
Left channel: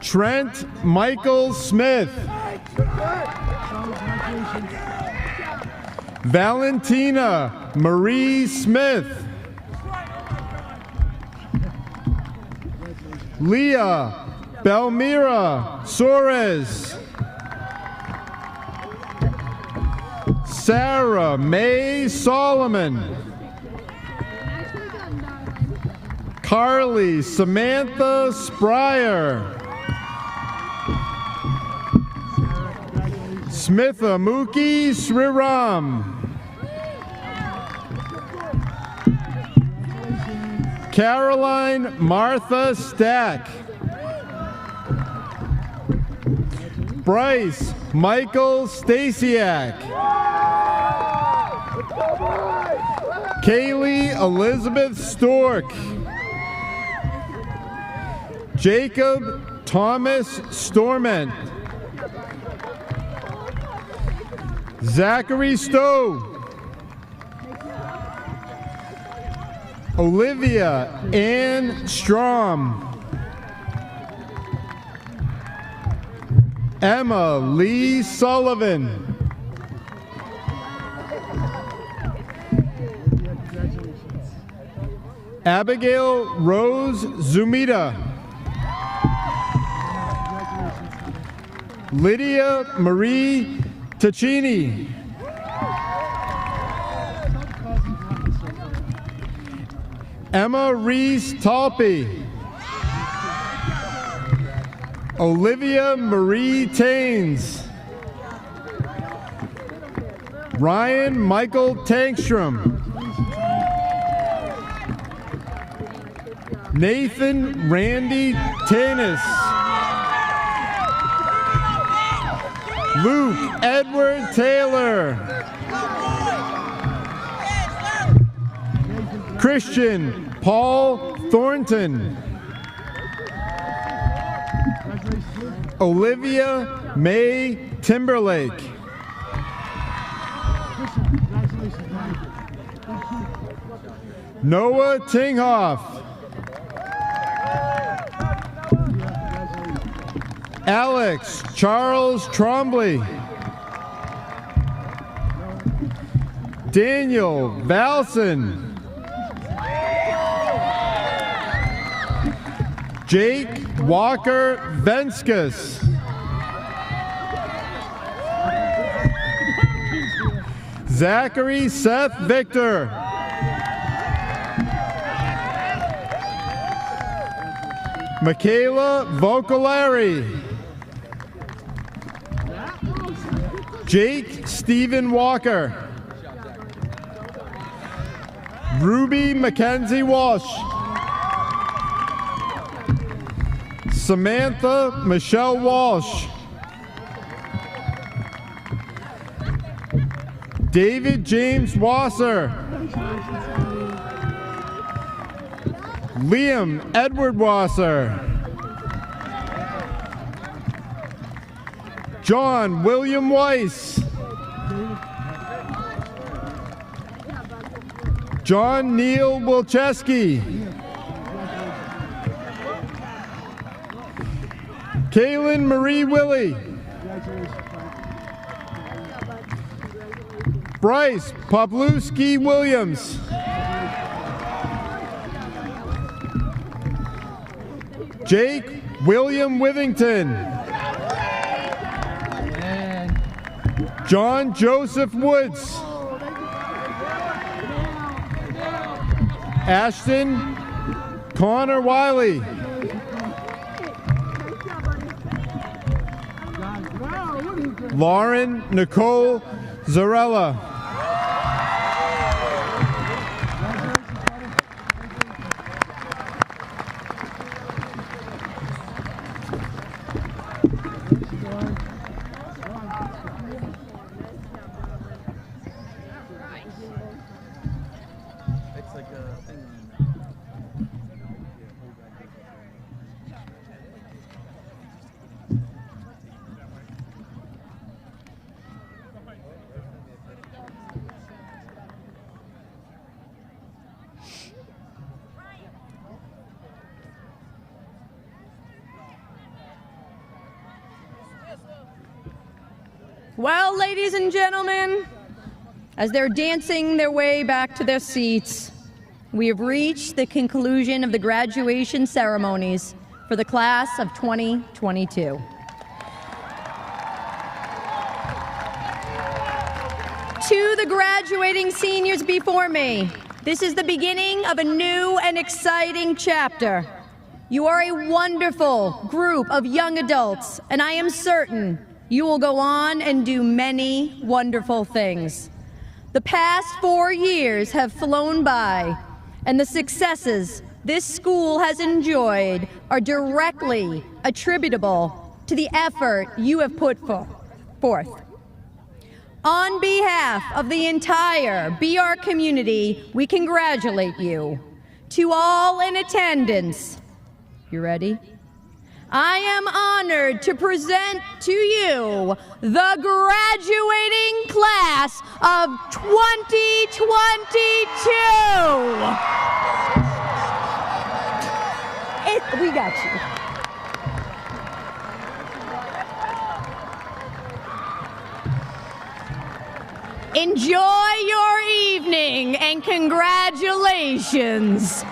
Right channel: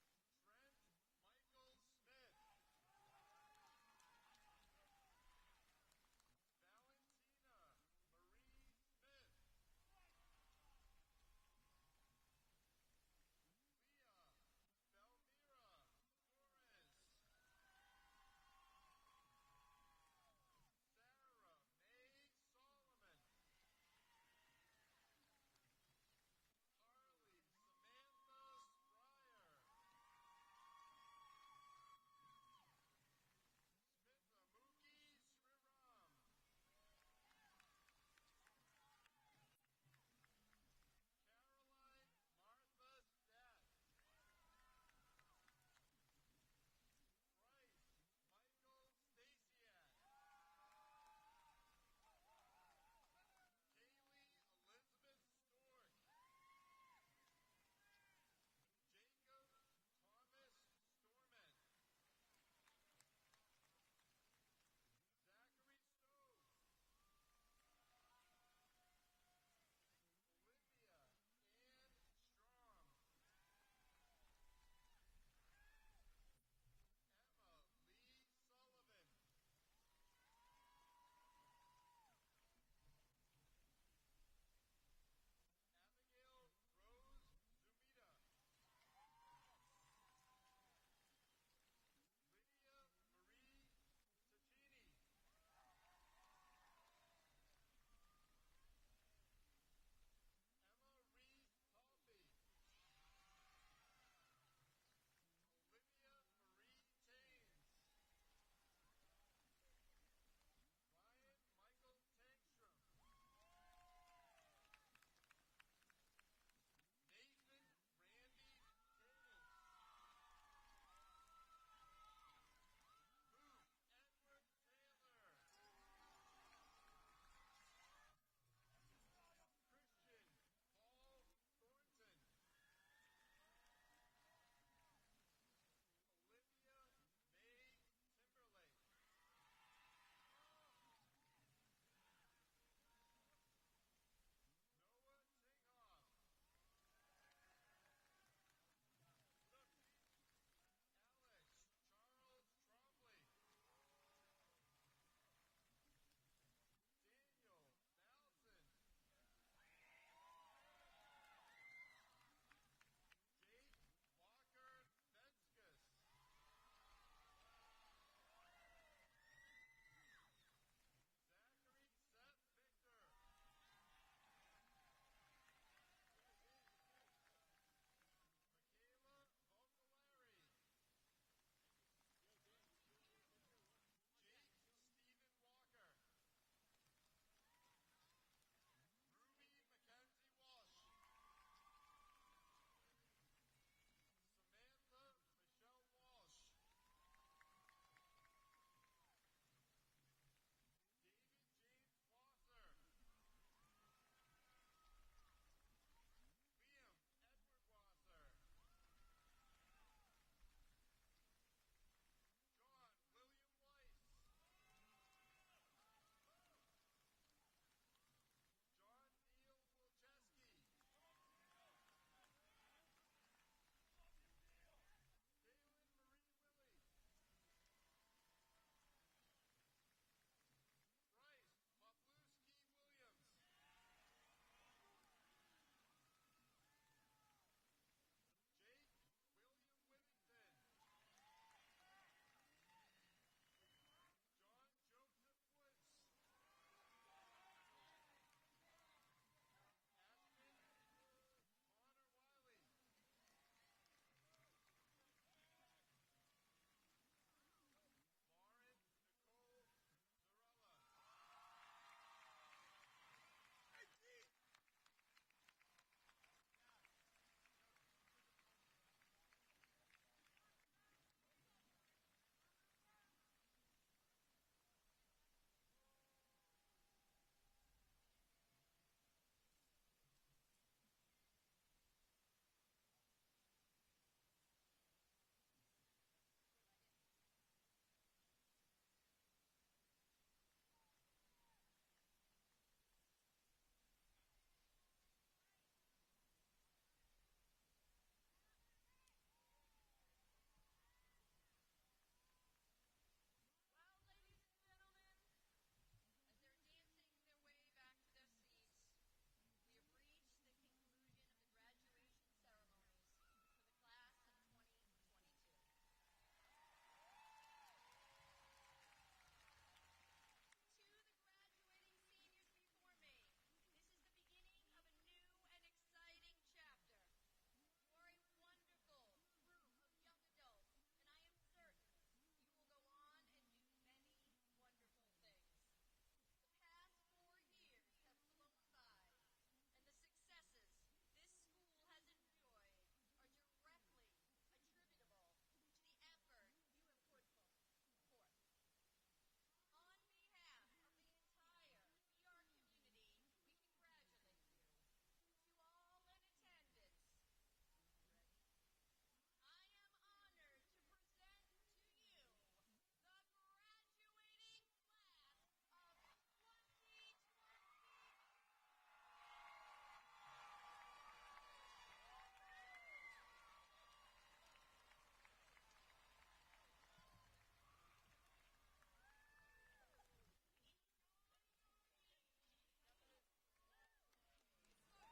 Trent Michael Smith. Valentina Marie Smith. Leah Belmira Suarez. Sarah Mae Solomon. Carly Samantha Spryer. Smitha Muki Sriram. Caroline Martha Stack. Bryce Michael Stasiak. Kaylee Elizabeth Stork. Jacob Thomas Storment. Zachary Stowe. Olivia Ann Strom. Emma Lee Sullivan. Abigail Rose Zumita. Lydia Marie Taccini. Emma Reese Talpe. Olivia Marie Taines. Ryan Michael Tankstrom. Nathan Randy Tanis. Luke Edward Taylor. Christian Paul Thornton. Olivia Mae Timberlake. Noah Tinghoff. Alex Charles Trombley. Daniel Valson. Jake Walker Venskus. Zachary Seth Victor. Michaela Vocalari. Jake Stephen Walker. Ruby Mackenzie Walsh. Samantha Michelle Walsh. David James Wasser. Liam Edward Wasser. John William Weiss. John Neil Wilczewski. Kaylin Marie Willie. Bryce Pawlowski Williams. Jake William Withington. John Joseph Woods. Ashton Connor Wiley. Lauren Nicole Zarella. Well, ladies and gentlemen, as they're dancing their way back to their seats, we have reached the conclusion of the graduation ceremonies for the class of 2022. To the graduating seniors before me, this is the beginning of a new and exciting chapter. You are a wonderful group of young adults, and I am certain you will go on and do many wonderful things. The past 4 years have flown by, and the successes this school has enjoyed are directly attributable to the effort you have put forth. On behalf of the entire BR community, we congratulate you. To all in attendance, you ready? I am honored to present to you the graduating class of 2022. We got you. Enjoy your evening and congratulations.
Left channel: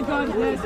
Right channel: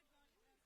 my goodness.